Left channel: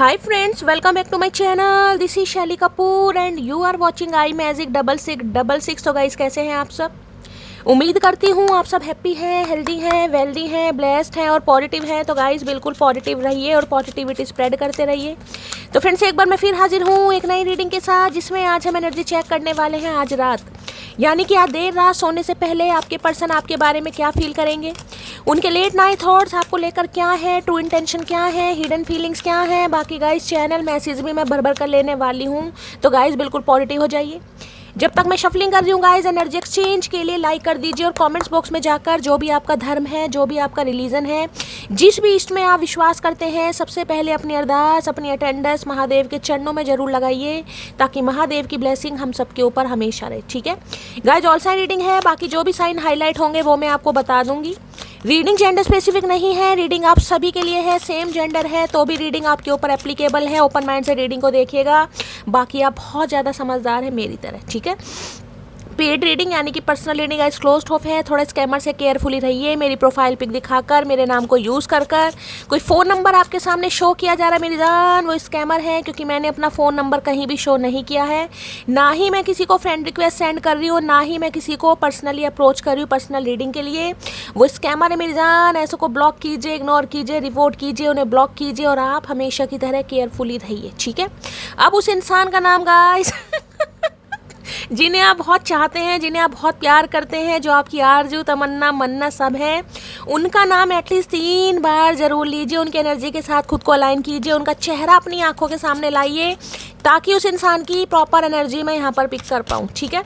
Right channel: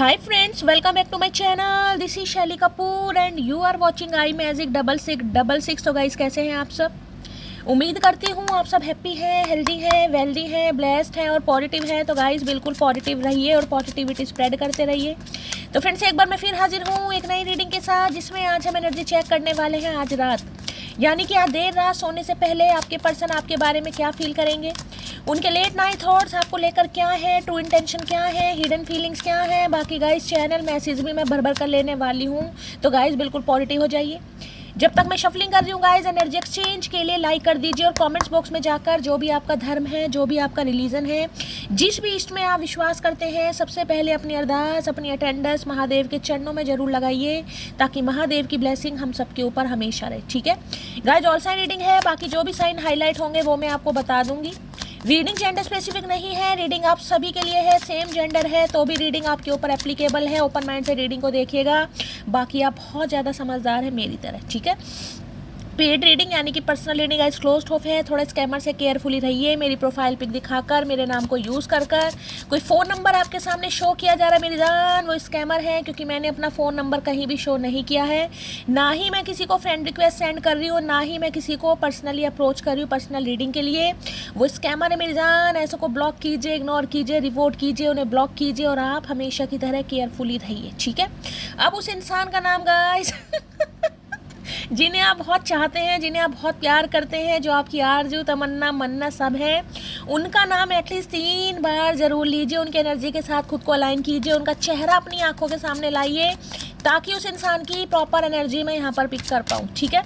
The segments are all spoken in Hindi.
Hi friends, welcome back to my channel. This is Shelly Kapoor and you are watching I magic 6666। तो गाइस कैसे हैं आप सब? उम्मीद करती हूँ आप सब हैप्पी हैं, हेल्दी हैं, वेल्दी हैं, ब्लेस्ड हैं और पॉजिटिव हैं। तो गाइस बिल्कुल पॉजिटिव रहिए और पॉजिटिविटी स्प्रेड करते रहिए। तो फ्रेंड्स एक बार मैं फिर हाजिर हूँ एक नई रीडिंग के साथ, जिसमें आज हम एनर्जी चेक करने वाले हैं आज रात, यानी कि आज देर रात सोने से पहले आपके पर्सन आपके बारे में क्या फील करेंगे, उनके लेट नाइट थॉट्स आपको लेकर क्या है, ट्रू इंटेंशन क्या है, हिडन फीलिंग्स क्या है। बाकी गाइस चैनल मैसेज भी मैं भर भर कर लेने वाली हूँ, तो गाइस बिल्कुल पॉजिटिव हो जाइए। जब तक मैं शफलिंग कर रही हूँ गाइस, एनर्जी एक्सचेंज के लिए लाइक कर दीजिए और कमेंट्स बॉक्स में जाकर जो भी आपका धर्म है, जो भी आपका रिलीजन है, जिस भी इष्ट में आप विश्वास करते हैं, सबसे पहले अपनी अरदास, अपनी अटेंडेंस महादेव के चरणों में जरूर लगाइए, ताकि महादेव की ब्लेसिंग हम सबके ऊपर हमेशा रहे। ठीक है गाइस, ऑल साइन रीडिंग है, बाकी जो भी साइन हाईलाइट होंगे वो मैं आपको बता दूंगी। रीडिंग जेंडर स्पेसिफिक नहीं है, रीडिंग आप सभी के लिए है, सेम जेंडर है तो भी रीडिंग आपके ऊपर एप्लीकेबल है। ओपन माइंड से रीडिंग को देखिएगा, बाकी आप बहुत ज़्यादा समझदार है मेरी तरह। ठीक है, पेड रीडिंग यानी कि personal reading guys closed of है, थोड़ा स्कैमर से केयरफुली रहिए। मेरी प्रोफाइल पिक दिखाकर, मेरे नाम को यूज़ कर कोई फ़ोन नंबर आपके सामने शो किया जा रहा है मेरी जान, वो स्कैमर है, क्योंकि मैंने अपना फ़ोन नंबर कहीं भी शो नहीं किया है। ना ही मैं किसी को फ्रेंड रिक्वेस्ट सेंड कर रही हूँ, ना ही मैं किसी को पर्सनली अप्रोच कर रही हूँ पर्सनल रीडिंग के लिए। वो स्कैमर है मेरी जान, ऐसे को ब्लॉक कीजिए, इग्नोर कीजिए, रिपोर्ट कीजिए, उन्हें ब्लॉक कीजिए और आप हमेशा की तरह केयरफुली रहिए। ठीक है, अब उस इंसान का नाम गाइस जिन्हें आप बहुत चाहते हैं, जिन्हें आप बहुत प्यार करते हैं, जो आपकी आरज़ू तमन्ना मन्ना सब है, उनका नाम एटलीस्ट 3 बार जरूर लीजिए, उनकी एनर्जी के साथ खुद को अलाइन कीजिए, उनका चेहरा अपनी आंखों के सामने लाइए, ताकि उस इंसान की प्रॉपर एनर्जी मैं यहाँ पर पिक कर पाऊँ। ठीक है,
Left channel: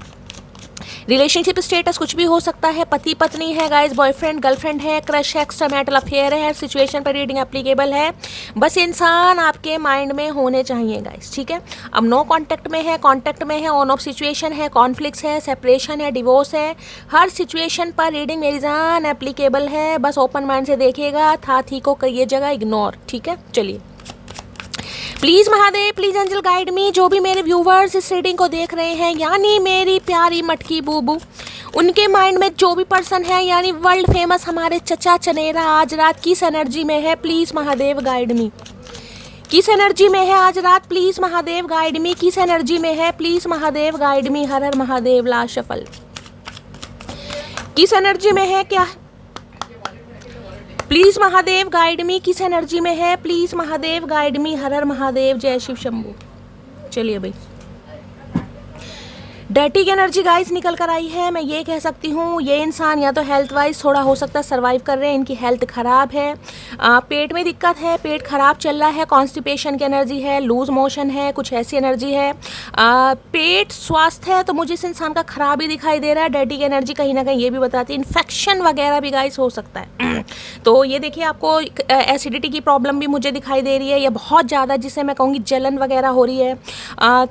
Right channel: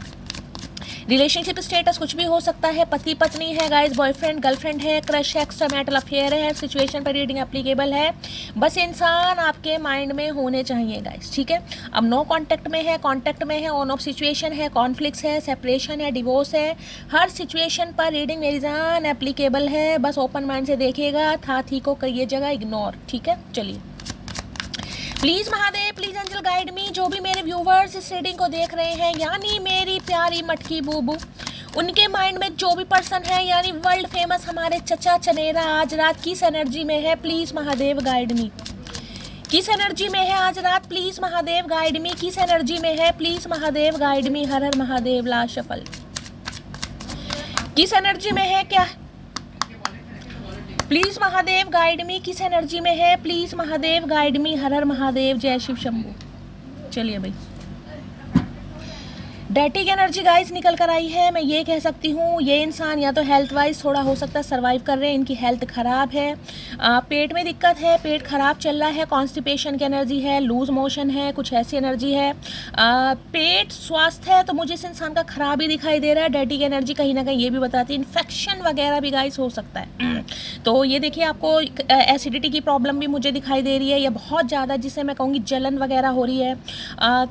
रिलेशनशिप स्टेटस कुछ भी हो सकता है, पति पत्नी है गाइस, बॉयफ्रेंड गर्लफ्रेंड है, क्रश है, एक्स्ट्रामैरिटल अफेयर है, हर सिचुएशन पर रीडिंग एप्लीकेबल है। बस इंसान आपके माइंड में होने चाहिए गाइस। ठीक है, अब नो कांटेक्ट में है, कांटेक्ट में है, ऑन ऑफ सिचुएशन है, कॉन्फ्लिक्ट्स है, सेपरेशन है, डिवोर्स है, हर सिचुएशन पर रीडिंग मेरी जान एप्लीकेबल है। बस ओपन माइंड से देखिएगा, था थी को करिएगा इग्नोर। ठीक है, चलिए please Mahadev, please angel guide me. जो भी मेरे व्यूवर्स इस रीडिंग को देख रहे हैं, यानी मेरी प्यारी मटकी बूबू, उनके माइंड में जो भी पर्सन है, यानी वर्ल्ड फेमस हमारे चचा चनेरा, आज रात किस एनर्जी में है, प्लीज़ महादेव गाइड मी। किस एनर्जी में है आज रात, प्लीज़ महादेव गाइड मी। किस एनर्जी में है, प्लीज़ महादेव गाइड मी। हर हर महादेव, ला शफल। किस एनर्जी में है, क्या प्लीज़ महादेव गाइड मी, किस एनर्जी में है, प्लीज़ महादेव गाइड मी। हर हर महादेव, जय शिव शंभू। चलिए भाई, डर्टी की एनर्जी गाइस निकल कर आई है। मैं ये कह सकती हूँ ये इंसान या तो हेल्थ वाइज थोड़ा हो सकता है सर्वाइव कर रहे हैं, इनकी हेल्थ ख़राब है, पेट में दिक्कत है, पेट खराब चल रहा है, कॉन्स्टिपेशन की एनर्जी है, लूज मोशन है, कुछ ऐसी एनर्जी है। पेट स्वास्थ्य है तो मुझे इस इंसान का ख़राब ही दिखाई दे रहा है। डर्टी की एनर्जी कहीं ना कहीं ये भी बताती है इन्फेक्शन वगैरह भी गाइस हो सकता है। तो ये देखिए, आपको एसिडिटी की प्रॉब्लम भी मुझे दिखाई दे रही है, या बहुत ज़्यादा जिसे मैं कहूँगी जलन वगैरह हो रही है।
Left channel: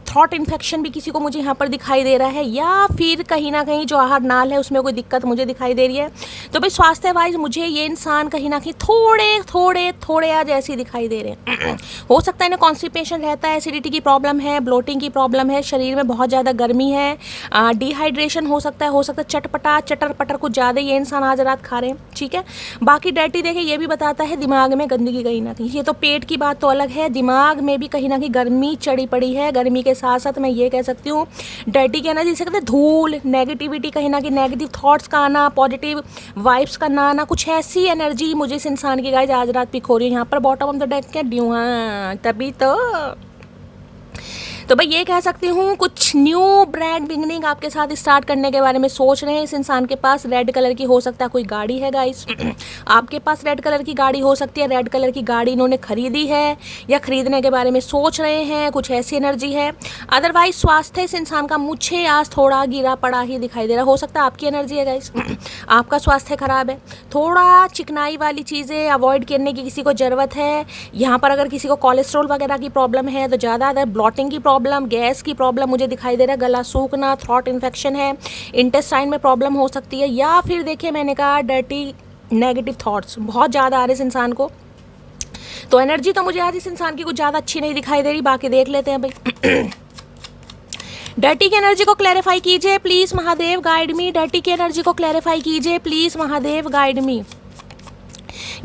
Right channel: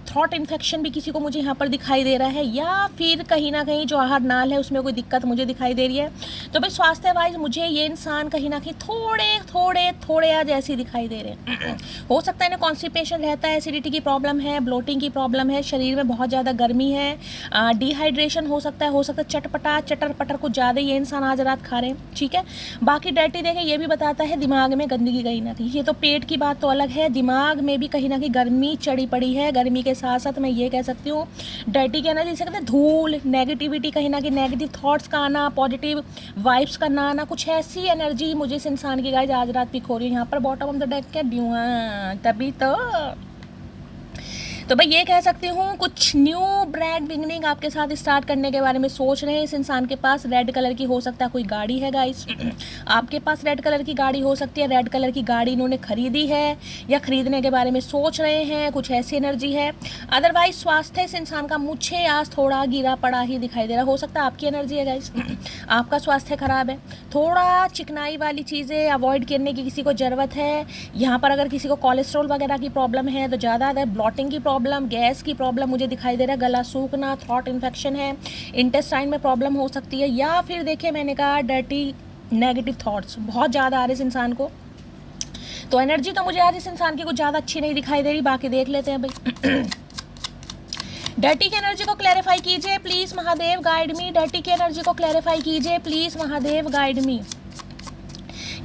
थ्रॉट इन्फेक्शन भी किसी को मुझे यहाँ पर दिखाई दे रहा है, या फिर कहीं ना कहीं जो आहार नाल है उसमें कोई दिक्कत मुझे दिखाई दे रही है। तो भाई स्वास्थ्य वाइज मुझे ये इंसान कहीं ना कहीं थोड़े आज ऐसे दिखाई दे रहे हैं। हो सकता है ना कॉन्स्टिपेशन रहता है, एसिडिटी की प्रॉब्लम है, ब्लोटिंग की प्रॉब्लम है, शरीर में बहुत ज़्यादा गर्मी है, डिहाइड्रेशन हो सकता है चटपटा चटर पटर कुछ ज़्यादा ये इंसान आज रात खा रहे हैं। ठीक है, बाकी डर्टी देखे ये भी बताता है दिमाग में गंदगी कहीं ना कहीं। ये तो पेट की बात तो अलग है, दिमाग में भी कहीं ना कहीं गर्मी चढ़ी पड़ी है। गर्मी के साथ साथ मैं ये कह सकती हूँ डर्टी के एनर्जी से कहते हैं धूल, नेगेटिविटी, कहीं ना कहीं नेगेटिव थॉट्स का आना, पॉजिटिव वाइब्स का ना आना, कुछ ऐसी एनर्जी मुझे इस इंसान की गाइस आज रात पिक हो रही है। यहाँ पर बॉटम ऑफ द डेक क्या ड्यू, हाँ तभी तो भाई ये कह सकती हूँ कुछ न्यू ब्रांड बिगनिंग आपके साथ स्टार्ट करने के बारे में सोच रहे हैं। इस इंसान के पास रेड कलर की हो सकता है कोई गाड़ी है गाइस, आपके पास रेड कलर की गाड़ी हो सकती है। रेड कलर की गाड़ी इन्होंने खरीदी है या खरीदने के बारे में सोच रहे हैं, कुछ ऐसी एनर्जी है। अदरवाइज स्वास्थ्य इस इंसान का मुझे आज थोड़ा गिरा पड़ा ही दिखाई दे रहा। हो सकता है आपकी एनर्जी है गाइस, आपका स्वास्थ्य खराब है, थोड़ा चिकनाई वाली चीज़ें अवॉइड करने की किसी को ज़रूरत है। यहाँ पर अगर किसी को कोलेस्ट्रॉल वगैरह की प्रॉब्लम है तो ज़्यादा, अगर ब्लॉटिंग की प्रॉब्लम, गैस की प्रॉब्लम मुझे दिखाई दे रहा है, गला सूखना, थ्रॉट इन्फेक्शन है, इंटेस्टाइन में प्रॉब्लम हो सकती है, या फिर देखिए मैंने कहा डर्टी नेगेटिव थॉट्स बहुत ज़्यादा आ रहे इस इंसान को। तो एनर्जी तो मुझे आज इस इंसान की कुछ ज़्यादा अच्छी नहीं दिखाई दे रही, बाकी देख लेते हैं भाई। डर्टी की एनर्जी को क्लैरिफाई कीजिए please Mahadev guide me. Dirty की एनर्जी को क्लैरिफाई कीजिए प्लीज़ महादेव गाइड मी।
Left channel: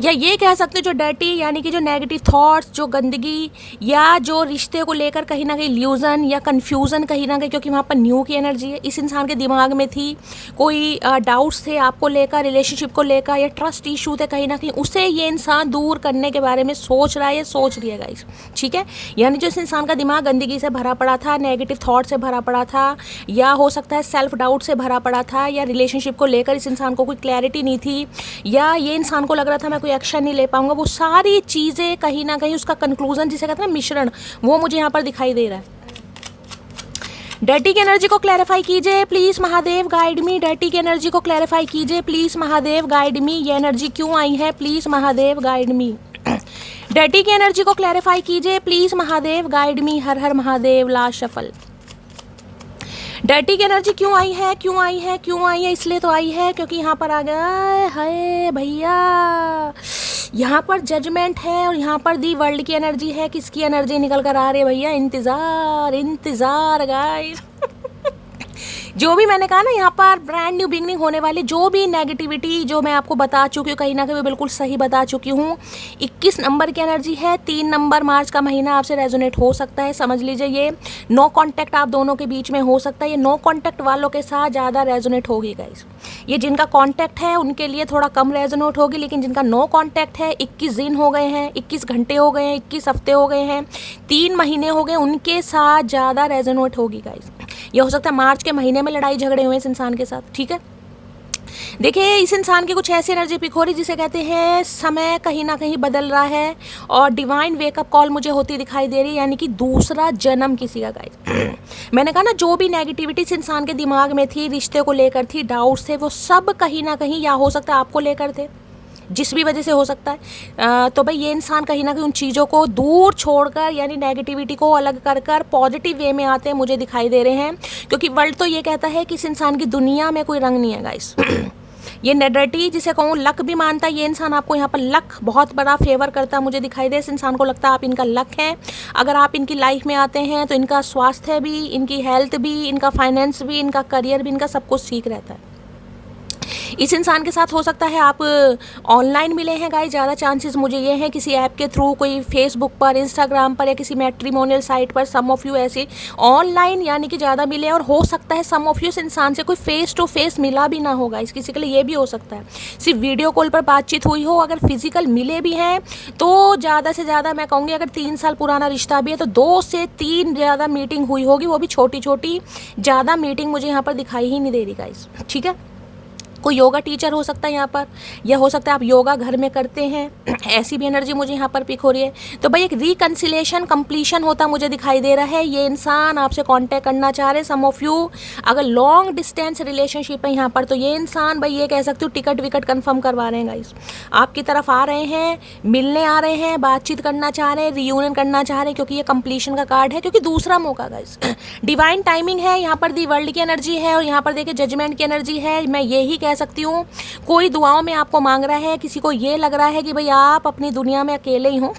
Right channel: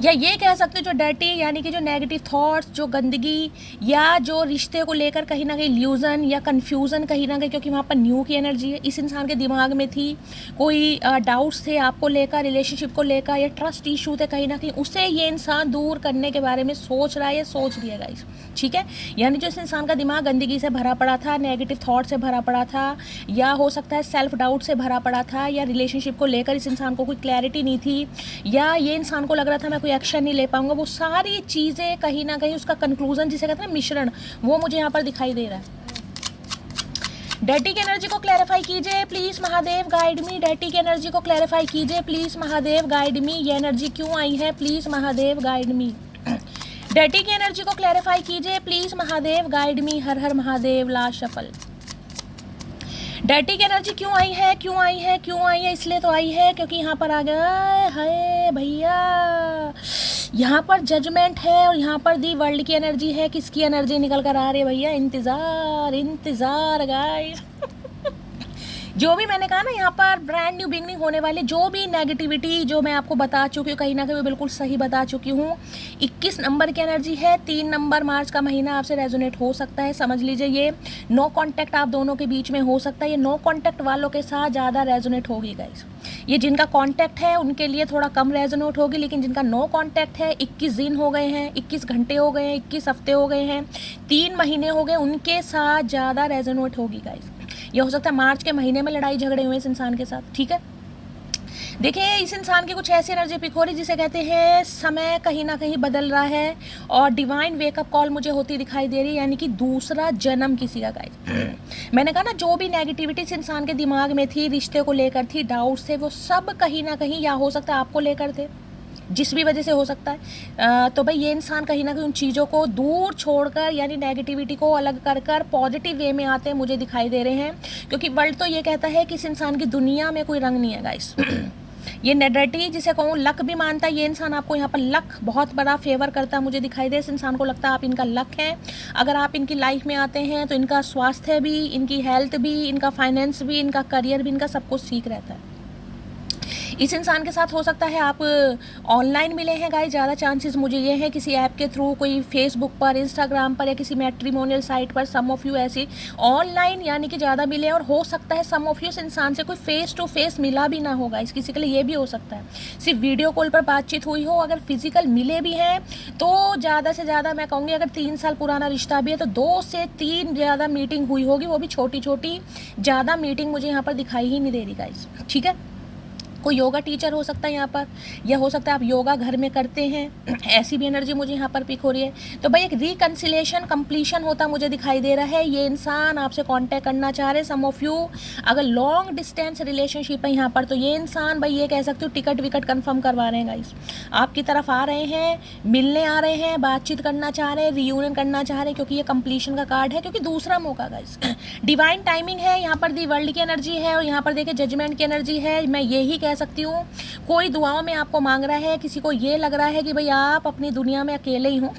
या ये कह सकते हो जो डर्टी यानी कि जो नेगेटिव थॉट्स, जो गंदगी, या जो रिश्ते को लेकर कहीं ना कहीं ल्यूजन या कन्फ्यूज़न कहीं ना कहीं, क्योंकि वहाँ पर न्यू की एनर्जी है, इस इंसान के दिमाग में थी, कोई डाउट्स थे आपको लेकर, रिलेशनशिप को लेकर, या ट्रस्ट इशू थे कहीं ना कहीं, उसे ये इंसान दूर करने के बारे में सोच रहा है या सोच रही है गाइस, ठीक है। यानी जो इस इंसान का दिमाग गंदगी से भरा पड़ा था, नेगेटिव थॉट से भरा पड़ा था, या हो सकता है सेल्फ डाउट से भरा पड़ा था, या रिलेशनशिप को लेकर इस इंसान को कोई क्लैरिटी नहीं थी, या ये इंसान को लग रहा था मैं कोई एक्शन नहीं ले पाऊंगा, वो सारी चीज़ें कहीं ना कहीं उसका कंक्लूजन जिसे कहते हैं ना मिश्रण, वो मुझे यहाँ पर दिखाई दे रहा है। डर्टी की एनर्जी को क्लैरिफाई कीजिए please Mahadev, guide me. Dirty की एनर्जी को क्लैरिफाई कीजिए प्लीज़ महादेव, गाइड मी। ये एनर्जी क्यों आई है please Mahadev, guide me. Dirty की एनर्जी को क्लैरिफाई कीजिए प्लीज़ महादेव, गाइड मी। हर हर महादेव। Last shuffle. डर्टी की एनर्जी क्यों आई है, क्यों आई है, क्यों आई है? इसलिए तो आई है क्योंकि यहाँ पर आ गया है भैया, यहाँ पर जजमेंट है और यहाँ पर दी वर्ल्ड की एनर्जी है। किसकी एनर्जी निकल कर आ रही है भैया? इंतज़ार, इंतज़ार गाइस। जो भी मैंने कहा ना, यहाँ पर ब्रांड न्यू बिगनिंग होने वाली, जो भी नेगेटिविटी जो मैं आपको बता चुकी हूँ कहीं ना कहीं बिल्कुल सही बता चुकी हूँ। 21 नंबर की एनर्जी है, 3 नंबर मार्च का महीना आपसे रेजोनेट हो सकता है। समझ लीजिए ये नो कांटेक्ट आप दोनों के बीच में हो सकता है। ये नो कांटेक्ट वालों के साथ ज़्यादा रेजोनेट होगी गाइस। ये जिनका कांटेक्ट है उनके लिए थोड़ा कम रेजोनेट होगी, लेकिन जिनका नो कांटेक्ट है, 21 दिन हो गए हैं, 21 घंटे हो गए हैं, 21 हफ्ते हो गए हैं, 3 महीने हो गए, उनके साथ ज़्यादा रेजोनेट होगी गाइस। ये हो सकता है मार्च के महीने में लड़ाई झगड़े हुए इस इंसान के साथ, ठीक है। देखिए इस इंसान की कुछ ऐसी एनर्जी पिक हो रही जिसे कहते हैं समय कहीं ना कहीं बदल रहा है और डिवाइन वेकअप कॉल मुझे होती दिखाई दे रही है, यानी कि दूसरा जन्म किसी का गाइस। मैंने कहा ना जो भी नेगेटिविटी इस इंसान के दिमाग में थी, रिश्ते को लेकर थी, डाउट्स थे, वो सब कहीं ना कहीं या हो सकता है आपको लेकर थे, जिस भी वजह से हो सकता है। तो भाई ये इंसान कहीं ना कहीं उन चीज़ों को दूर छोड़कर, यानी नेगेटिविटी को अलग कर कर पॉजिटिव वे में आते हैं मुझे दिखाई दे रहे हैं, क्योंकि वर्ल्ड तो ये कहता है कि इस इंसान की दुनिया में कोई रंग नहीं है गाइस। ये नेडर्टी जिसे कहूँ लक भी मानता है ये इंसान, आपको यहाँ पर लक बहुत बड़ा फेवर करता है मुझे दिखाई दे। इस इंसान को लगता है आप इनका लक है, अगर आप इनकी लाइफ में आते हैं तो इनका स्वास्थ्य भी, इनकी हेल्थ भी, इनका फाइनेंस भी, इनका करियर भी, इनका सब कुछ ठीक रहता है। इस इंसान के साथ हो सकता है आप ऑनलाइन मिले हैं गाइस, ज़्यादा चांसेस मुझे ये हैं किसी ऐप के थ्रू, कोई फेसबुक पर, इंस्टाग्राम पर, या किसी मैट्रिमोनियल साइट पर। सम ऑफ यू ऐसी ऑनलाइन यानी कि ज़्यादा मिले, और हो सकता है सम ऑफ यू इस इंसान से कोई फेस टू फेस मिला भी ना होगा, इस किसी के लिए ये भी हो सकता है सिर्फ वीडियो कॉल पर बातचीत हुई हो। अगर फिजिकल मिले भी हैं तो ज़्यादा से ज़्यादा मैं कहूँगी अगर 3 साल पुराना रिश्ता भी है तो 2 से 3 ज़्यादा मीटिंग हुई होगी, वो भी छोटी छोटी, ज़्यादा मीटिंग मुझे यहाँ पर दिखाई ही नहीं दे रही गाइस, ठीक है। कोई योगा टीचर हो सकता है यहाँ पर, या हो सकता है आप योगा घर में करते हैं, ऐसी भी एनर्जी मुझे यहाँ पर पिक हो रही है। तो भाई एक रिकन्सिलेशन कंप्लीशन होता मुझे दिखाई दे रहा है। ये इंसान आपसे कांटेक्ट करना चाह रहे हैं। सम ऑफ यू अगर लॉन्ग डिस्टेंस रिलेशनशिप है यहाँ पर, तो ये इंसान भाई ये कह सकते हो टिकट विकट कंफर्म करवा रहे हैं गाइस, आपकी तरफ आ रहे हैं, मिलने आ रहे हैं, बातचीत करना चाह रहे हैं, रियूनियन करना चाह रहे हैं, क्योंकि ये कंप्लीशन का कार्ड है, क्योंकि दूसरा मौका गाइस। डिवाइन टाइमिंग है यहाँ पर, दी वर्ल्ड की एनर्जी है, और यहाँ पर देखिए जजमेंट की एनर्जी है। मैं यही कह सकती हूँ कोई दुआओं में आपको मांग रहा है, किसी को ये लग रहा है कि भाई आप अपनी दुनिया में अकेले ही हो।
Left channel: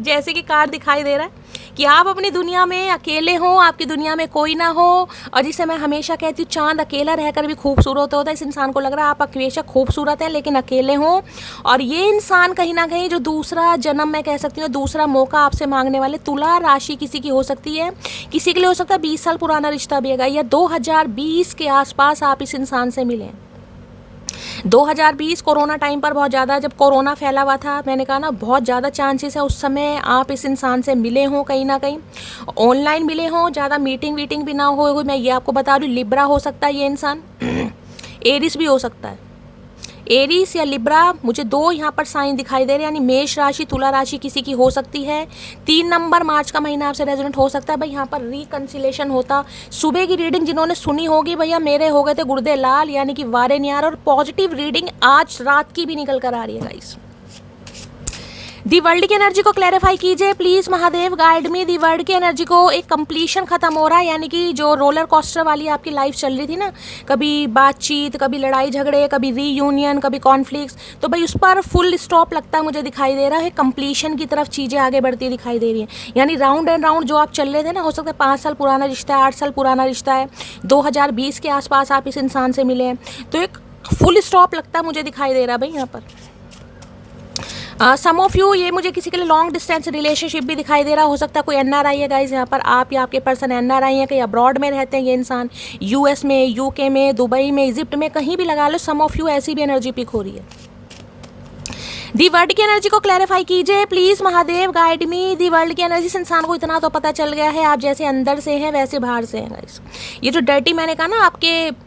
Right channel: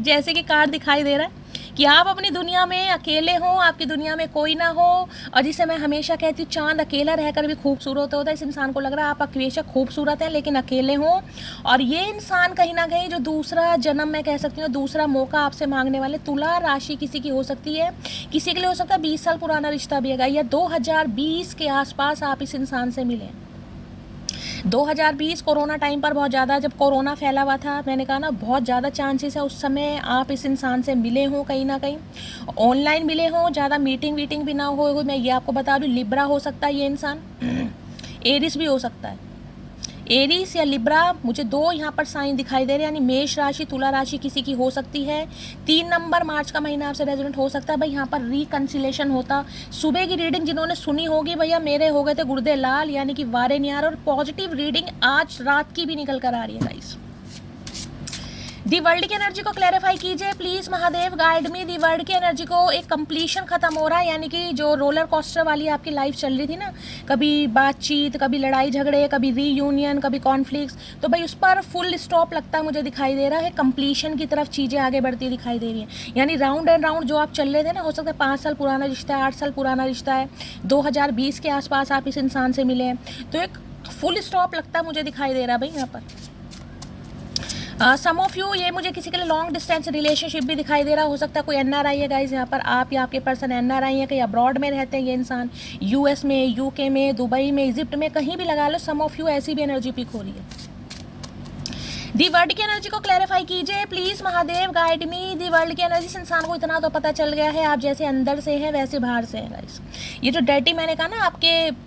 जैसे कि कार्ड दिखाई दे रहा है कि आप अपनी दुनिया में अकेले हो, आपकी दुनिया में कोई ना हो। और जिसे मैं हमेशा कहती हूँ चांद अकेला रहकर भी खूबसूरत होता है, इस इंसान को लग रहा है आप हमेशा खूबसूरत है लेकिन अकेले हो। और ये इंसान कहीं ना कहीं जो दूसरा जन्म मैं कह सकती हूँ, दूसरा मौका आपसे मांगने वाले, तुला राशि किसी की हो सकती है, किसी के लिए हो सकता है 20 साल पुराना रिश्ता भी है, या 2020 के आसपास आप इस इंसान से मिलें। 2020 कोरोना टाइम पर बहुत ज़्यादा, जब कोरोना फैला हुआ था, मैंने कहा ना बहुत ज़्यादा चांसेस है उस समय आप इस इंसान से मिले हों, कहीं ना कहीं ऑनलाइन मिले हों, ज़्यादा मीटिंग वीटिंग भी ना हो। मैं ये आपको बता दूँ लिब्रा हो सकता है ये इंसान, एरिस भी हो सकता है, एरीस या लिब्रा। मुझे 2 यहाँ पर साइन दिखाई दे रहे हैं, यानी मेष राशि, तुला राशि किसी की हो सकती है। 3 नंबर मार्च का महीना आपसे रेजोनेट हो सकता है। भाई यहाँ पर रिकन्सिलेशन होता। सुबह की रीडिंग जिन्होंने सुनी होगी भैया, मेरे हो गए थे गुर्दे लाल, यानी कि वारे नहीं आ रहा। और पॉजिटिव रीडिंग आज रात की भी निकल कर आ रही है गाइस। दी वर्ल्ड की एनर्जी को क्लैरिफाई कीजिए please Mahadev, guide me. The world की एनर्जी को एक कंप्लीशन खत्म हो रहा है, यानी कि जो रोलर कोस्टर वाली आपकी लाइफ चल रही थी ना, कभी बातचीत, कभी लड़ाई झगड़े, कभी रीयूनियन, कभी कॉन्फ्लिक्ट्स, तो भाई उस पर फुल स्टॉप लगता है मुझे दिखाई दे रहा है। कंप्लीशन की तरफ चीज़ें आगे बढ़ती दिखाई दे रही हैं, यानी राउंड एंड राउंड जो आप चल रहे थे ना, हो सकता है 5 साल पुराना रिश्ता है, 8 साल पुराना रिश्ता है, 2020 के आसपास आप इस इंसान से मिले हैं, तो एक फुल स्टॉप लगता है मुझे दिखाई दे रहा है भाई यहाँ पर। सम ऑफ यू, ये मुझे किसी के लिए लॉन्ग डिस्टेंस रिलेशनशिप भी दिखाई दे रहा, हो सकता है कोई एनआरआई है गाइज यहाँ पर, आप या आपके पर्सन एनआरआई है, कहीं अब्रॉड में रहते हैं ये इंसान, यूएस में, यूके में, दुबई में, इजिप्ट में, कहीं भी लगा लो, सम ऑफ यू ऐसी भी एनर्जी पिक हो रही है। दी वर्ल्ड की एनर्जी को क्लैरिफाई कीजिए please Mahadev, guide me. The world की एनर्जी से इंसान को इतना तो पता चल गया है, आप जैसे अंदर से हैं वैसे बाहर से हैं गाइस। ये जो डर्टी मैंने कहा ना, आपके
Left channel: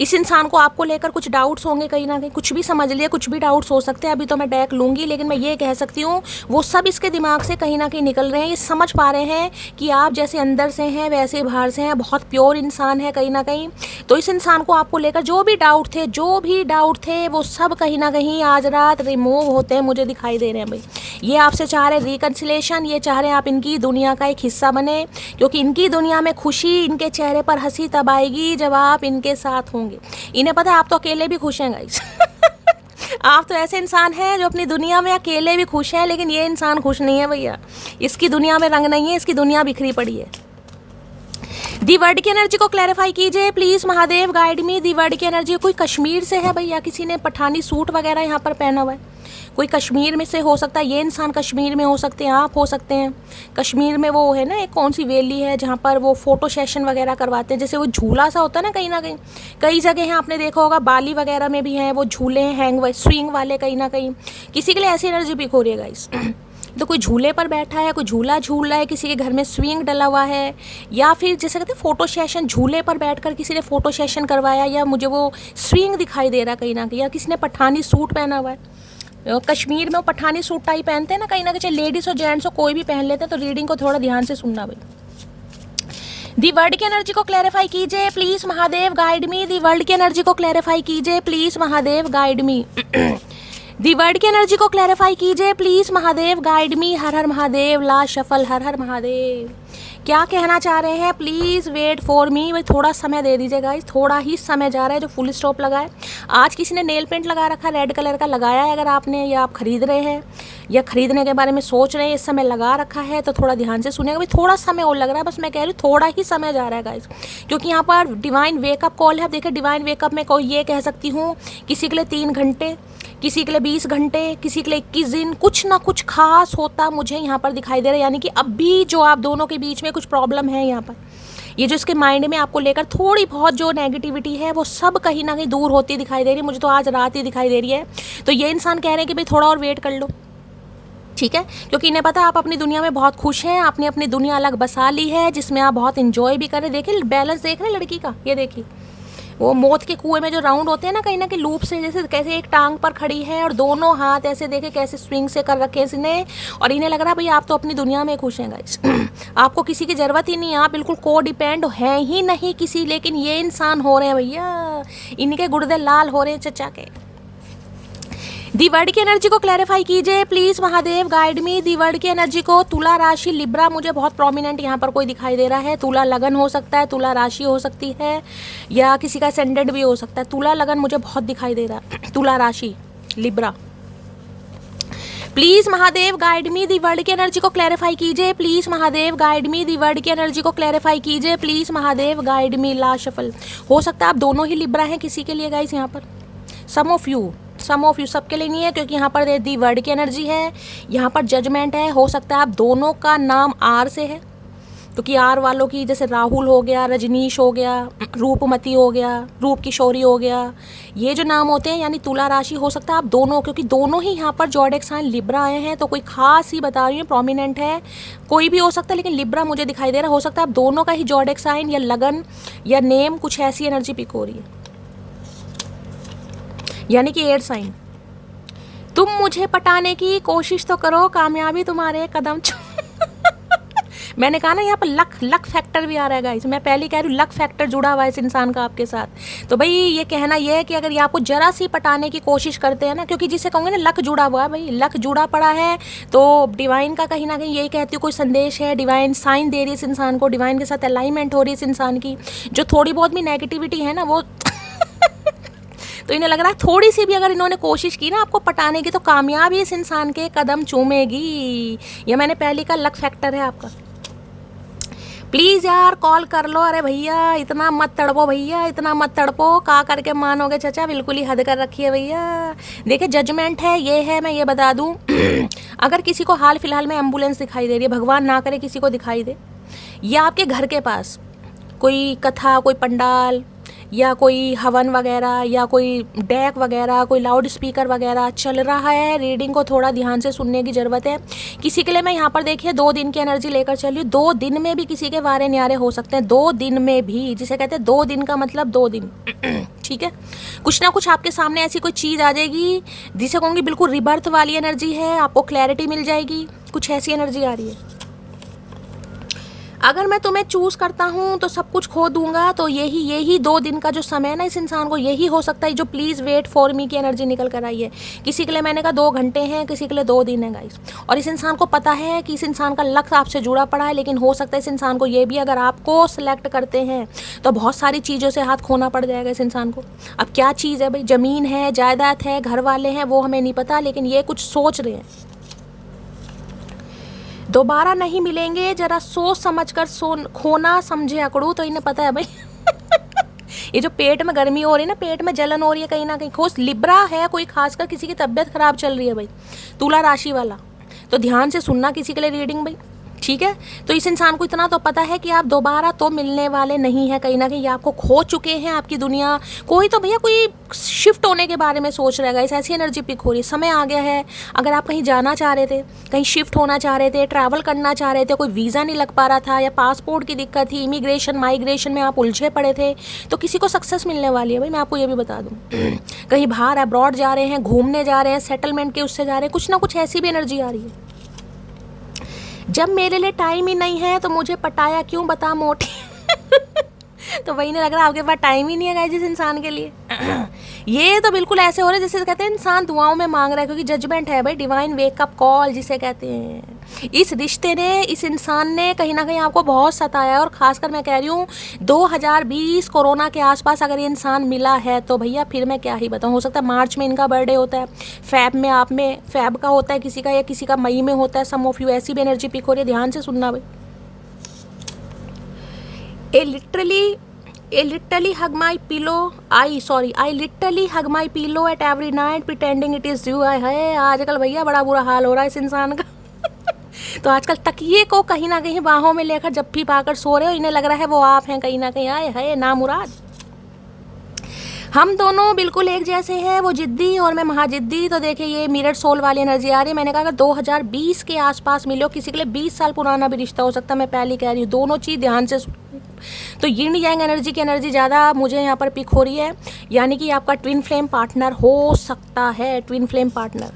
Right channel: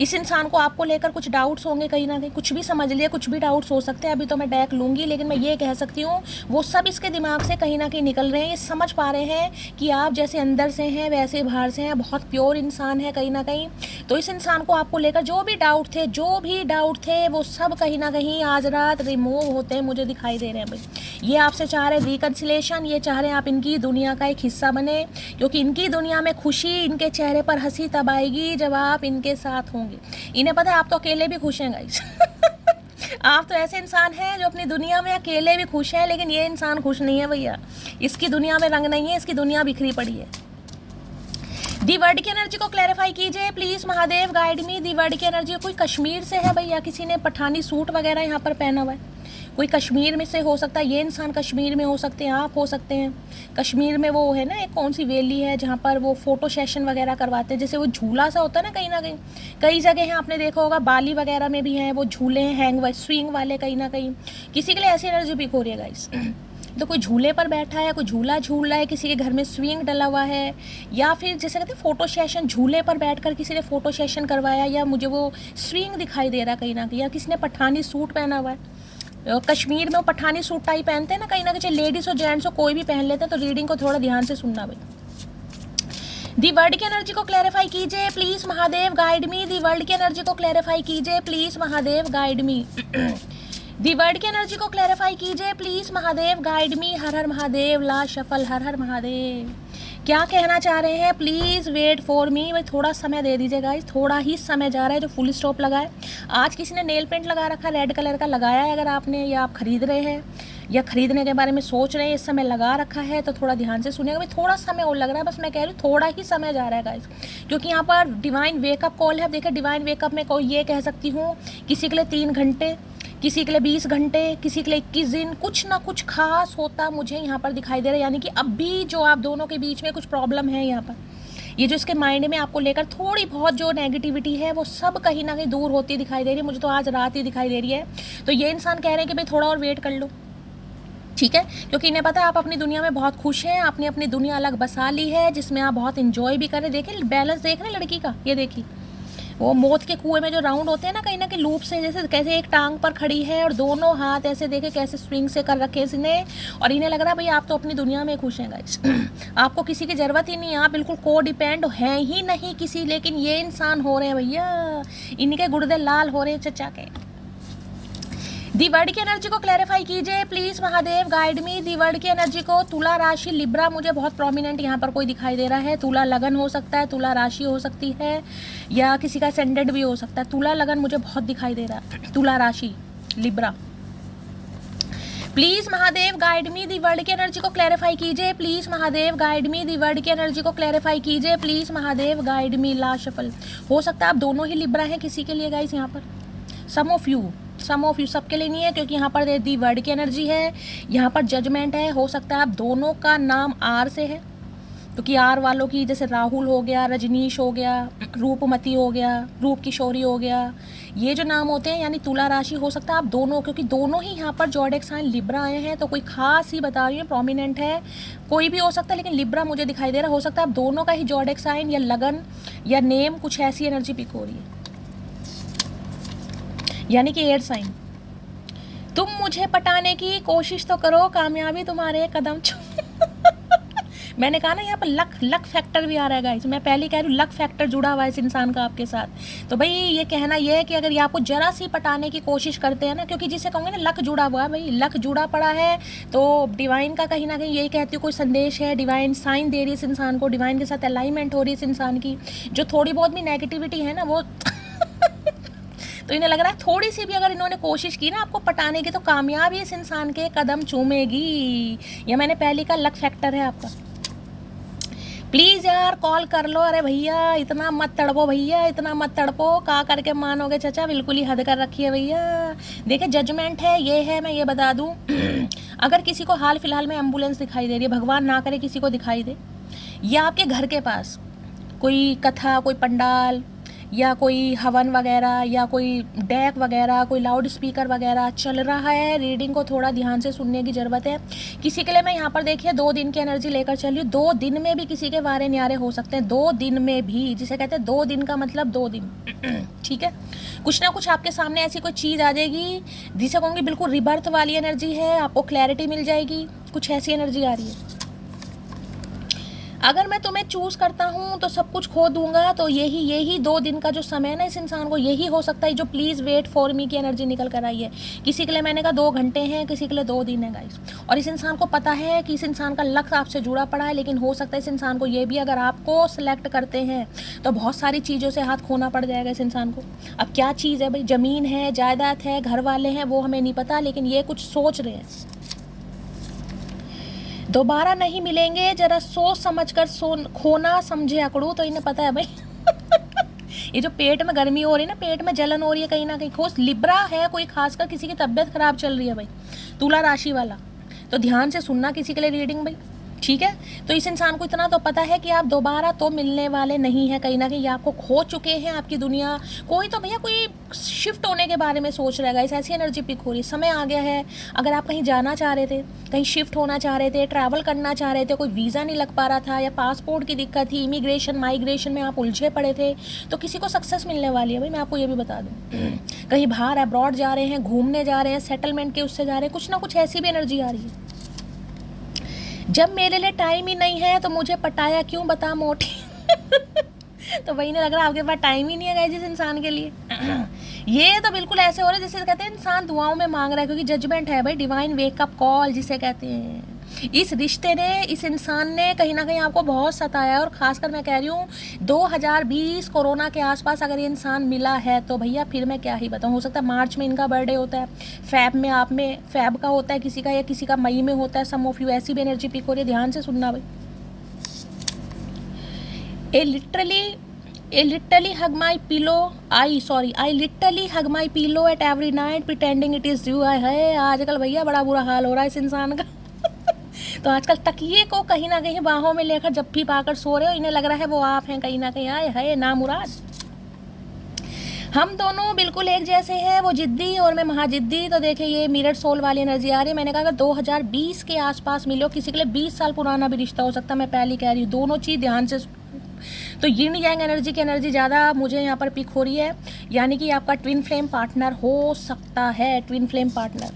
इस इंसान को आपको लेकर कुछ डाउट्स होंगे, कहीं ना कहीं कुछ भी समझ लिया, कुछ भी डाउट्स हो सकते हैं। अभी तो मैं डेक लूंगी, लेकिन मैं ये कह सकती हूँ वो सब इसके दिमाग से कहीं ना कहीं निकल रहे हैं। ये समझ पा रहे हैं कि आप जैसे अंदर से हैं वैसे बाहर से हैं, बहुत प्योर इंसान है कहीं ना कहीं। तो इस इंसान को आपको लेकर जो भी डाउट थे वो सब कहीं ना कहीं आज रात रिमूव होते हैं, मुझे दिखाई दे रहे हैं भाई। ये आपसे चाह रहे रिकन्सिलेशन, ये चाह रहे हैं आप इनकी दुनिया का एक हिस्सा बने, क्योंकि इनकी दुनिया में खुशी, इनके चेहरे पर हंसी तब आएगी जब आप इनके साथ होंगे। इन्हें पता है आप तो अकेले भी खुश हैं गाइस। आप तो ऐसे इंसान हैं जो अपनी दुनिया में अकेले भी खुश हैं, लेकिन ये इंसान खुश नहीं है भैया। इसकी दुनिया में रंग नहीं है, इसकी दुनिया बिखरी पड़ी है। दी वर्ड की एनर्जी को क्लैरिफाई कीजिए please Mahadev, guide me. The world की एनर्जी कोई कश्मीर से है भैया, किसी ने पठानी सूट वगैरह यहाँ पर पहना हुआ है, कोई कश्मीर में से हो सकता है, ये इंसान कश्मीर में हो सकते हैं, आप हो सकते हैं। कश्मीर में वो है ना एक कौन सी वैली है जहाँ पर वो फोटो सेशन वगैरह करवाते हैं, जैसे वो झूला सा होता है ना, कहीं कई जगह हैं, आपने देखा होगा बाली वगैरह में भी हैं वो झूले हैं, हैंग स्विंग वाले, कहीं ना कहीं किसी के लिए ऐसी एनर्जी पिक हो रही है गाइस। तो कोई झूले पर बैठा है, कोई झूला झूल रहा है, किसी के घर में स्विंग डला हुआ है, या फिर जैसे कहते हैं फोटो सेशन, झूले पर बैठकर किसी ने फोटो सेशन करवाया, या मुझे वो स्विंग दिखाई दे रहा कहीं ना कहीं, या किसी ने पठानी सूट पहना हुआ है। कश्मीर में वो पठानी सूट टाई पहनते हैं ना कहीं ना कहीं, लेडीज और जेंट्स हो कोई भी पहन लेते हैं। तो रीडिंग को थोड़ा ध्यान से सुनना भाई। दी वर्ल्ड की एनर्जी को क्लैरिफाई कीजिए please Mahadev, guide me. The world की एनर्जी को क्लैरिफाई कीजिए please Mahadev, guide me. The world की एनर्जी को क्लैरिफाई कीजिए प्लीज महादेव, गाइड मी। हर हर महादेव, ला शफल, हर हर महादेव। क्या कहना चाह रहे हैं प्लीज वेट फॉर मी। भाई थोड़ा समय दे दीजिए गाइस, थोड़ा ही समय जा रहा है। जो फुल स्टॉप लगा है, आज किसी ने नेल पेंट लगा रखा, रेड कलर का लगाया है अगर आपने, या आप खरीद रहे हैं या खरीदने के बारे में सोच रहे हैं, इस समय लगा रखा है तो थोड़ा ध्यान से सुनिएगा। भाई थोड़ा समय और लग रहा है, बस मैं कह रही हूँ थोड़ा ही समय जा रहा है गाइस, क्योंकि यहाँ पर डिवाइन वेकअप कॉल है। देखिए डिवाइन वेकअप में कोई ये कह सकती हूँ किसी के लिए 3 घंटे, किसी के लिए 20 घंटे, किसी के लिए 21 दिन, कुछ ना कुछ खास होता मुझे यहाँ पर दिखाई दे रहा है। यानी कि अब भी जो आप दोनों के बीच में कुछ प्रॉब्लम है यहाँ पर, ये जो इसके माइंड में आपको लेकर थोड़ी बहुत जो नेगेटिविटी है वो सब कहीं ना कहीं दूर होती दिखाई दे रही है। मुझे तो आज रात ही दिखाई दे रही है। तो ये इंसान कह रहे हैं कि भाई थोड़ा और वेट कर लो, ठीक है, क्योंकि इन्हें पता है आप अपनी दुनिया में बहुत खुश हैं, आपने अपनी दुनिया अलग बसा ली है जिसमें आप बहुत इंजॉय भी करें। देखिए बैलेंस देख रहे हैं लड़की का, ये देखिए वो मौत के कुएं में जो राउंड होते हैं ना कहीं ना कहीं लूप से, जैसे कैसे एक टांग पर खड़ी है और दोनों हाथ ऐसे देखे कैसे स्विंग से कर रखे इसने, और इन्हें लग रहा है भाई आप तो अपनी दुनिया में खुश हैं गाइस। आपको किसी की ज़रूरत ही नहीं है, आप बिल्कुल को डिपेंड हैं ही नहीं किसी। लेकिन ये इंसान हो रहे हैं भैया, इनके गुर्दे लाल हो रहे हैं चचा के। दी वर्ड की एनर्जी को क्लैरिफाई कीजिए please Mahadev, guide me. The world की एनर्जी को तुला राशि लिब्रा, मुझे बहुत प्रोमिनेंट यहाँ पर कोई दिखाई दे रहा है। तुला लगन हो सकता है, तुला राशि हो सकती है, या किसी का सेंडेड भी हो सकता है। तुला लगन मुझे बहुत दिखाई दे रहा है, तुला राशि Libra. Please Mahadev guide me. The world की एनर्जी को क्लैरिफाई कीजिए please Mahadev, guide me. The world की एनर्जी को क्लैरिफाई कीजिए प्लीज महादेव, गाइड मी। ला शफल, हो सकता है आप दोनों ही लिब्रा हैं किसी के लिए गाइस यहाँ पर। सम ऑफ यू, सबके लिए नहीं है, क्योंकि यहाँ पर दी वर्ड की एनर्जी है, यहाँ पर जजमेंट है। हो सकता है आप दोनों का नाम आर से है, क्योंकि आर वालों की जैसे राहुल हो गया, रजनीश हो गया, रूपमती हो गया, रूप किशोरी हो गया, ये जो नाम होते हैं यानी तुला राशि। हो सकता है आप दोनों, क्योंकि दोनों ही यहाँ पर जॉडिक साइन लिब्रा आए हैं, तो कोई खास ही बता रही है, प्रोमिनेंट है, कोई भी हो सकता है, लेकिन लिब्रा मुझे दिखाई दे रहा है। हो सकता है आप दोनों का ही जॉडिक साइन या लगन या नेम कुछ ऐसी एनर्जी पिक हो रही है, यानी कि एयर साइन। तुम मुझे पटाने की कोशिश तो करो, कामयाबी तुम्हारे कदम मैंने कहा ना यहाँ पर लक फैक्टर भी आ रहा है गाइस। मैं पहले कह रही हूँ लक फैक्टर जुड़ा हुआ है इस इंसान का आपके साथ। तो भाई ये कहना ये है कि अगर ये आपको जरा सी पटाने की कोशिश करते हैं ना, क्योंकि जिसे कहूँगे ना लक जुड़ा हुआ है, भाई लक जुड़ा पड़ा है, तो डिवाइन का कहीं ना कहीं यही कहती हूँ कोई संदेश है, डिवाइन साइन दे रही है इस इंसान को, डिवाइन के साथ अलाइनमेंट हो रही है इस इंसान की। जो थोड़ी बहुत भी नेगेटिविटी है ना वो तो इन्हें लग रहा है थोड़ी सी भी अगर इन्होंने कोशिश की ना आपको पटाने की, तो कामयाबी इस इंसान के कदम चूमेगी। ये मैंने पहले का लक फैक्टर है आपका। प्लीज़ यार कॉल कर लो। अरे भैया इतना मत तड़पो, भैया इतना मत तड़पो, का करके मानोगे चाचा, बिल्कुल ही हद कर रखी है भैया। देखिए जजमेंट है, ये है, मैं ये बता दूं अगर किसी को हाल फिलहाल में एम्बुलेंस दिखाई दे रही है, भगवान ना करे किसी को दिखाई दे, या आपके घर के पास कोई कथा, कोई पंडाल या कोई हवन वगैरह या कोई डेक वगैरह, कोई लाउड स्पीकर वगैरह चल रहा है, रीडिंग को थोड़ा ध्यान से सुनने की ज़रूरत है। किसी के लिए मैं यहाँ पर देखिए 2 दिन की एनर्जी लेकर चली, 2 दिन में भी किसी के वारे न्यारे हो सकते हैं, 2 दिन में भी, जिसे कहते हैं 2 दिन का मतलब 2 दिन ठीक है। कुछ ना कुछ आपके सामने ऐसी कोई चीज़ आ जाएगी जिसे कहूँगी बिल्कुल रिबर्थ वाली एनर्जी है, आपको क्लैरिटी मिल जाएगी, कुछ ऐसी एनर्जी आ रही है। अगर मैं तुम्हें चूज़ करता हूँ तो सब कुछ खो दूंगा, तो यही 2 दिन का जो समय है ना इस इंसान को, यही हो सकता है जो प्लीज़ वेट फॉर मी की एनर्जी निकल कर आई है। किसी के लिए मैंने कहा 2 घंटे हैं, किसी के लिए 2 दिन है गाइस। और इस इंसान को पता है कि इस इंसान का लक्ष्य आपसे जुड़ा पड़ा है, लेकिन हो सकता है इस इंसान को ये भी, अगर आपको सेलेक्ट करते हैं तो बहुत सारी चीज़ों से हाथ खोना पड़ जाएगा इस इंसान को। अब क्या चीज़ है भाई, ज़मीन है, जायदाद है, घर वाले हैं, वो हमें नहीं पता, लेकिन ये कुछ सोच रहे हैं। दोबारा नहीं मिलेंगे, जरा सोच समझकर खोना समझे अकड़ू, तो इन्हें पता है भाई ये जो पेट में गर्मी हो रही है ना, पेट में जलन हो रही है कहीं ना कहीं, खोज लिब्रा है कोई, खासकर किसी की तबीयत खराब चल रही है भाई, तुला राशि वाला, तो ध्यान से सुनना किसी के लिए रीडिंग भाई, ठीक है। तो इस इंसान को इतना तो पता है कि आप दोबारा तो मिलने वाले नहीं है, कहीं ना कहीं आपको खो चुके हैं, आपकी दुनिया, कोई तो भैया कोई शिफ्ट होने के बारे में सोच रहेगा, इस ऐसी एनर्जी पिक हो रही है, समय आ गया है। अगर आप कहीं जाना चाह रहे थे, कहीं शिफ्ट होना चाह रहे थे, ट्रैवल करना चाह रहे थे, कोई वीज़ा नहीं लग पा रहा था, या पासपोर्ट की दिक्कत थी, इमिग्रेशन माइग्रेशन में आप उलझे पड़े थे, तो किसी को सक्सेस मिलने वाली है भाई, मैं आपको ये भी बता दूँ। कहीं बाहर अब्रॉड जा रहे हैं, घूमने जा रहे हैं, सेटलमेंट के उससे जा रहे हैं, कुछ ना कुछ ऐसी भी एनर्जी आ रही है। जब मेरे लिए टाइम ही नहीं है तो मुझे पटाया क्यों बता मोटी तो वही नहीं लग रहा आपके पास टाइम ही नहीं है जिस इंसान के लिए ये तो बिल्कुल ऐसे हो रहे जैसे कहते हैं इंसान दुआओं में मांग रहा है, क्योंकि जजमेंट है भाई, डिवाइन वेकअप कॉल जिसे कहते हैं। इस रिश्ते ने, इस इंसान ने कहीं ना कहीं आपको बहुत सताया है, और खासकर मैं कह रही हूँ 2020 कोरोना के आसपास अगर ये इंसान मिला है तो भैया फिर मैं क्या ही बताऊँ। हो सकता है मार्च में इनका बर्थडे होता है, फैब में आप में, फैब का होता है किसी का, या किसी का मई में होता है, सम ऑफ यू, ऐसी भी एनर्जी पिक हो रही है, ध्यान से सुनना भाई। I literally hug my pillow. I literally hug my pillow at every night pretending it is you. है आजकल भैया बड़ा बुरा हाल हो रहा है इस इंसान का तो आजकल तकिए को कहीं ना कहीं बाहों में लेकर जब भी पाकर सो रहे हो, इन्हें लग रहा है वो आप हैं कहीं ना कहीं। आए है ना मुराद, हम दोनों बिल्कुल एक जैसे हैं, वो जिद्दी और मैं महाजिद्दी। तो देखिए ये मिरर सोल वाली एनर्जी आ रही है। मैंने कहा अगर 2020 के आसपास मिलो, किसी के लिए 20 साल पुराना भी रिश्ता हो सकता है, मैं पहले कह रही हूँ, दोनों चीज़ ध्यान से। तो यिन यांग एनर्जी की एनर्जी ज़्यादा मुझे यहाँ पर पिक हो रही है, यानी कि आपका ट्विन फ्लेम पार्टनर हो सकता है, ट्विन फ्लेम पार्टनर।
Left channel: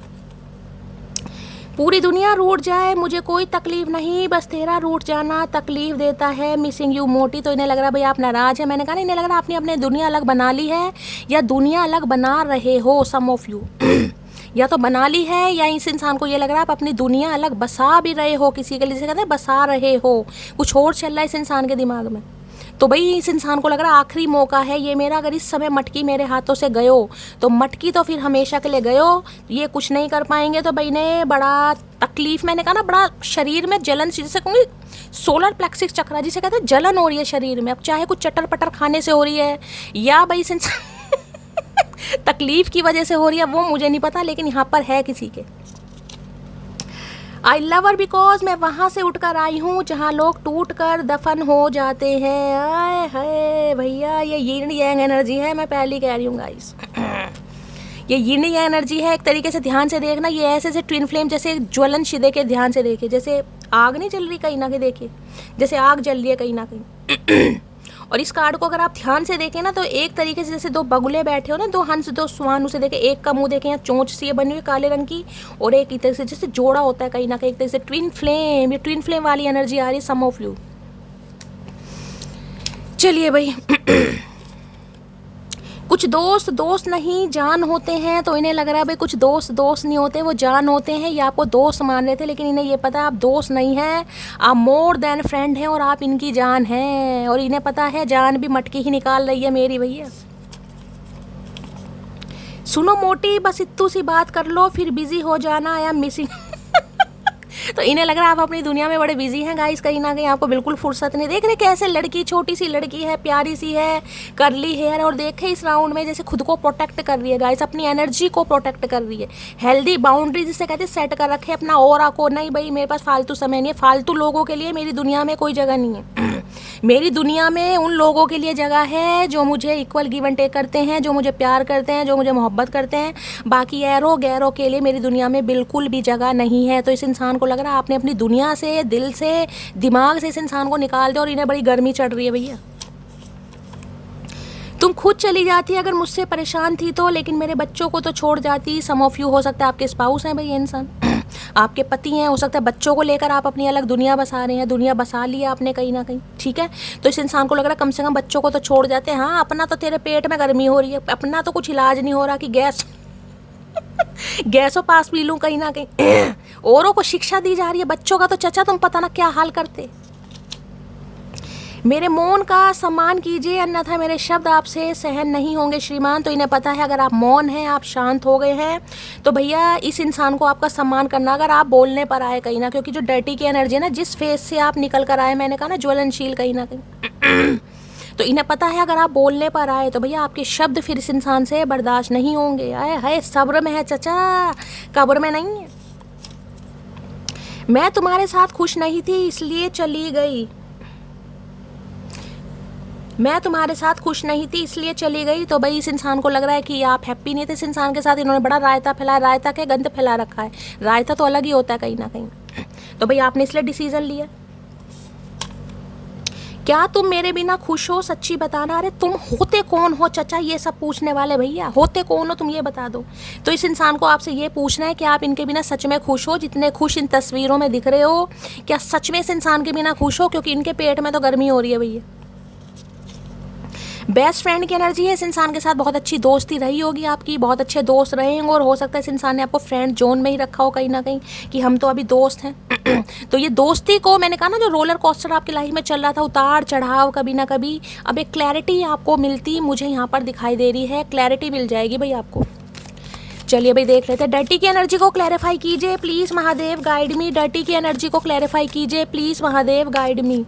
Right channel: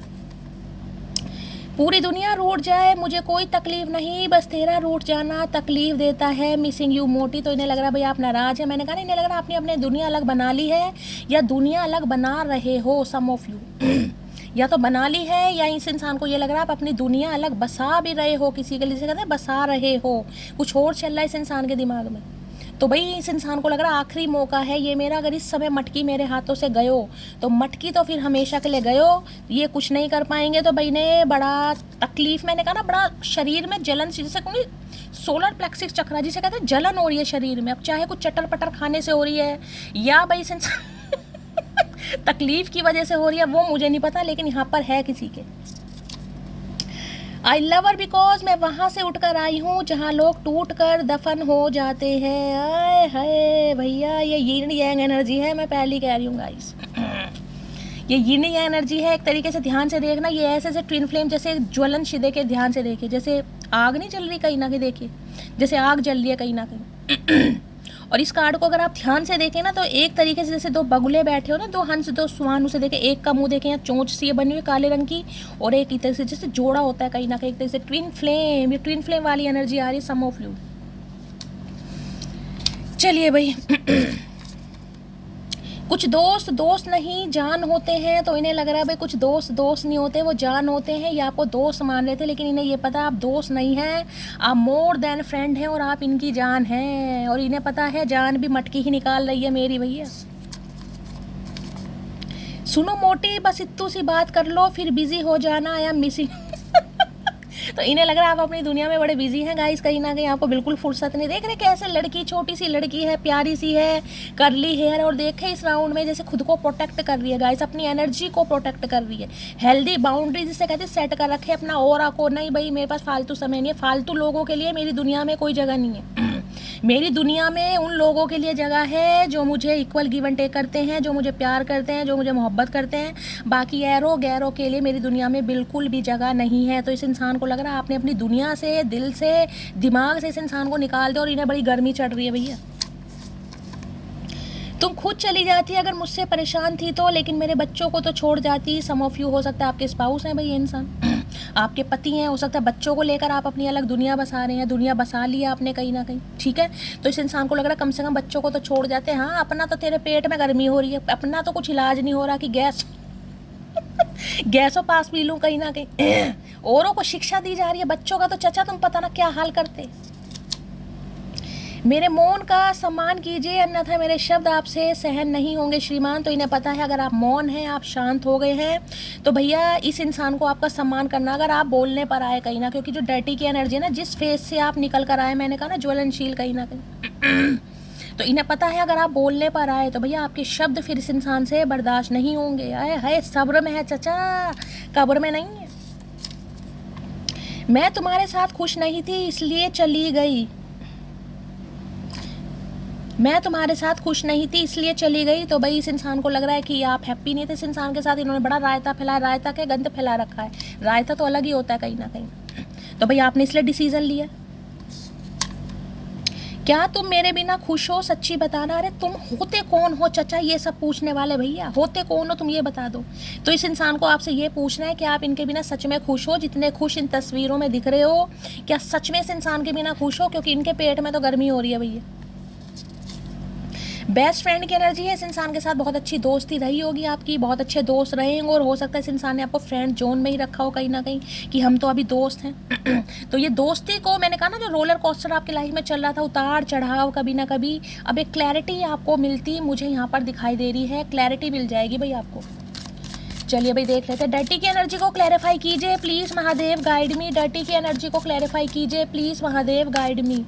पूरी दुनिया रूठ जाए मुझे कोई तकलीफ नहीं, बस तेरा रूठ जाना तकलीफ देता है, मिसिंग यू मोटी। तो इन्हें लग रहा है भाई आप नाराज़ है। मैंने कहा इन्हें लग रहा है आपने अपने दुनिया अलग बना ली है, या दुनिया अलग बना रहे हो, सम ऑफ यू या तो बना ली है, या इस इंसान को ये लग रहा है आप अपनी दुनिया अलग बसा भी रहे हो, किसी के लिए कहते हैं बसा रहे हो, कुछ और चल रहा है इस इंसान के दिमाग में। तो भाई इस इंसान को लग रहा है आखिरी मौका है ये मेरा, अगर इस समय मटकी मेरे हाथों से गयो तो मटकी तो फिर हमेशा के लिए गयो, ये कुछ नहीं कर पाएंगे। तो भाई ने बड़ा तकलीफ, मैंने कहा ना, बड़ा शरीर में जलन, जिसे कहूँगी सोलर प्लेक्सिस चक्र जिसे कहते हैं, जलन हो रही है शरीर में। अब चाहे कुछ चटर पटर खाने से हो रही है, या भाई इस इंसान तकलीफ की वजह से हो रही है, वो मुझे नहीं पता, लेकिन यहाँ पर है किसी के। आई लव हर बिकॉज मैं वहाँ से उठकर आई हूँ जहाँ लोग टूट कर दफन हो जाते हैं। आए हाय भैया, ये यिन यांग एनर्जी है, मैं पहले कह रही हूँ गाइस ये यिन यांग एनर्जी है। एक तरीके से ध्यान से देखना, ये ऐसे से ट्विन फ्लेम जैसे ज्वलन शिदे के, ध्यान से देखिए, जैसे आग नहीं जल रही कहीं ना कहीं, देखिए जैसे आग जल रही है कहीं ना कहीं और इस कार्ड को अगर आप ध्यान से देखें ना, तो एक तरीके से जैसे 2 बगुले बैठे हो ना, 2 हंस 2 स्वान, उसे देखें, एक का मुंह देखें, चोंच सी बनी हुई काले रंग की, और एक ही तरह से जैसे जोड़ा होता है कहीं ना कहीं, एक तरह से ट्विन फ्लेम, ये ट्विन फ्लेम वाली एनर्जी आ रही है, सम ऑफ यू। चलिए भाई कुछ दोस्त नहीं जान होते हैं, तो इन्हें लग रहा है भाई कुछ दोस्त नहीं होते, वो जान होते हैं, ये आपको दोस्त मान रहे थे, लेकिन इन्हें ये पता है आप दोस्त नहीं हैं, आप मोर देन फ्रेंड हैं, और आप इनकी जान हैं, और इन्हें पता है जान भी मटकी ही निकाल रही है मेरी भैया। सुनो मोटी, बस इत्तू सी बात कर लो फिर बिजी हो जाना, आई एम मिसिंग तो इन्हें लग रहा है आप अपनी दुनिया में बड़े बिजी हैं गाइस, कहीं ना कहीं आपको बिल्कुल फुर्सत नहीं। देख रहे कैसे लड़की, छोटी सी लड़की है, प्यारी सी है, करली हेयर, और देखे इस राउंड में जैसे खुद को प्रोटेक्ट कर रही है गाइस, अपनी एनर्जी को प्रोटेक्ट कर रही है, हेल्दी बाउंड्री जिसे कहते हैं सेट कर रखे अपना ऑरा को। नहीं भाई मेरे पास फालतू समय नहीं है, फालतू लोगों के लिए मेरी दुनिया में कोई जगह नहीं है। मेरी दुनिया में उन लोगों के लिए जगह है जो मुझे इक्वल गिव एंड टेक करते हैं, जो मुझे प्यार करते हैं, जो मुझे मोहब्बत करते हैं। बाकी ऐरों गैरों के लिए मेरी दुनिया में बिल्कुल भी जगह नहीं है। तो इस इंसान को लग रहा है आपने अपनी दुनिया से, दिल से, दिमाग से इस इंसान को निकाल दो, और इन्हें बड़ी गर्मी चढ़ रही है भैया। तुम खुद चली जाती अगर मुझसे परेशान थी तो, लेकिन मेरे बच्चों को तो छोड़ जाती। सम ऑफ यू हो सकता है आपके स्पाउस हैं भाई, ये इंसान आपके पति हैं, हो सकता है बच्चों को लेकर आप अपनी अलग दुनिया बसा रहे हैं, दुनिया बसा लिया आपने कहीं ना कहीं, ठीक है। तो इस इंसान को लग रहा है कम से कम बच्चों को तो छोड़ जाते हैं। हाँ, अपना तो तेरे पेट में गर्मी हो रही है, अपना तो कुछ इलाज नहीं हो रहा कि गैसों पास पी लूँ कहीं ना कहीं। औरों को शिक्षा दी जा रही है, बच्चों का तो चचा तुम पता ना क्या हाल करते। मेरे मौन का सम्मान कीजिए, अन्यथा मेरे शब्द आपसे सहन नहीं होंगे श्रीमान। तो इन्हें पता है अगर आप मौन हैं, आप शांत हो गए हैं, तो भैया इस इंसान को आपका सम्मान करना, अगर आप बोलने पर आए कहीं ना, क्योंकि जो डर्टी की एनर्जी है ना, जिस फेस से आप निकल कर आए, मैंने कहा ना ज्वलनशील कहीं ना कहीं, तो इन्हें पता है अगर आप बोलने पर आए तो भैया आपके शब्द फिर इस इंसान से बर्दाश्त नहीं होंगे। आए है सब्र में है चचा, कब्र में नहीं है। मैं तुम्हारे साथ खुश नहीं थी इसलिए चली गई, मैं तुम्हारे साथ खुश नहीं थी इसलिए चली गई। तो भाई इस इंसान को लग रहा है कि आप हैप्पी नहीं थे इस इंसान के साथ, इन्होंने बड़ा रायता फैलाया, रायता के गंद फैला रखा है। रायता तो अलग ही होता है कहीं ना कहीं। तो भाई आपने इसलिए डिसीजन लिया। क्या तुम मेरे बिना खुश हो, सच्ची बताना। अरे तुम होते कौन हो चचा ये सब पूछने वाले, भैया होते कौन हो तुम ये बता दो। तो इस इंसान को आपसे ये पूछना है कि आप इनके बिना सच में खुश हो, जितने खुश इन तस्वीरों में दिख रहे हो, क्या सच में इस इंसान के बिना खुश हो, क्योंकि इनके पेट में तो गर्मी हो रही है भैया। बेस्ट फ्रेंड की एनर्जी है, इस इंसान के साथ बहुत अच्छी दोस्ती रही होगी आपकी, बहुत अच्छे दोस्त रहे होंगे, और हो सकता है इस इंसान ने आपको फ्रेंड जोन में ही रखा हो कहीं ना कहीं कि हम तो अभी दोस्त हैं। तो ये दोस्ती को मैंने कहा ना, जो रोलर कोस्टर आपकी लाइफ में चल रहा था, उतार चढ़ाव कभी ना कभी, अब एक क्लैरिटी आपको मिलती मुझे यहाँ पर दिखाई दे रही है, क्लैरिटी मिल जाएगी भाई आपको। चलिए भाई देख लेते हैं। डर्टी की एनर्जी को क्लैरिफाई कीजिए please Mahadev guide me. Dirty की एनर्जी को क्लैरिफाई कीजिए please Mahadev guide me.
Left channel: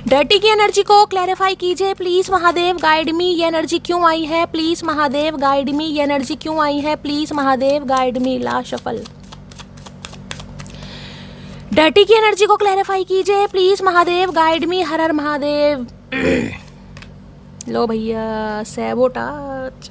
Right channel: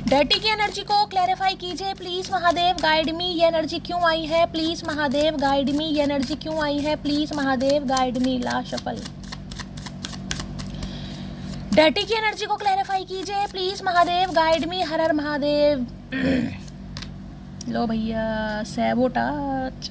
Dirty की एनर्जी को क्लैरिफाई कीजिए प्लीज महादेव गाइड मी। ये एनर्जी क्यों आई है प्लीज महादेव गाइड मी। ये एनर्जी क्यों आई है please Mahadev guide me. Last shuffle. Dirty की एनर्जी को क्लैरिफाई कीजिए प्लीज महादेव गाइड मी। हर हर महादेव। लो भैया sabotage.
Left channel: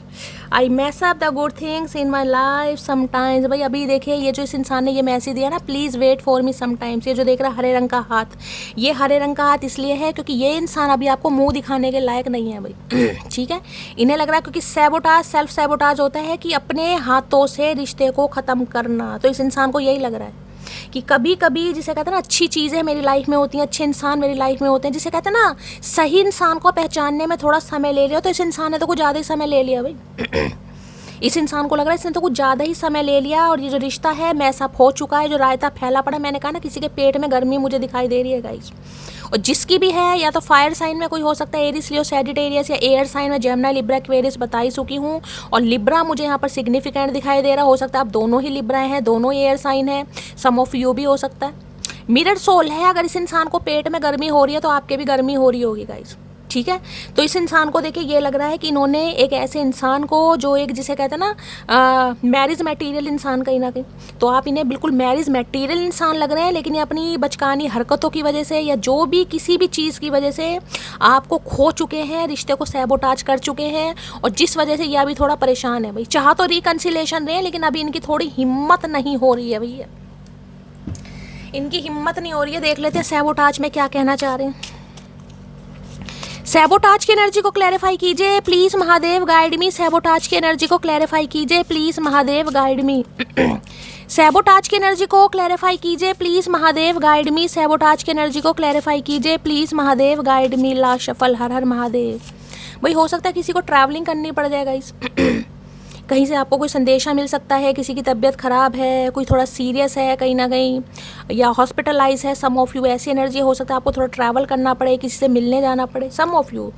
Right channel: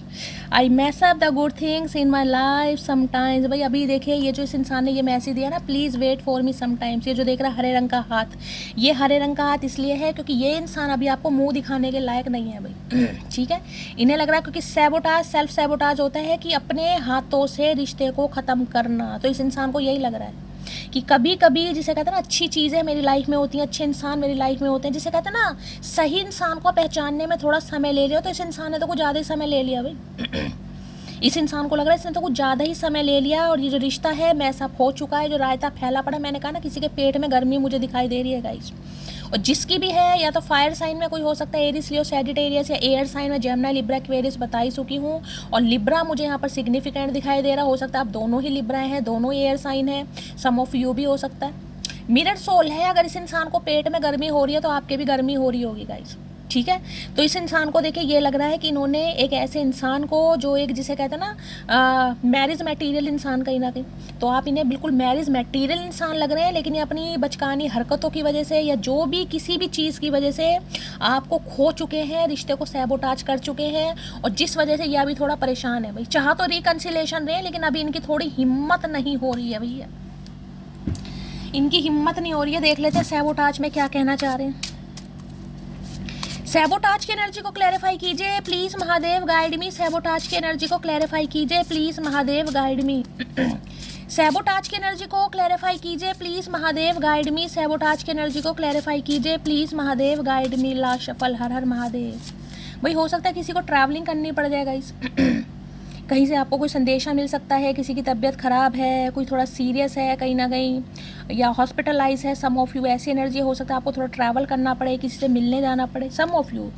I mess up the good things in my life sometimes. भाई अभी देखिए ये जो इस इंसान ने ये मैसेज दिया ना, please wait for me sometimes. ये जो देख रहा है हरे रंग का हाथ, ये हरे रंग का हाथ इसलिए है क्योंकि ये इंसान अभी आपको मुंह दिखाने के लायक नहीं है भाई। ठीक है, इन्हें लग रहा है क्योंकि सैबोटाज, सेल्फ सैबोटाज होता है कि अपने हाथों से रिश्ते को ख़त्म करना। तो इस इंसान को यही लग रहा है कि कभी कभी जिसे कहते हैं ना अच्छी चीज़ें मेरी लाइफ में होती हैं, अच्छे इंसान मेरी लाइफ में होते हैं, जिसे कहते हैं ना सही इंसान को पहचानने में थोड़ा समय ले लिया। तो इस इंसान ने तो कुछ ज़्यादा ही समय ले लिया भाई। इस इंसान को लग रहा है इसने तो कुछ ज़्यादा ही समय ले लिया और ये जो रिश्ता है मैसअप हो चुका है, जो रायता फैला पड़ा है। मैंने कहा ना किसी के पेट में गर्मी मुझे दिखाई दे रही है गाइस, और जिसकी भी है या तो फायर साइन में कोई हो सकता है, एरिस लियो सैजिटेरियस, या एयर साइन में जेमिनी लिब्रा एक्वेरियस बता ही चुकी हूँ। और लिब्रा मुझे यहाँ पर सिग्निफिकेंट दिखाई दे रहा, हो सकता है आप दोनों ही लिब्रा हैं, दोनों एयर साइन है, सम ऑफ यू भी हो सकता है। मिरर सोल है, अगर इस इंसान को पेट में गर्मी हो रही है तो आपके भी गर्मी हो रही होगी गाइस। ठीक है, तो इस इंसान को देखिए ये लग रहा है कि इन्होंने एक ऐसे इंसान को जो एक जिसे कहते हैं ना मैरिज मटेरियल इंसान कहीं ना कहीं, तो आप इन्हें बिल्कुल मैरिज मटेरियल इंसान लग रहे हैं, लेकिन ये अपनी बचकानी हरकतों की वजह से या जो भी किसी भी चीज़ की वजह से आपको खो चुके हैं, रिश्ते को सैबोटाज कर चुके हैं, और जिस वजह से ये अभी थोड़ा परेशान है भाई। चाह तो रिकन्सिलेशन रहे, लेकिन अभी इनकी थोड़ी हिम्मत नहीं हो रही है भैया, इनकी हिम्मत नहीं हो रही है। देख लेते हैं सैबोटाज में क्या कहना चाह रहे हैं। सैबोटाज की एनर्जी को क्लैरिफाई कीजिए please Mahadev guide me. Sabotage की एनर्जी को क्लैरिफाई कीजिए please Mahadev guide me. Sabotage की एनर्जी को क्लैरिफाई कीजिए please Mahadev guide me. Sabotage की एनर्जी को क्लैरिफाई कीजिए please Mahadev guide me. Last shuffle. हर हर महादेव। भाई हो सकता है किसी को ट्रैवलिंग करनी पड़ जाएगा इस कहीं से आपको कोई संदेशा मिल सकता है, किसी की तबीयत ख़राब है, कोई थोड़ा सीरियस है कहीं ना कहीं, या हॉस्पिटलाइज है सम ऑफ यू, ऐसी एनर्जी हो सकता है आपको थोड़ा ट्रैवल करना पड़े, किसी से मिलने जाना पड़े some of you.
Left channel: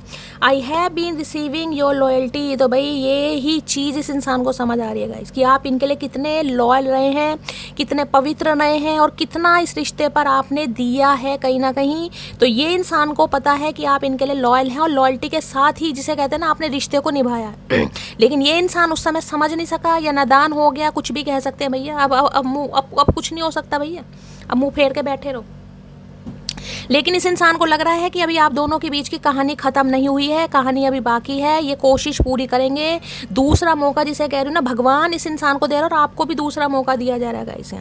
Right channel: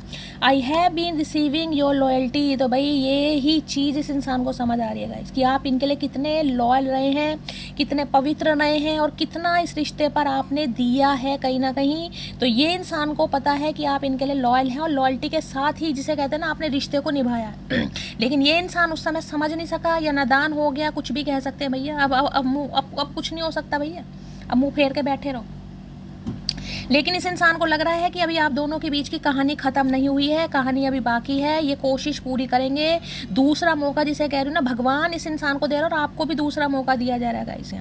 I have been receiving your loyalty, तो भाई ये ही चीज़ इस इंसान को समझ आ रही है गाइस कि आप इनके लिए कितने लॉयल रहे हैं, कितने पवित्र रहे हैं और कितना इस रिश्ते पर आपने दिया है कहीं ना कहीं। तो ये इंसान को पता है कि आप इनके लिए लॉयल हैं और लॉयल्टी के साथ ही जिसे कहते हैं ना आपने रिश्ते को निभाया। लेकिन ये इंसान उस समय समझ नहीं सका या नादान हो गया, कुछ भी कह सकते हैं भैया। अब कुछ नहीं हो सकता भैया, अब मुंह फेर के बैठे रहो। लेकिन इस इंसान को लग रहा है कि अभी आप दोनों के बीच की कहानी ख़त्म नहीं हुई है, कहानी अभी बाकी है, ये कोशिश पूरी करेंगे। दूसरा मौका जिसे कह रही हूँ ना, भगवान इस इंसान को दे रहा है और आपको भी दूसरा मौका दिया जा रहा है गाइस।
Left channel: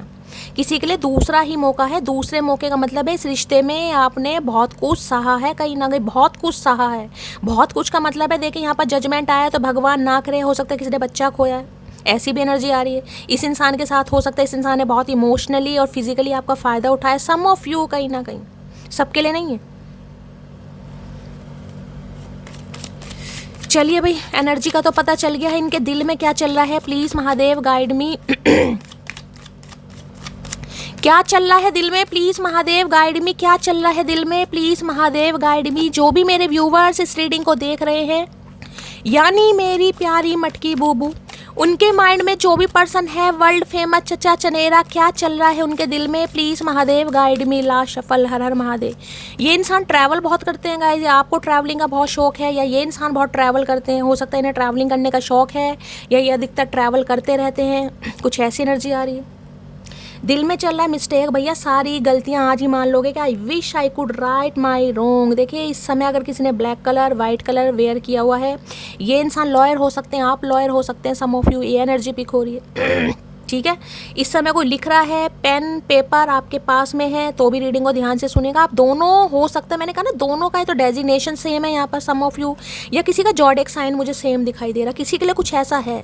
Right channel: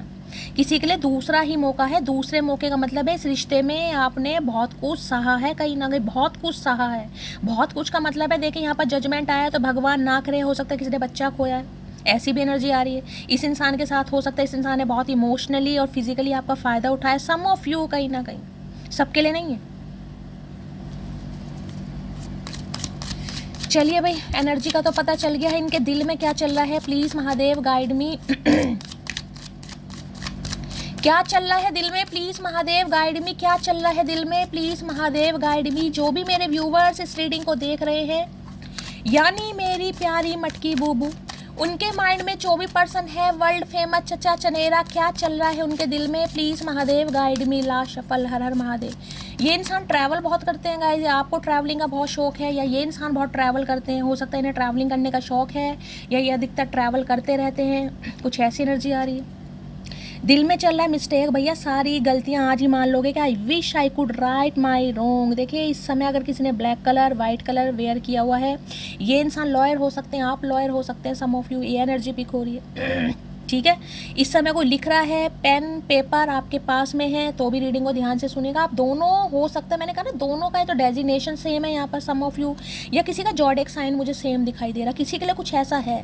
किसी के लिए दूसरा ही मौका है। दूसरे मौके का मतलब है इस रिश्ते में आपने बहुत कुछ सहा है, कहीं ना कहीं बहुत कुछ सहा है। बहुत कुछ का मतलब है देखिए यहाँ पर जजमेंट आया तो भगवान ना करे, हो सकता है किसी ने बच्चा खोया है, ऐसी भी एनर्जी आ रही है इस इंसान के साथ। हो सकता है इस इंसान ने बहुत इमोशनली और फिजिकली आपका फ़ायदा उठाया, सम ऑफ यू, कहीं ना कहीं, सबके लिए नहीं है। चलिए भाई, एनर्जी का तो पता चल गया है, इनके दिल में क्या चल रहा है। प्लीज महादेव गाइड मी। क्या चल रहा है दिल में, प्लीज महादेव गाइड मी। क्या चल रहा है दिल में, प्लीज महादेव गाइड मी। जो भी मेरे व्यूवर्स इस रीडिंग को देख रहे हैं, यानी मेरी प्यारी मटकी बूबू, उनके माइंड में जो भी पर्सन है वर्ल्ड फेमस चचा चनेरा, क्या चल रहा है उनके दिल में, प्लीज महादेव गाइड मी। ला शफल, हर हर महादेव। ये इंसान ट्रैवल बहुत करते हैं गाइस, आपको ट्रैवलिंग का बहुत शौक है या ये इंसान बहुत ट्रैवल करते हैं, हो सकता है इन्हें ट्रैवलिंग करने का शौक है या ये अधिकतर ट्रैवल करते रहते हैं, कुछ ऐसी एनर्जी आ रही है। दिल में चल रहा है मिस्टेक, भैया सारी गलतियां आज ही मान लोगे कि I wish I could right my wrong. देखिए इस समय अगर किसी ने black colour white colour wear किया हुआ है, ये इंसान लॉयर हो सकते हैं, आप लॉयर हो सकते हैं, सम ऑफ यू, ये एनर्जी पिक हो रही है। ठीक है, इस समय कोई लिख रहा है, पेन पेपर आपके पास में है तो भी रीडिंग को ध्यान से सुनेगा। आप दोनों हो सकता है, मैंने कहा ना दोनों का है तो डेजिग्नेशन सेम है यहाँ पर, सम ऑफ यू, या किसी का जॉडिक साइन मुझे सेम दिखाई दे रहा, किसी के लिए कुछ ऐसा है,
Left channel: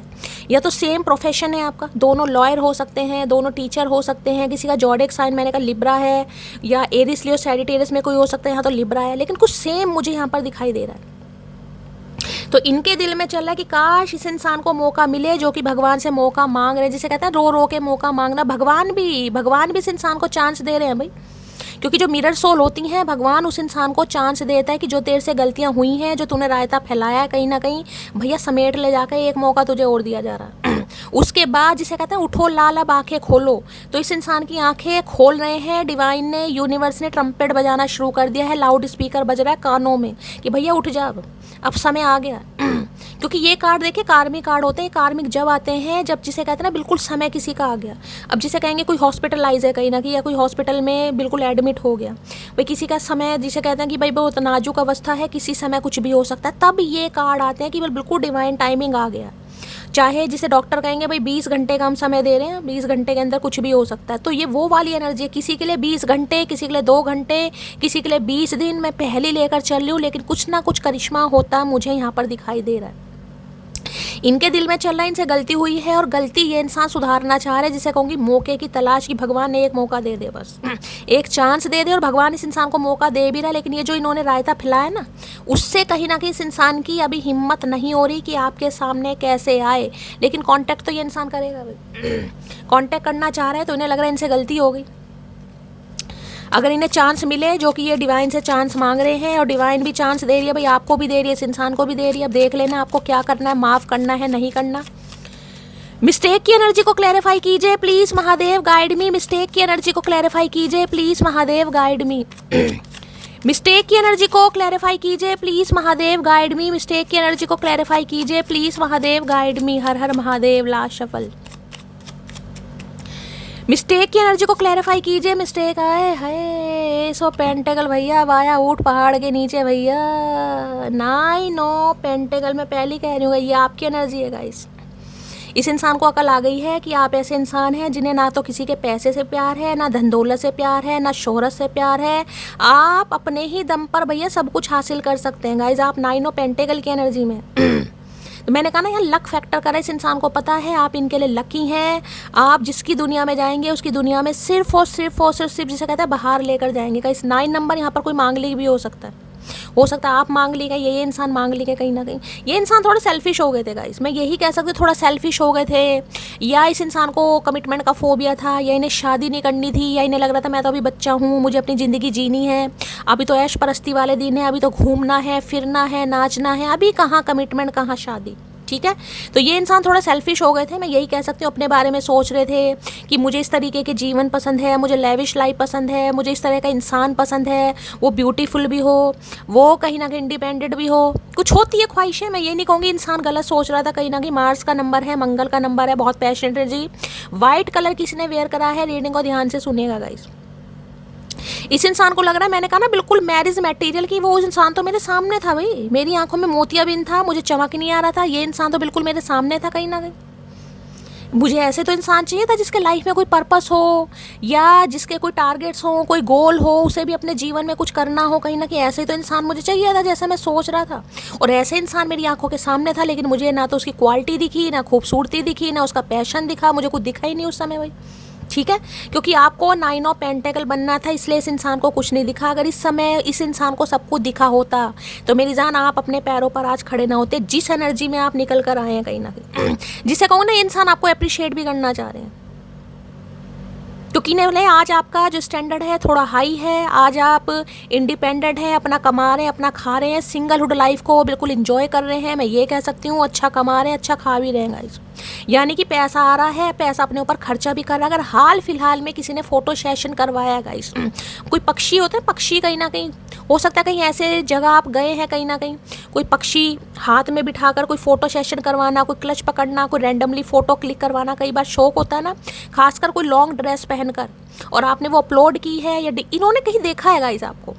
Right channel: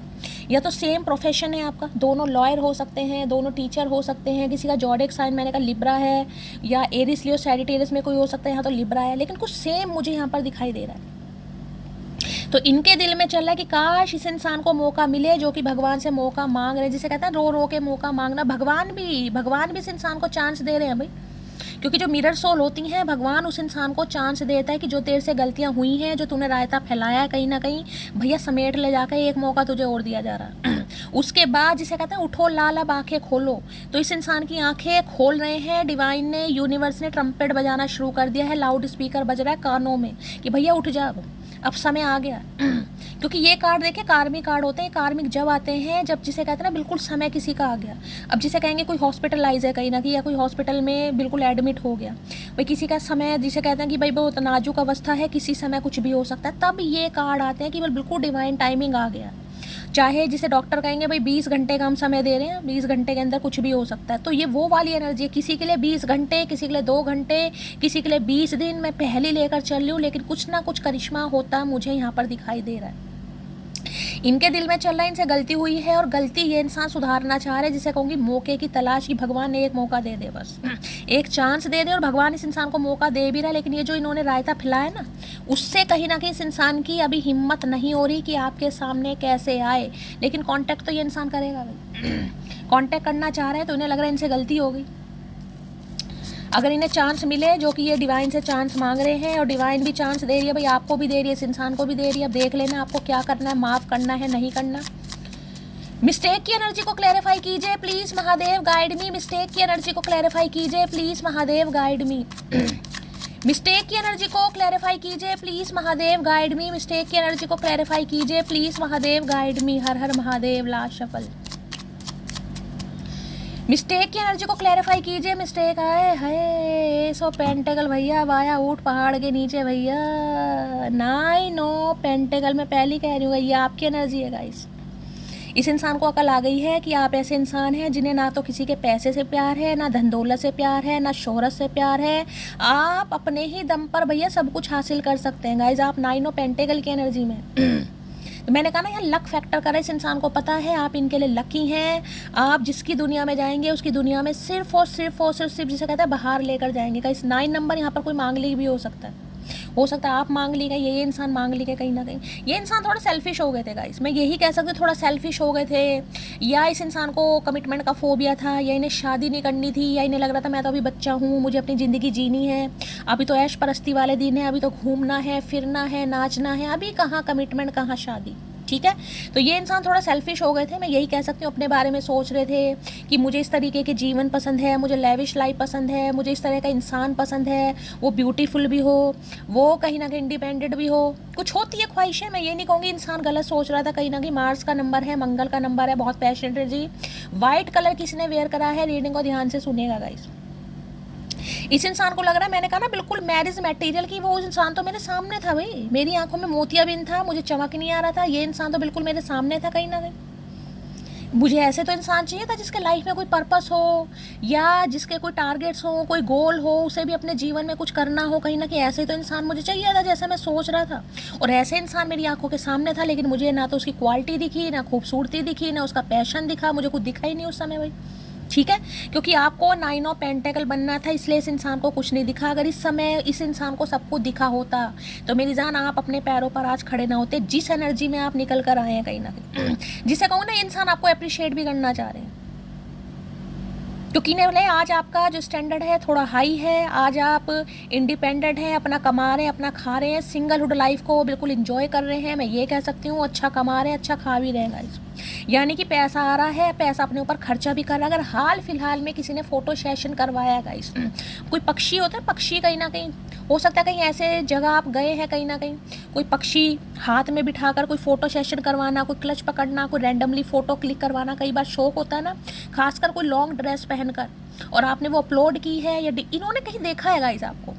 या तो सेम प्रोफेशन है आपका, दोनों लॉयर हो सकते हैं, दोनों टीचर हो सकते हैं, किसी का जॉडिक साइन मैंने कहा लिब्रा है या एरिस लियो सैजिटेरियस में कोई हो सकता है, यहाँ तो लिब्रा है, लेकिन कुछ सेम मुझे यहाँ पर दिखाई दे रहा है। तो इनके दिल में चल रहा है कि काश इस इंसान को मौका मिले, जो कि भगवान से मौका मांग रहे हैं, जिसे कहते हैं रो रो के मौका मांगना। भगवान भी इस इंसान को चांस दे रहे हैं भाई, क्योंकि जो मिरर सोल होती हैं, भगवान उस इंसान को चांस देता है कि जो तेरे से गलतियां हुई हैं, जो तूने रायता फैलाया है कहीं ना कहीं, भैया समेट ले जाकर एक मौका तुझे और दिया जा रहा है। उसके बाद जिसे कहते हैं उठो लाल, अब आंखें खोलो। तो इस इंसान की आंखें खोल रहे हैं, डिवाइन ने, यूनिवर्स ने ट्रम्पेट बजाना शुरू कर दिया है, लाउड स्पीकर बज रहा है कानों में कि भैया उठ जा, अब समय आ गया। क्योंकि ये कार्ड देखिए कार्मिक कार्ड होते हैं, कार्मिक जब आते हैं जब जिसे कहते हैं ना बिल्कुल समय किसी का आ गया। अब जिसे कहेंगे कोई हॉस्पिटलाइज है कहीं ना कहीं, या कोई हॉस्पिटल में बिल्कुल एडमिट हो गया, भाई किसी का समय जिसे कहते हैं कि भाई बहुत नाजुक अवस्था है, किसी समय कुछ भी हो सकता है, तब ये कार्ड आते हैं कि बिल्कुल डिवाइन टाइमिंग आ गया। चाहे जिसे डॉक्टर कहेंगे भाई 20 घंटे का हम समय दे रहे हैं, 20 घंटे के अंदर कुछ भी हो सकता है, तो ये वो वाली एनर्जी है। किसी के लिए 20 घंटे, किसी के लिए 2 घंटे, किसी के लिए 20 दिन, मैं पहले लेकर चल रही हूँ, लेकिन कुछ ना कुछ करिश्मा होता मुझे यहाँ पर दिखाई दे रहा है। इनके दिल में चल रहा है इनसे गलती हुई है और गलती ये इंसान सुधारना चाह रहे हैं, जिसे कहूँगी मौके की तलाश की। भगवान ने एक मौका दे दे, बस एक चांस दे दे, और भगवान इस इंसान को मौका दे भी रहा है। लेकिन ये जो इन्होंने रायता फैलाया ना, उससे कहीं ना कहीं इस इंसान की अभी हिम्मत नहीं हो रही कि आपके सामने कैसे आए। लेकिन कांटेक्ट तो ये इंसान करेगा भाई, कांटेक्ट करना चाह रहे हैं तो इन्हें लग रहा है इनसे गलती हो गई। अगर इन्हें चांस मिले, जो कि ये डिवाइन से चांस मांग रहे हैं और डिवाइन भी चांस दे रही है भाई, आपको भी दे रही है, इस इंसान को भी दे रही है, अब देख लेना आपको क्या करना है, माफ़ करना है नहीं करना। मिस्टेक की एनर्जी को क्लैरिफाई कीजिए please Mahadev guide me. Mistake की एनर्जी को क्लैरिफाई कीजिए please Mahadev guide me. Mistake की एनर्जी को क्लैरिफाई कीजिए please Mahadev guide me. Mistake की एनर्जी को क्लैरिफाई कीजिए प्लीज महादेव गाइड मी। हर हर महादेव, ला शफल। मिस्टेक की एनर्जी को क्लैरिफाई कीजिए। मिस्टेक है सो पेंटेकल भैया, वाया ऊट पहाड़ के नीचे भैया, 9 पेंटेकल। मैं पहले कह रही हूँ ये आपकी एनर्जी है गाइस। इस इंसान को अकल आ गई है कि आप ऐसे इंसान हैं जिन्हें ना तो किसी के पैसे से प्यार है, ना धन दौलत से प्यार है, ना शोहरत से प्यार है। आप अपने ही दम पर भैया सब कुछ हासिल कर सकते हैं गाइस। आप 9 पेंटेकल की एनर्जी में तो मैंने कहा ना यहाँ लक फैक्टर कर रहा है, इस इंसान को पता है आप इनके लिए लकी हैं। आप जिसकी दुनिया में जाएंगे उसकी दुनिया में सिर्फ और सिर्फ जिसे कहते हैं बाहर लेकर जाएंगे। का इस 9 नंबर यहाँ पर कोई मांगलिक भी हो सकता है, हो सकता है आप मांग ली गई, ये इंसान मांग ली गए कहीं ना कहीं। ये इंसान थोड़े सेल्फिश हो गए थे गाइस, मैं यही कह सकती हूँ, थोड़ा सेल्फिश हो गए थे, या इस इंसान को कमिटमेंट का फोबिया था, या इन्हें शादी नहीं करनी थी, या इन्हें लग रहा था मैं तो अभी बच्चा हूँ, मुझे अपनी ज़िंदगी जीनी है, अभी तो ऐश परस्ती वाले दिन है, अभी तो घूमना है, फिरना है, नाचना है, अभी कहाँ कमिटमेंट, कहाँ शादी। ठीक है, तो ये इंसान थोड़ा सेल्फिश हो गए थे, मैं यही कह सकती हूँ। अपने बारे में सोच रहे थे कि मुझे इस तरीके के जीवन पसंद है, मुझे लेविश लाइफ पसंद है, मुझे इस तरह का इंसान पसंद है, वो ब्यूटीफुल भी हो, वो कहीं ना कहीं इंडिपेंडेंट भी हो, कुछ होती है ख्वाहिशें। मैं ये नहीं कहूँगी इंसान गलत सोच रहा था, कहीं ना कहीं मार्स का नंबर है, मंगल का नंबर है, बहुत पैशनेट है जी। वाइट कलर किसी ने वेयर करा है, रीडिंग को ध्यान से सुनिएगा गाइस। इस इंसान को लग रहा है, मैंने कहा ना बिल्कुल मैरिज मटेरियल की, वो इंसान तो मेरे सामने था भाई, मेरी आंखों में मोतियाबिंद था, मुझे चमक नहीं आ रहा था, ये इंसान तो बिल्कुल मेरे सामने था कहीं ना कहीं। मुझे ऐसे तो इंसान चाहिए था जिसके लाइफ में कोई पर्पस हो, या जिसके कोई टारगेट्स हो, कोई गोल हो, उसे भी अपने जीवन में कुछ करना हो कहीं ना कहीं। ऐसे तो इंसान मुझे चाहिए था जैसा मैं सोच रहा था, और ऐसे इंसान मेरी आंखों के सामने था, लेकिन मुझे ना तो उसकी क्वालिटी दिखी, ना खूबसूरती दिखी, ना उसका पैशन दिखा, मुझे कुछ दिखा ही नहीं उस समय भाई। ठीक है, क्योंकि आपको 9 ऑफ पेंटेकल बनना था, इसलिए इस इंसान को कुछ नहीं दिखा। अगर इस समय इस इंसान को सब कुछ दिखा होता तो मेरी जान आप अपने पैरों पर आज खड़े ना होते, जिस एनर्जी में आप निकल कर आए हैं कहीं ना कहीं। जिसे कहूँ ना, ये इंसान आपको अप्रिशिएट भी करना चाह रहे हैं, क्योंकि नहीं, आज आपका जो स्टैंडर्ड है थोड़ा हाई है, आज आप इंडिपेंडेंट हैं, अपना कमा रहे हैं, अपना खा रहे हैं, सिंगलहुड लाइफ को बिल्कुल इंजॉय कर रहे हैं, मैं ये कह सकती हूँ। अच्छा कमा रहे हैं, अच्छा खा भी रहे हैं गाइस, यानी कि पैसा आ रहा है, पैसा अपने ऊपर खर्चा भी कर रहा है। अगर हाल फिलहाल में किसी ने फोटो सेशन करवाया है गाइस, कोई पक्षी होते हैं, पक्षी कहीं ना कहीं हो सकता है कहीं ऐसे जगह आप गए हैं कहीं ना कहीं, कोई पक्षी हाथ में बिठाकर कोई फोटो सेशन करवाना, कोई क्लच पकड़ना, कोई रैंडमली फोटो क्लिक करवाना, कई बार शौक होता है ना, खासकर कोई लॉन्ग ड्रेस पहनकर, और आपने वो अपलोड की है, या इन्होंने कहीं देखा है गाइस आपको।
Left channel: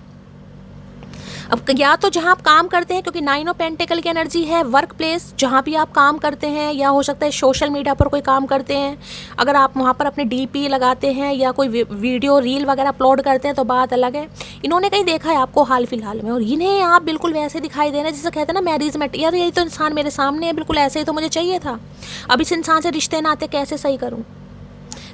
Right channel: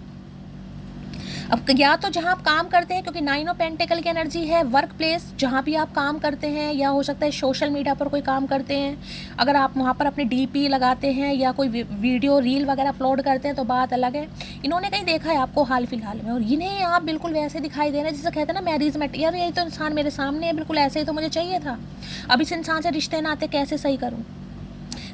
अब या तो जहाँ आप काम करते हैं, क्योंकि 9 ऑफ पेंटेकल की एनर्जी है, वर्क प्लेस जहाँ भी आप काम करते हैं, या हो सकता है सोशल मीडिया पर कोई काम करते हैं, अगर आप वहाँ पर अपने डीपी लगाते हैं या कोई वीडियो रील वगैरह अपलोड करते हैं तो बात अलग है। इन्होंने कहीं देखा है आपको हाल फिलहाल में, और इन्हें आप बिल्कुल वैसे दिखाई दे रहे हैं जिसे कहते हैं ना मैरिज मेट, यार यही तो इंसान मेरे सामने है, बिल्कुल ऐसे ही तो मुझे चाहिए था, अब इस इंसान से रिश्ते नाते कैसे सही करूँ।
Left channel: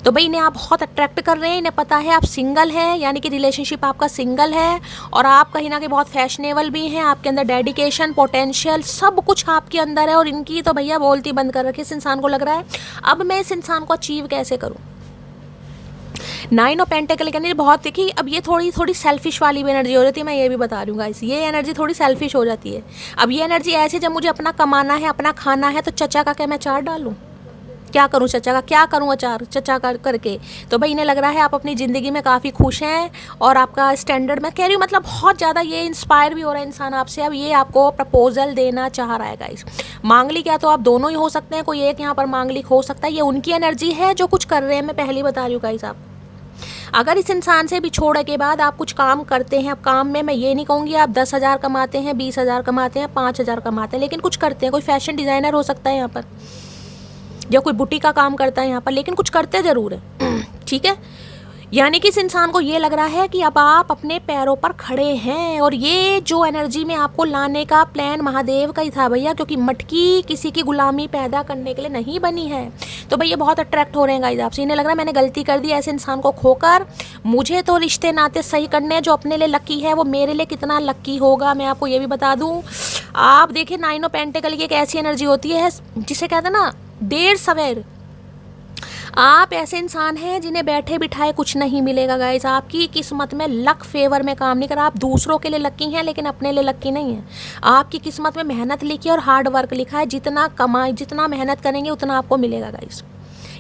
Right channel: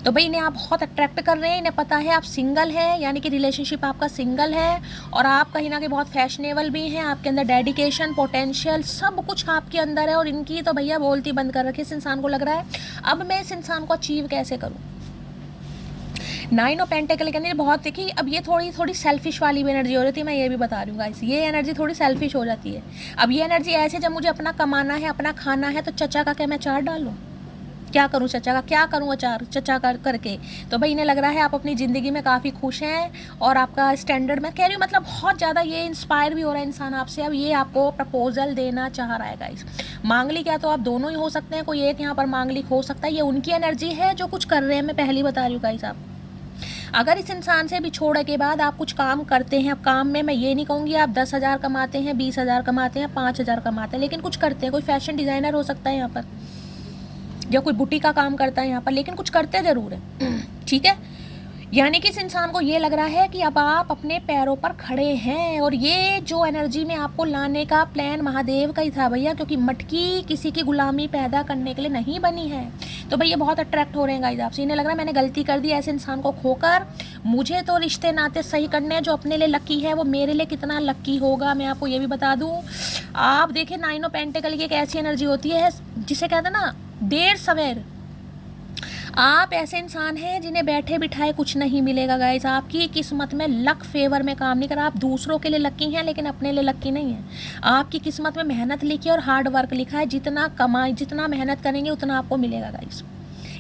तो भाई इन्हें आप बहुत अट्रैक्ट कर रहे हैं, इन्हें पता है आप सिंगल हैं, यानी कि रिलेशनशिप आपका सिंगल है, और आप कहीं ना कहीं बहुत फैशनेबल भी हैं, आपके अंदर डेडिकेशन, पोटेंशियल सब कुछ आपके अंदर है, और इनकी तो भैया बोलती बंद कर रखी। इस इंसान को लग रहा है अब मैं इस इंसान को अचीव कैसे करूँ। 9 ऑफ पेंटेकल की एनर्जी बहुत देखी, अब ये थोड़ी सेल्फिश वाली भी एनर्जी हो जाती है, मैं ये भी बता रही हूँ गाइस, ये एनर्जी थोड़ी सेल्फिश हो जाती है। अब ये एनर्जी ऐसी, जब मुझे अपना कमाना है, अपना खाना है, तो चचा का क्या मैं अचार डालूँ, क्या करूँ चचा का, क्या करूँ अचार चचा का करके। तो भाई इन्हें लग रहा है आप अपनी ज़िंदगी में काफ़ी खुश हैं, और आपका स्टैंडर्ड, मैं कह रही हूँ मतलब बहुत ज़्यादा ये इंस्पायर भी हो रहा है इंसान आपसे। अब ये आपको प्रपोजल देना चाह रहा है गाइस। मांगलिक या तो आप दोनों ही हो सकते हैं, कोई एक यहाँ पर मांगलिक हो सकता है, ये उनकी एनर्जी है जो कुछ कर रहे हैं, मैं पहले बता रही हूँ गाइस। आप अगर इस इंसान से बिछोड़ने के बाद आप कुछ काम करते हैं, अब काम में मैं ये नहीं कहूँगी आप 10,000 कमाते हैं, 20,000 कमाते हैं, 5,000 कमाते हैं, लेकिन कुछ करते हैं, कोई फैशन डिज़ाइनर हो सकता है यहाँ पर, या कोई बुटीक का काम करता है यहाँ पर, लेकिन कुछ करते ज़रूर है। ठीक है, यानी कि इस इंसान को ये लग रहा है कि अब आप अपने पैरों पर खड़े हैं, और ये जो एनर्जी में आपको लाने का प्लान महादेव का ही था भैया, क्योंकि मटकी किसी की गुलामी पैदा करने के लिए नहीं बनी है। तो भैया बहुत अट्रैक्ट हो रहे हैं गाइस आपसे, इन्हें लग रहा है मैंने गलती कर दी ऐसे इंसान को खोकर, मुझे तो रिश्ते नाते सही करने हैं, जो अपने लिए लकी है वो मेरे लिए कितना लकी होगा मैं आपको ये भी बता दूँ। आप देखिए 9 ऑफ पेंटेकल की एक ऐसी एनर्जी होती है जिसे कहते हैं ना देर सवेर। आप ऐसे इंसान हैं जिन्हें बैठे बिठाए कुछ नहीं मिलेगा गाइस, आपकी किस्मत में लक फेवर में काम नहीं कर रहा। आप दूसरों के लिए लकी हैं लेकिन अपने लिए लकी नहीं है। आपकी किस्मत में मेहनत लिखी है और हार्ड वर्क लिखा है, जितना कमाएं, जितना मेहनत करेंगे उतना आपको मिलेगा गाइस।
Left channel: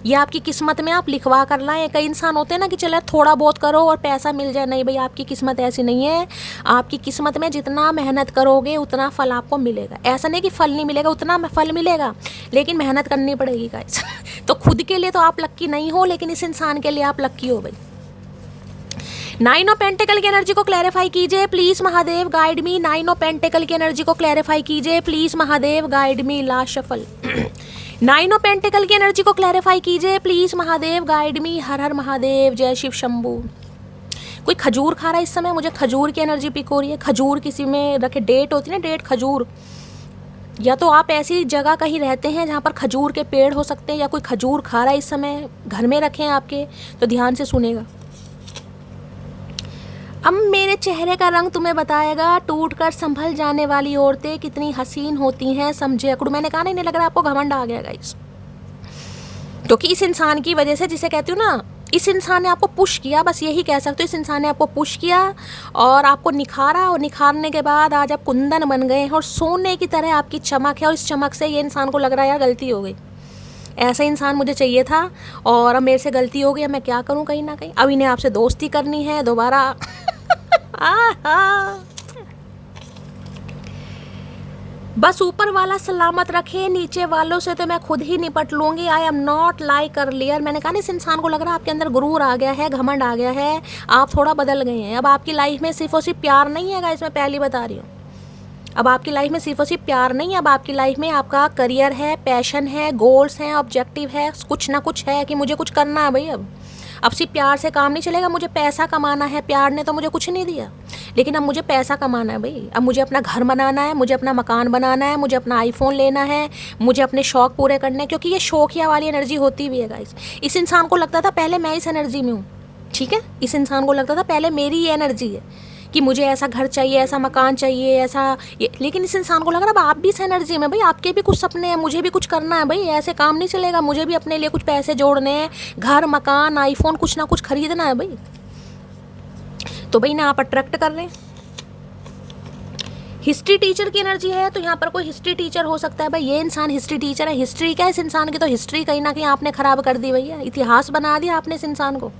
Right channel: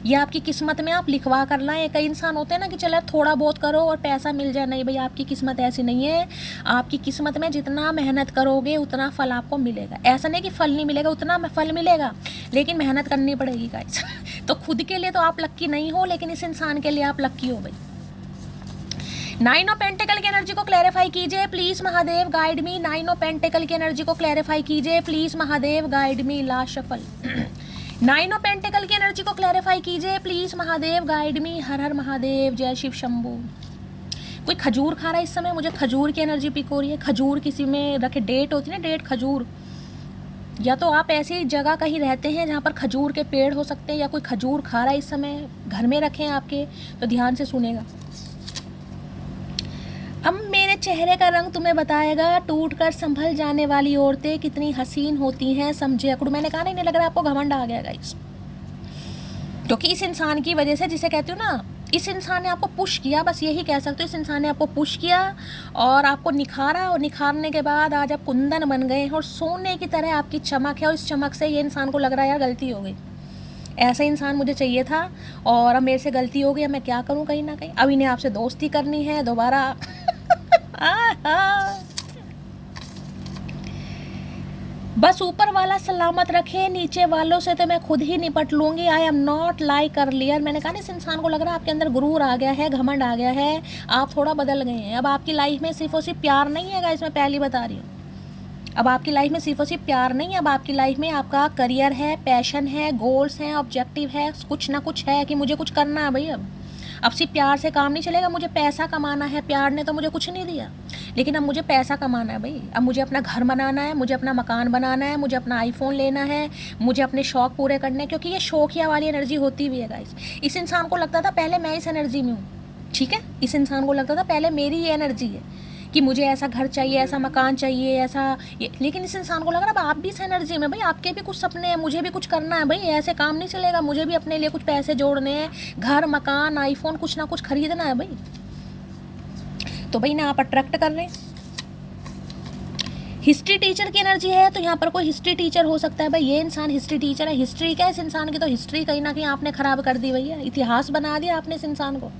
ये आपकी किस्मत में आप लिखवा कर लाएं। कई इंसान होते हैं ना कि चले थोड़ा बहुत करो और पैसा मिल जाए, नहीं भाई आपकी किस्मत ऐसी नहीं है। आपकी किस्मत में जितना मेहनत करोगे उतना फल आपको मिलेगा। ऐसा नहीं कि फल नहीं मिलेगा, उतना फल मिलेगा, लेकिन मेहनत करनी पड़ेगी गाइस। तो खुद के लिए तो आप लक्की नहीं हो, लेकिन इस इंसान के लिए आप लक्की हो भाई। 9 ऑफ पेंटिकल की एनर्जी को क्लैरिफाई कीजिए please Mahadev, guide me. 9 of pentacle की एनर्जी को क्लैरिफाई कीजिए please Mahadev, guide me. Last shuffle. 9 of pentacle की एनर्जी को क्लैरिफाई कीजिए प्लीज महादेव, गाइड मी। हर हर महादेव, जय शिव शंभू। कोई खजूर खा रहा है इस समय, मुझे खजूर की एनर्जी पिक हो रही है। खजूर किसी में रखे, डेट होती है ना, डेट खजूर, या तो आप ऐसी जगह कहीं रहते हैं जहाँ पर खजूर के पेड़ हो सकते हैं, या कोई खजूर खा रहा है इस समय, घर में रखें आपके, तो ध्यान से सुनेगा। अब मेरे चेहरे का रंग तुम्हें बताएगा, टूट कर संभल जाने वाली औरतें कितनी हसीन होती हैं, समझे अकड़ू। मैंने कहा नहीं लग रहा आपको घमंड आ गया गाइस, क्योंकि इस इंसान की वजह से, जिसे कहती हूँ ना, इस इंसान ने आपको पुश किया, बस यही कह सकते हो। इस इंसान ने आपको पुश किया और आपको निखारा, और निखारने के बाद आज आप कुंदन बन गए हैं और सोने की तरह आपकी चमक है। और इस चमक से ये इंसान को लग रहा है यार गलती हो गई, ऐसा इंसान मुझे चाहिए था और अब मेरे से गलती हो गई, मैं क्या करूं, कहीं ना कहीं अब इन्हें आपसे दोस्ती करनी है दोबारा। बस ऊपर वाला सलामत रखे, नीचे वालों से तो मैं खुद ही निपट लूंगी। I am not like earlier. मैंने कहा ना इस इंसान को लग रहा है आपके अंदर गुरूर आ गया है, घमंड आ गया है, आप थोड़ा बदल गए हैं। अब आपकी लाइफ में सिर्फ और सिर्फ प्यार नहीं है, इसमें पहली बता रही हूँ। अब आपकी लाइफ में सिर्फ और सिर्फ प्यार नहीं है, अब आपकी लाइफ में आपका करियर है, पैशन है, गोल्स हैं, ऑब्जेक्टिव है, कुछ ना कुछ है कि मुझे कुछ करना है भाई। अब सिर्फ प्यार से काम नहीं चलेगा, मुझे पैसा कमाना है। प्यार ने तो मुझे कुछ नहीं दिया, लेकिन अब मुझे पैसा कमाना है भाई। अब मुझे अपना घर बनाना है, मुझे अपना मकान बनाना है, मुझे अपना आईफोन लेना है, मुझे अपने शौक पूरे करने हैं, क्योंकि ये शौकिया वाली एनर्जी होती भी है गाइस। इस इंसान को लगता था पहले मैं इस एनर्जी में हूँ, ठीक है। इस इंसान को लगता था पहले मेरी ये एनर्जी है कि मुझे ऐसा घर चाहिए, ऐसा मकान चाहिए, ऐसा ये, लेकिन इस इंसान को लग रहा है आप भी इस एनर्जी में भाई, आपके भी कुछ सपने हैं, मुझे भी कुछ करना है भाई, ऐसे काम नहीं चलेगा, मुझे भी अपने लिए कुछ पैसे जोड़ने हैं, घर मकान आईफोन कुछ ना कुछ खरीदना है भाई। तो भाई ना आप अट्रैक्ट कर रहे हैं। हिस्ट्री टीचर की एनर्जी है, तो यहाँ पर कोई हिस्ट्री टीचर हो सकता है भाई। ये इंसान हिस्ट्री टीचर है। हिस्ट्री क्या है इस इंसान की, तो हिस्ट्री कहीं ना कहीं आपने खराब कर दी भैया, इतिहास बना दिया आपने इस इंसान को।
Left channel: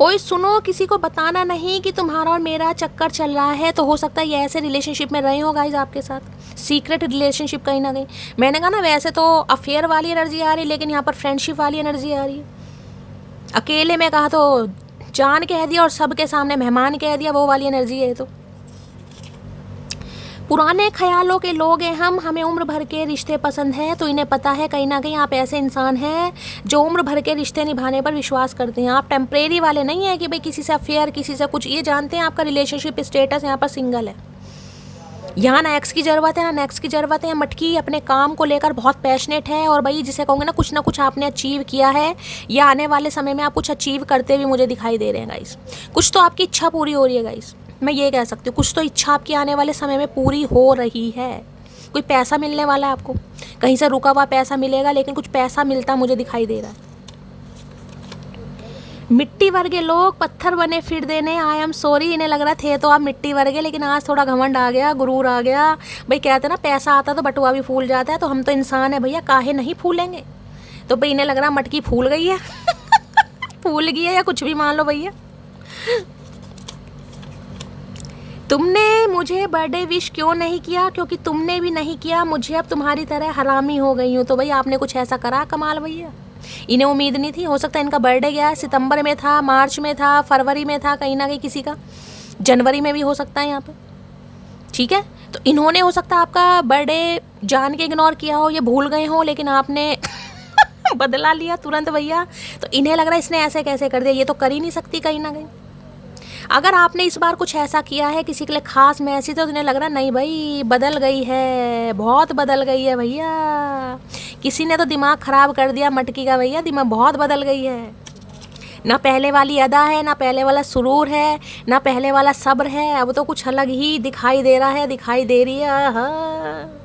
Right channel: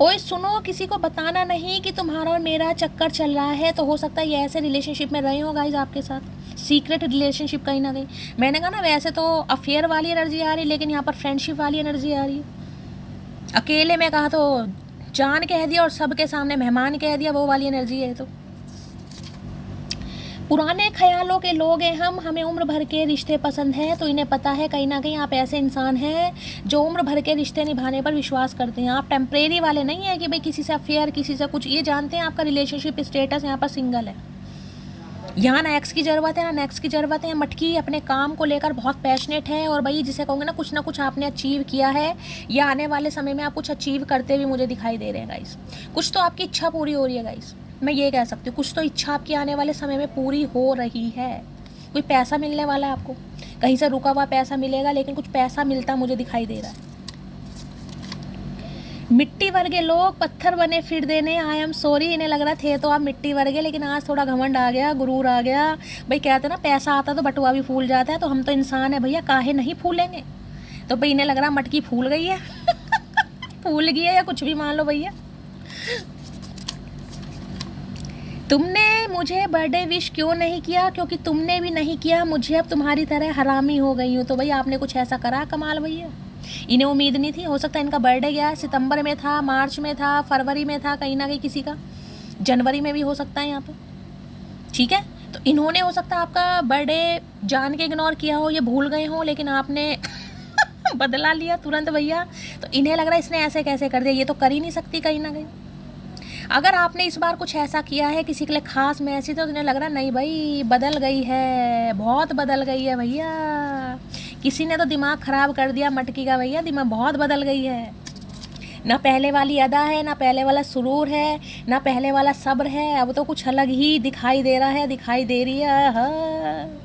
ओए सुनो, किसी को बताना नहीं कि तुम्हारा और मेरा चक्कर चल रहा है। तो हो सकता है ये ऐसे रिलेशनशिप में रहे हो गाइज आपके साथ, सीक्रेट रिलेशनशिप कहीं ना कहीं। मैंने कहा ना वैसे तो अफेयर वाली एनर्जी आ रही है, लेकिन यहाँ पर फ्रेंडशिप वाली एनर्जी आ रही है। अकेले में कहा तो जान कह दिया और सबके सामने मेहमान कह दिया, वो वाली एनर्जी है। तो पुराने ख्यालों के लोग हैं हम, हमें उम्र भर के रिश्ते पसंद हैं। तो इन्हें पता है कहीं ना कहीं आप ऐसे इंसान हैं जो उम्र भर के रिश्ते निभाने पर विश्वास करते हैं। आप टेम्परेरी वाले नहीं है कि भाई किसी से अफेयर, किसी से कुछ। ये जानते हैं आपका रिलेशनशिप स्टेटस यहाँ पर सिंगल है। यहाँ ना एक्स की ज़रूरत है ना नेक्स्ट की ज़रूरत है। मटकी अपने काम को लेकर बहुत पैशनेट है, और भाई जिसे कहूँगे ना कुछ आपने अचीव किया है, या आने वाले समय में आप कुछ अचीव करते हुए मुझे दिखाई दे रहे हैं गाइस। कुछ तो आपकी इच्छा पूरी हो रही है गाइस, मैं ये कह सकती हूँ। कुछ तो इच्छा आपकी आने वाले समय में पूरी हो रही है। कोई पैसा मिलने वाला है आपको, कहीं से रुका हुआ पैसा मिलेगा, लेकिन कुछ पैसा मिलता मुझे दिखाई दे रहा। मिट्टी वर्गे लोग पत्थर बने फिर देने। आई एम सॉरी, इन्हें लग रहा थे तो आप मिट्टी वर्गे, लेकिन आज थोड़ा घमंड आ गया, गुरूर आ गया भाई। कहते ना पैसा आता तो बटुआ भी फूल जाता है, तो हम तो इंसान है भैया, काहे नहीं फूलेंगे। तो भाई इन्हें लग रहा मटकी फूल गई है फूल गई है, या कुछ भी मान लो भैया। तुमने मुझे बर्थडे विश क्यों नहीं किया, क्योंकि तुमने भी नहीं किया मुझे, अब तुम्हारी तरह हरामी हो गई हूँ। तो भाई आपने कुछ ऐसा करा कमाल भैया, इन्हें उम्मीद नहीं थी। हो सकता है इनका बर्थडे गया सितंबर में था, मार्च में था, फरवरी में था, कहीं ना कहीं किसी का जनवरी में भी हो सकता है यहाँ पे, ठीक है। तो इन्होंने हो सकता है आपका बर्थडे जान के इग्नोर किया हो, ये भूल गए हो, लेकिन आपने बदला लिया तुरंत भैया। तो इन्हें लग रहा है इसने ऐसे कैसे कर दिया, ये तो कर ही नहीं सकती कहीं ना कहीं। अगर आपने इस बार कुछ ऐसा किया है किसी के लिए खास मैसेज, तो इन्हें लग रहा नहीं भाई बदल गई है, बहुत बदल गई है भैया। किसी ने तो दिमाग ख़राब कर दिया मटकी का भैया, दिमाग बहुत बदल गई है। ना पहले वाली अदा है, ना पहले वाला सुरूर है, ना पहले वाला सब्र है। अब तो कुछ अलग ही दिखाई दे रहा है, दिखाई दे रही है।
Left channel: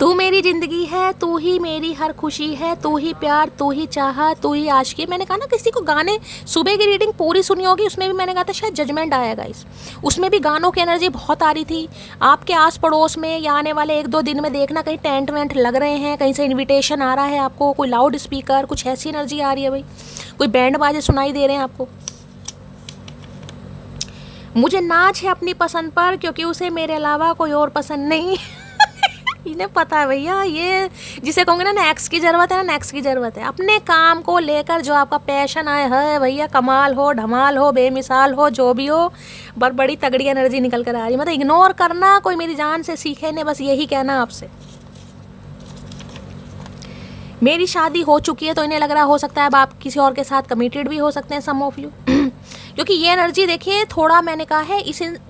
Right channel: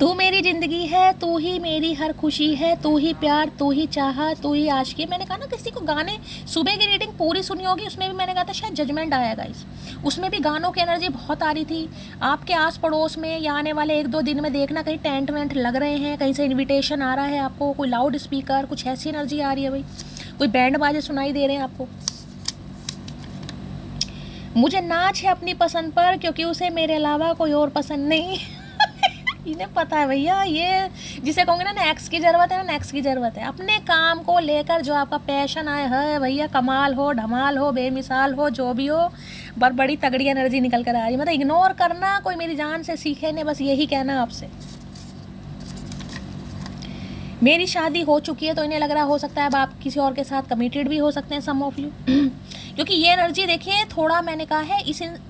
तू मेरी ज़िंदगी है, तू ही मेरी हर खुशी है, तू ही प्यार, तू ही चाहा, तू ही आशिकी। मैंने कहा ना किसी को गाने, सुबह की रीडिंग पूरी सुनी होगी, उसमें भी मैंने कहा था शायद जजमेंट आया गाइस। उसमें भी गानों की एनर्जी बहुत आ रही थी। आपके आस पड़ोस में या आने वाले 1-2 दिन में देखना कहीं टेंट वेंट लग रहे हैं, कहीं से इन्विटेशन आ रहा है आपको, कोई लाउड स्पीकर, कुछ ऐसी एनर्जी आ रही है भाई, कोई बैंड बाजे सुनाई दे रहे हैं आपको। मुझे नाच है अपनी पसंद पर, क्योंकि उसे मेरे अलावा कोई और पसंद नहीं। इन्हें पता है भैया, ये जिसे कहूँगे ना नेक्स्ट की ज़रूरत है, ना नेक्स्ट की ज़रूरत है। अपने काम को लेकर जो आपका पैशन आए है भैया, कमाल हो, धमाल हो, बेमिसाल हो, जो भी हो, पर बड़ी तगड़ी एनर्जी निकल कर आ रही है। मतलब इग्नोर करना कोई मेरी जान से सीखे ने, बस यही कहना आपसे। मेरी शादी हो चुकी है, तो इन्हें लग रहा हो सकता है अब आप किसी और के साथ कमिटेड भी हो सकते हैं, सम ऑफ यू। क्योंकि ये एनर्जी देखिए, थोड़ा मैंने कहा है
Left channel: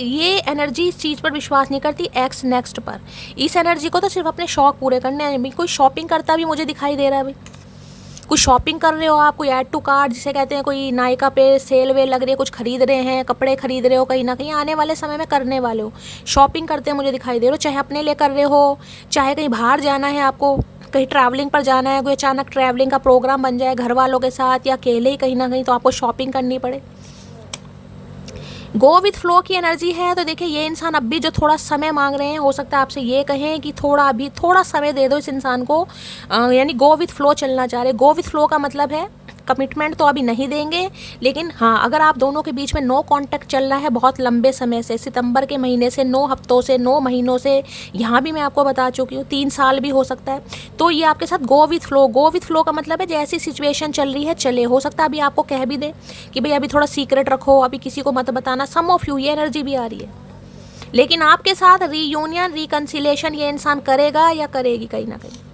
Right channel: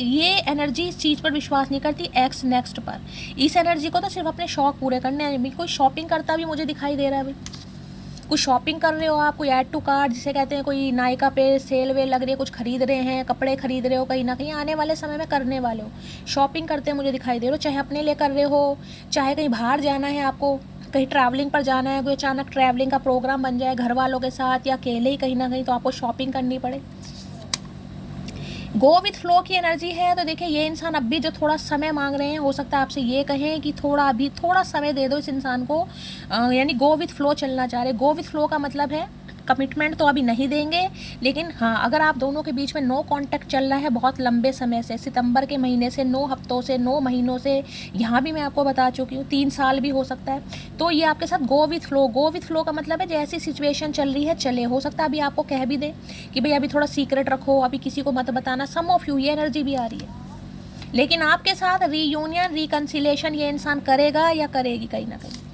ये एनर्जी इस चीज़ पर विश्वास नहीं करती, एक्स नेक्स्ट पर। इस एनर्जी को तो सिर्फ अपने शौक पूरे करने हैं। कोई शॉपिंग करता भी मुझे दिखाई दे रहा है भाई, कुछ शॉपिंग कर रहे हो आप, कोई ऐड टू कार्ट जिसे कहते हैं, कोई नायका पे सेल वेल लग रही है, कुछ खरीद रहे हैं, कपड़े खरीद रहे हो, कहीं ना कहीं आने वाले समय में करने वाले हो, शॉपिंग करते हैं मुझे दिखाई दे रहे हो, चाहे अपने लिए कर रहे हो, चाहे कहीं बाहर जाना है आपको, कहीं ट्रैवलिंग पर जाना है, कोई अचानक ट्रैवलिंग का प्रोग्राम बन जाए घर वालों के साथ या अकेले ही कहीं ना कहीं, तो आपको शॉपिंग करनी पड़े। गो विथ फ्लो की एनर्जी है। तो देखिए ये इंसान अब भी जो थोड़ा समय मांग रहे हैं, हो सकता है आपसे ये कहें कि अभी थोड़ा समय दे दो इस इंसान को, यानी गो विथ फ्लो चलना चाह रहे। गो विथ फ्लो का मतलब है कमिटमेंट तो अभी नहीं देंगे, लेकिन हाँ अगर आप दोनों के बीच में नो कांटेक्ट चल रहा है बहुत लंबे समय से, सितंबर के महीने से, 9 हफ्तों से, 9 महीनों से, यहाँ भी मैं आपको बता चुकी हूँ 3 साल भी हो सकता है, तो ये आपके साथ go with flow. Go with flow का मतलब है जैसी सिचुएशन चल रही है चले। हो सकता है अभी आपको कह भी दे कि भाई अभी थोड़ा सीक्रेट रखो, अभी किसी को मत बताना, सम ऑफ यू, ये एनर्जी भी आ रही है। लेकिन आपके साथ रीयूनियन रिकन्सिलेशन ये इंसान करेगा या करेगी कहीं ना कहीं।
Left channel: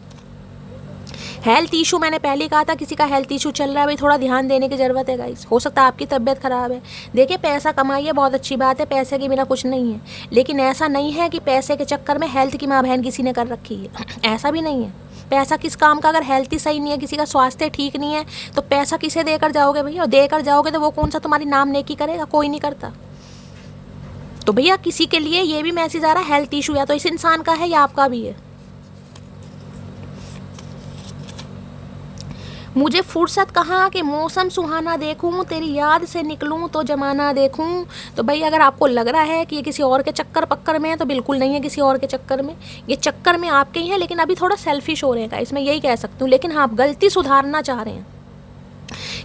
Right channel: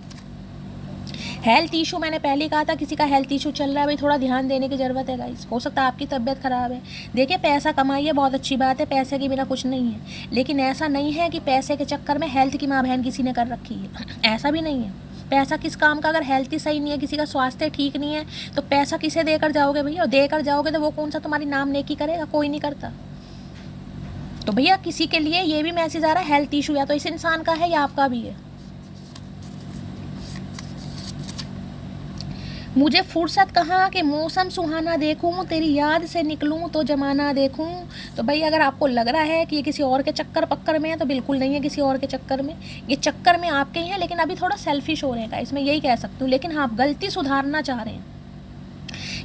हेल्थ इशू, मैंने पहले कहा था किसी का हेल्थ इशू चल रहा है, भाई थोड़ा ध्यान देने की ज़रूरत है गाइस। हो सकता है आपकी तबीयत ख़राब है। देखिए पैसा कमाइए, बहुत अच्छी बात है, पैसे की बिना कुछ नहीं है, लेकिन ऐसा नहीं है कि पैसे के चक्कर में हेल्थ की माँ बहन किसी ने कर रखी है, ऐसा भी नहीं है। पैसा किस काम का, अगर हेल्थ ही सही नहीं है, किसी का स्वास्थ्य ठीक नहीं है, तो पैसा किसे देकर जाओगे भैया? और देकर जाओगे तो वो कौन सा तुम्हारी नाम नेकी करेगा? कोई नहीं करता। तो भैया किसी के लिए ये भी मैसेज आ रहा है हेल्थ इशू या तो इस इंसान का है या आपका भी है। मुझे फुर्सत कहाँ कि मौसम सुहाना देखूं, तेरी याद से निकलूं तो जमाना देखूं। तो भाई अगर आपको लग रहा है कि ये किसी और के चक्कर पक्कर में है, तो बिल्कुल नहीं है किसी और के चक्कर में, ये चक्कर में आपके ही है, लेकिन अभी थोड़ा सेल्फिश हो रहेगा इसमें, यही कह सकती हूँ। लेकिन हाँ आप गलती सुधारना चाह रहे हैं,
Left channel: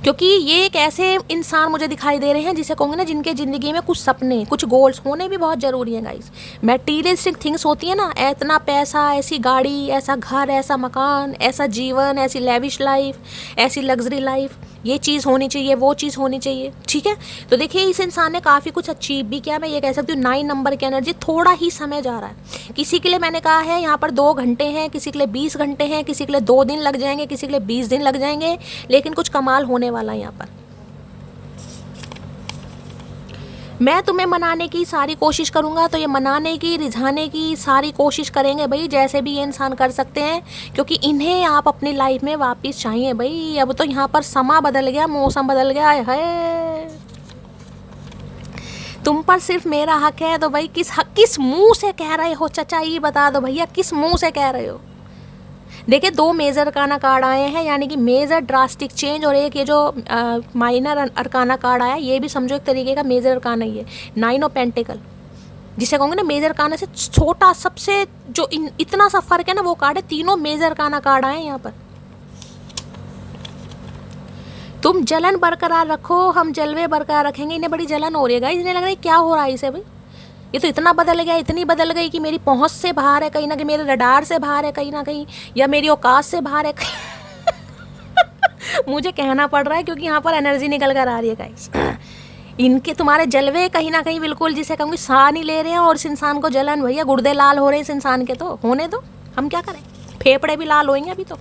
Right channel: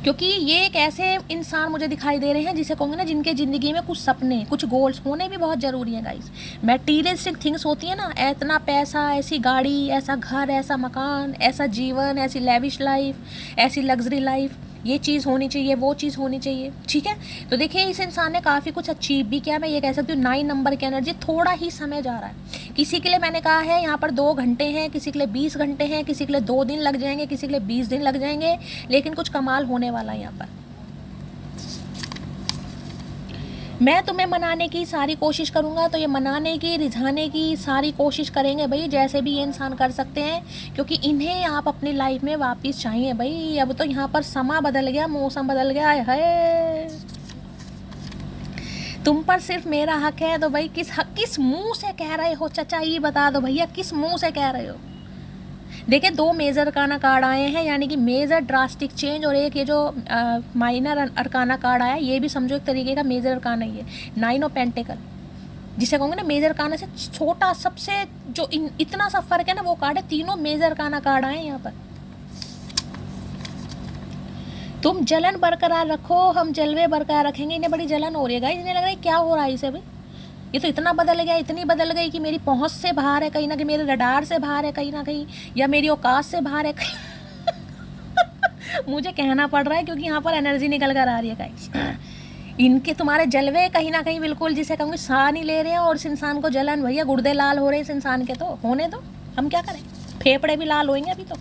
क्योंकि ये एक ऐसे इंसान मुझे दिखाई दे रहे हैं जिसे कहूँगे ना, जिनके ज़िंदगी में कुछ सपने, कुछ गोल्स होने भी बहुत ज़रूरी हैं गाइस। मटेरियलिस्टिक थिंग्स होती है ना, इतना पैसा, ऐसी गाड़ी, ऐसा घर, ऐसा मकान, ऐसा जीवन, ऐसी लेविश लाइफ, ऐसी लग्जरी लाइफ, ये चीज़ होनी चाहिए, वो चीज़ होनी चाहिए, ठीक है। तो देखिए इस इंसान ने काफ़ी कुछ अचीव भी किया, मैं ये कह सकती हूँ। 9 नंबर की एनर्जी, थोड़ा ही समय जा रहा है। किसी के लिए मैंने कहा है यहाँ पर 2 घंटे हैं, किसी के लिए 20 घंटे हैं, किसी के लिए 2 दिन लग जाएंगे, किसी के लिए 20 दिन लग जाएंगे, लेकिन कुछ कमाल होने वाला है यहाँ पर। मैं तुम्हें मनाने की सारी कोशिश करूँगा, तो ये मनाने की, रिझाने की सारी कोशिश करेंगे भाई, जैसे भी ये इंसान कर सकते हैं, क्योंकि इन्हें आप अपनी लाइफ में वापस चाहिए भाई। अब तो यहाँ पर समा बदल गया, मौसम बदल गया है, तुम पर सिर्फ मेरा हक है। तो भाई किस मुंह से कह रहे हो चचा, ये बता दो भैया, किस मुंह से कह रहे हो। देखिए 2 मेजर अरकाना कार्ड आए हैं, यानी कि मेजर ड्रास्टिक चेंज, और एक ये जो माइनर अरकाना कार्ड आया, ये भी समझो एक तरीके का मेजर अरकाना ही है। 9 ऑफ पेंटिकल, जिसे कहूँगे ना मेजर अरकाना से छोटा, सबसे जो इतना सा फर्क है ना, वो कार्ड है। तीनों मेजर अरकाना कार्ड आए यहाँ पर। तुम जलन बरकरार रखो, हम जलवे बरकरार रखेंगे। इन्हें बड़ी जलन हो रही है गाइस, इन्हें लग रहा है क्या हो रहा है इसे भाई, ये तो इतना बदल गया, इतनी बदल गई कि मेरी पहुंच से बाहर है, कहीं ना कहीं मेरे रडार से बाहर है, कहीं ना कहीं, या मेरी औकात से बाहर है। मुझे कहना पड़ रहा है क्योंकि यहाँ पर एनर्जी निकल कर आ रही है गाइस। इनके तुम्हारे जलवे कहीं ना कहीं बिल्कुल जिसे कहूँगी साह नहीं ले रहे हैं, और इस इंसान को जलन, भैया गुर्दे लाल हो रहे हैं इस इंसान के, तो होने दो, हम क्या करें, फेफड़े भी लाल होंगे अभी तो।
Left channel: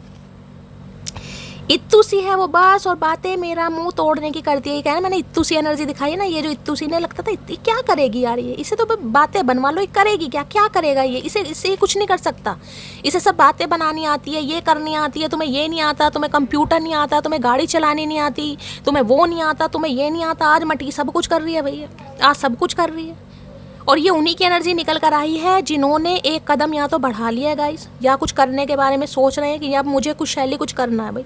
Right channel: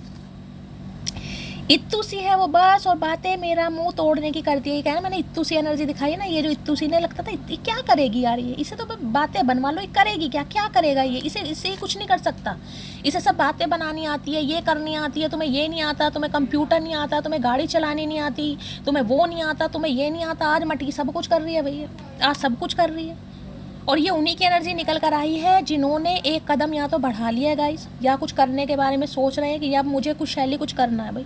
इत्तू सी है वो बस, और बातें मेरा मुंह तोड़ने की करती है। कह रहे मैंने इत्तू सी एनर्जी दिखाई है ना, ये जो इत्तू सी ने लगता था क्या करेगी यार ये, इसे तो बातें बनवा लो, ये करेगी क्या, क्या करेगा ये, इससे कुछ नहीं कर सकता। इसे सब बातें बनानी आती है, ये करनी आती है, तुम्हें ये नहीं आता, तुम्हें कंप्यूटर नहीं आता, तुम्हें गाड़ी चलानी नहीं आती, तुम्हें वो नहीं आता, तुम्हें ये नहीं आता। आज मटी सब कुछ कर रही है भैया, आज सब कुछ कर रही है, और ये उन्हीं की एनर्जी निकल कर आई है जिन्होंने एक कदम या तो बढ़ा लिया है गाइस, या कुछ करने के बारे में सोच रहे हैं कि अब मुझे कुछ शैली कुछ करना है भाई।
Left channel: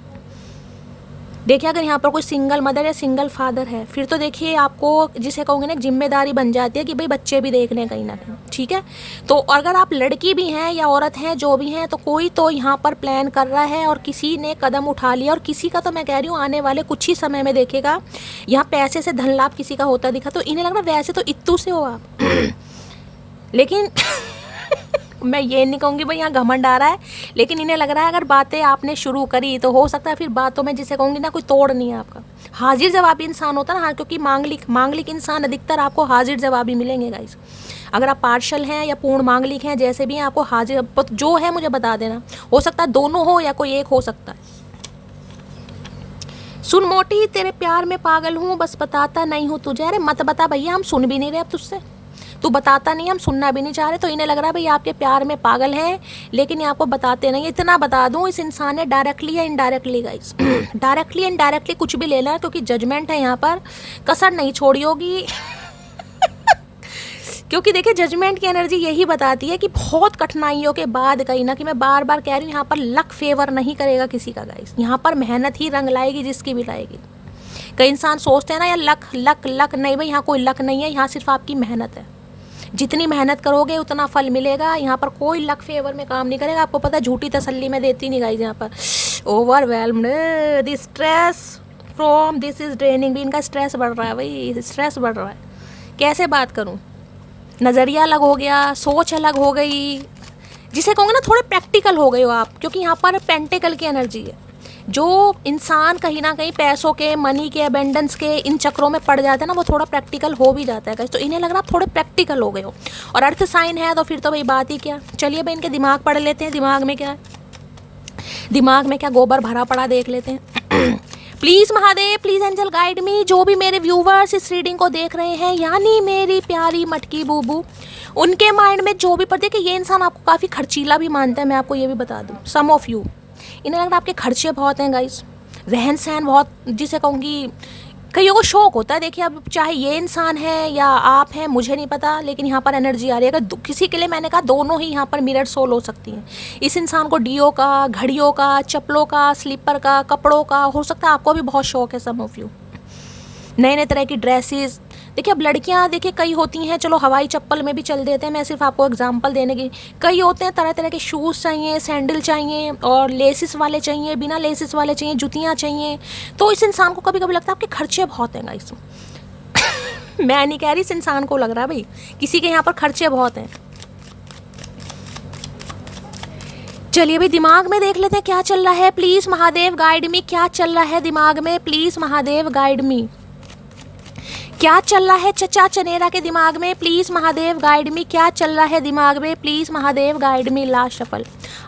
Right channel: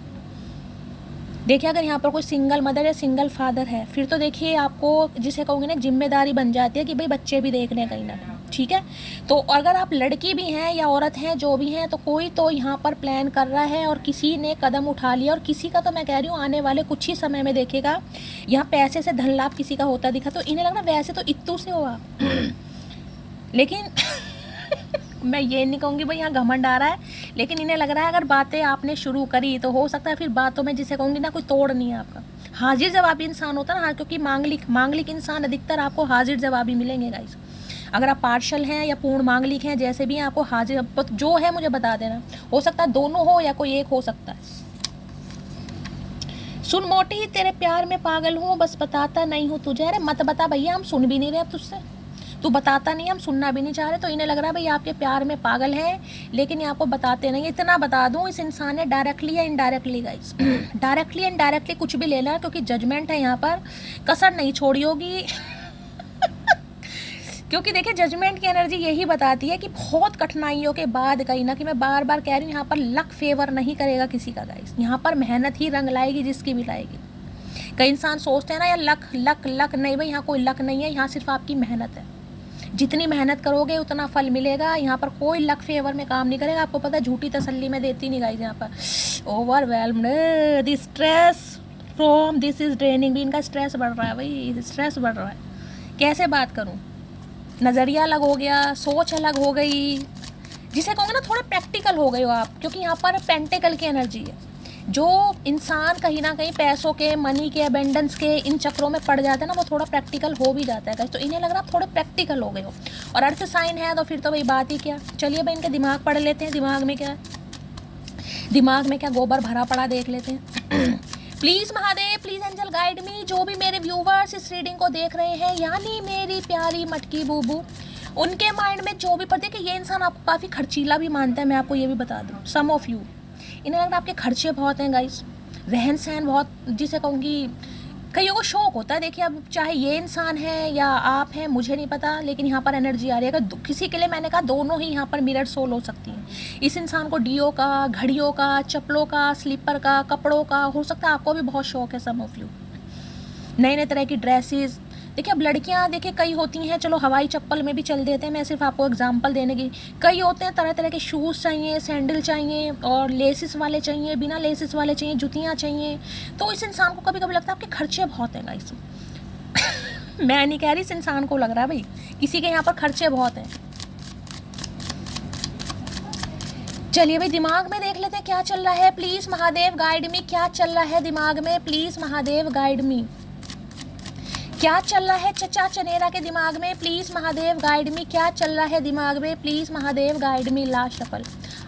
देखिए अगर यहाँ पर कोई सिंगल मदर या सिंगल फादर है, फिर तो देखिए आपको जिसे कहोगे ना जिम्मेदारी बन जाती है कि भाई बच्चे भी देखने कहीं ना कहीं, ठीक है। तो अगर आप लड़की भी हैं या औरत हैं, जो भी हैं, तो कोई तो यहाँ पर प्लान कर रहा है और किसी ने कदम उठा लिया, और किसी का तो मैं कह रही हूँ आने वाले कुछ ही समय में देखेगा यहाँ पैसे से धन लाभ किसी का होता दिखा। तो इन्हें लग रहा है वैसे तो इत्तू से हो आप, लेकिन मैं ये नहीं कहूँगी भाई यहाँ घमंड आ रहा है, लेकिन इन्हें लग रहा है अगर बातें आपने शुरू करी तो हो सकता है फिर बातों में जिसे कहूँगी ना कोई तोड़ नहीं है आपका। हाजिर जवाबी इंसान होता है ना, हाँ, क्योंकि मांगलिक इंसान अधिकतर आपको हाजिर जवाबी मिलेंगे गाइस। अगर आप पार्शल हैं या पूर्ण मांगलिक हैं, जैसे भी हैं, आपको हाजिर जो है मुझे बता देना। हो सकता है दोनों हो या कोई एक हो सकता है। सुन मोटी तेरे प्यार में पागल हूँ, बस बताता नहीं हूँ तुझे। अरे मत बता भैया, हम सुन भी नहीं रहे अब तुझसे, तू बताता नहीं, हम सुनना भी नहीं चाह रहे। तो इन्हें लग रहा है भाई आपके प्यार में पागल हैं, लेकिन ये आपको बताते नहीं। इतना बता दूं, इस इंसान ने डायरेक्टली या इनडायरेक्टली गाइस, डायरेक्टली इनडायरेक्टली कुछ भी ले लेना, क्योंकि जजमेंट है यहाँ पर, कसर नहीं छोड़ी होगी। क्योंकि देखिए जजमेंट की एनर्जी यही बताती है कि बहुत कठिनाइयों के बाद, कहीं ना कि मैं बार बार कह रही हूँ, यहाँ पर लक फेवर नहीं करेगा किसी का गाइस, यहाँ पर मेहनत ही रंग लाएगी जिसकी भी लाएगी। कई इंसान सोचते हैं ना यार लक लक लक, नहीं भाई, यहाँ कोई लक नहीं है, यहाँ सिर्फ आपकी मेहनत है। जितनी मेहनत करोगे उतना फल मिलेगा। यहाँ पर कोई लक फेवर में काम नहीं करेगा। आपको पता है झूठी तसल्ली में देती नहीं गाइस। यहाँ पर overwhelmed, the stress from this is draining, भी इनका स्ट्रेस बढ़ रहा है भाई, स्ट्रेस बढ़ रहा है। कैसे बात करूँ, नज़रिया अलग हो गया, सोच अलग हो गई, जिसे कहूँगा ना थोड़े प्रैक्टिकल हो गए हो आप, क्योंकि यहाँ पर पेंटिकल की एनर्जी है। जो इंसान कहीं ना कहीं पैसों के, मनी के, अबेंडेंस के इन चक्रों में पड़ जाता है ना, वो थोड़ा प्रैक्टिकल हो भी जाता है। तो इन्हें लग रहा है आप थोड़े प्रैक्टिकल हो गए हो, और अर्थ साइन है तो फिर तो भाई बात ही क्या। चलिए भाई इनके दिमाग पढ़ लेते हैं, दिमाग में क्या है, दिमाग में क्या गोबर भरा पड़ा देख लेते हैं। Please Mahadev, please angel guide me. जो भी मेरे व्यूवर्स इस रीडिंग को देख रहे हैं, यानी मेरी प्यारी मटकी बूबू, उनके माइंड में जो भी, पर देखिए ये इंसान आपको काफ़ी खर्चीला भी मानता है, मैं आपको ये भी बता दूँ। सम ऑफ यू, इन्हें लग रहा है आपके खर्चे बहुत हैं गाइस, रहन सहन बहुत, जिसे कहूँगी कईयों को शौक होता है। देखिए अब चाहे ये इंसान है या आप हैं, मुझे नहीं पता, लेकिन यहाँ पर एनर्जी आ रही है। अगर किसी के लिए, मैंने कहा दोनों ही यहाँ पर मिरर सोल हो सकती हैं। इस इंसान को डीओ का, घड़ियों का, चप्पलों का, स्लीपर का, कपड़ों का, हो सकता है आपको भी बहुत शौक है। सम ऑफ यू नए नए तरह की ड्रेसेस। देखिए अब लड़कियां देखिए कई होती हैं, चलो हवाई चप्पल में भी चल देते हैं, मैं सिर्फ आपको एग्जांपल देने की। कई होते हैं तरह तरह के शूज़ चाहिए, सैंडल चाहिए, और लेसिस वाले चाहिए, बिना लेसिस वाले चाहिए, जुतियां चाहिए। तो इस इंसान को कभी कभी लगता है आपके खर्चे बहुत हैं गाइस। मैं नहीं कह रही, इस इंसान को लग रहा है भाई किसी के यहाँ पर खर्चे बहुत हैं। चलिए भाई दिमाग में देख लेते हैं क्या चल रहा है। प्लीज़ महादेव गाइड मी, क्या चल रहा है दिमाग में, प्लीज़ महादेव गाइड मी, क्या चल रहा है चचा चनेरा के दिमाग में, प्लीज़ महादेव गाइड मी, क्या चल रहा है दिमाग में, please Mahadev guide me. Last shuffle.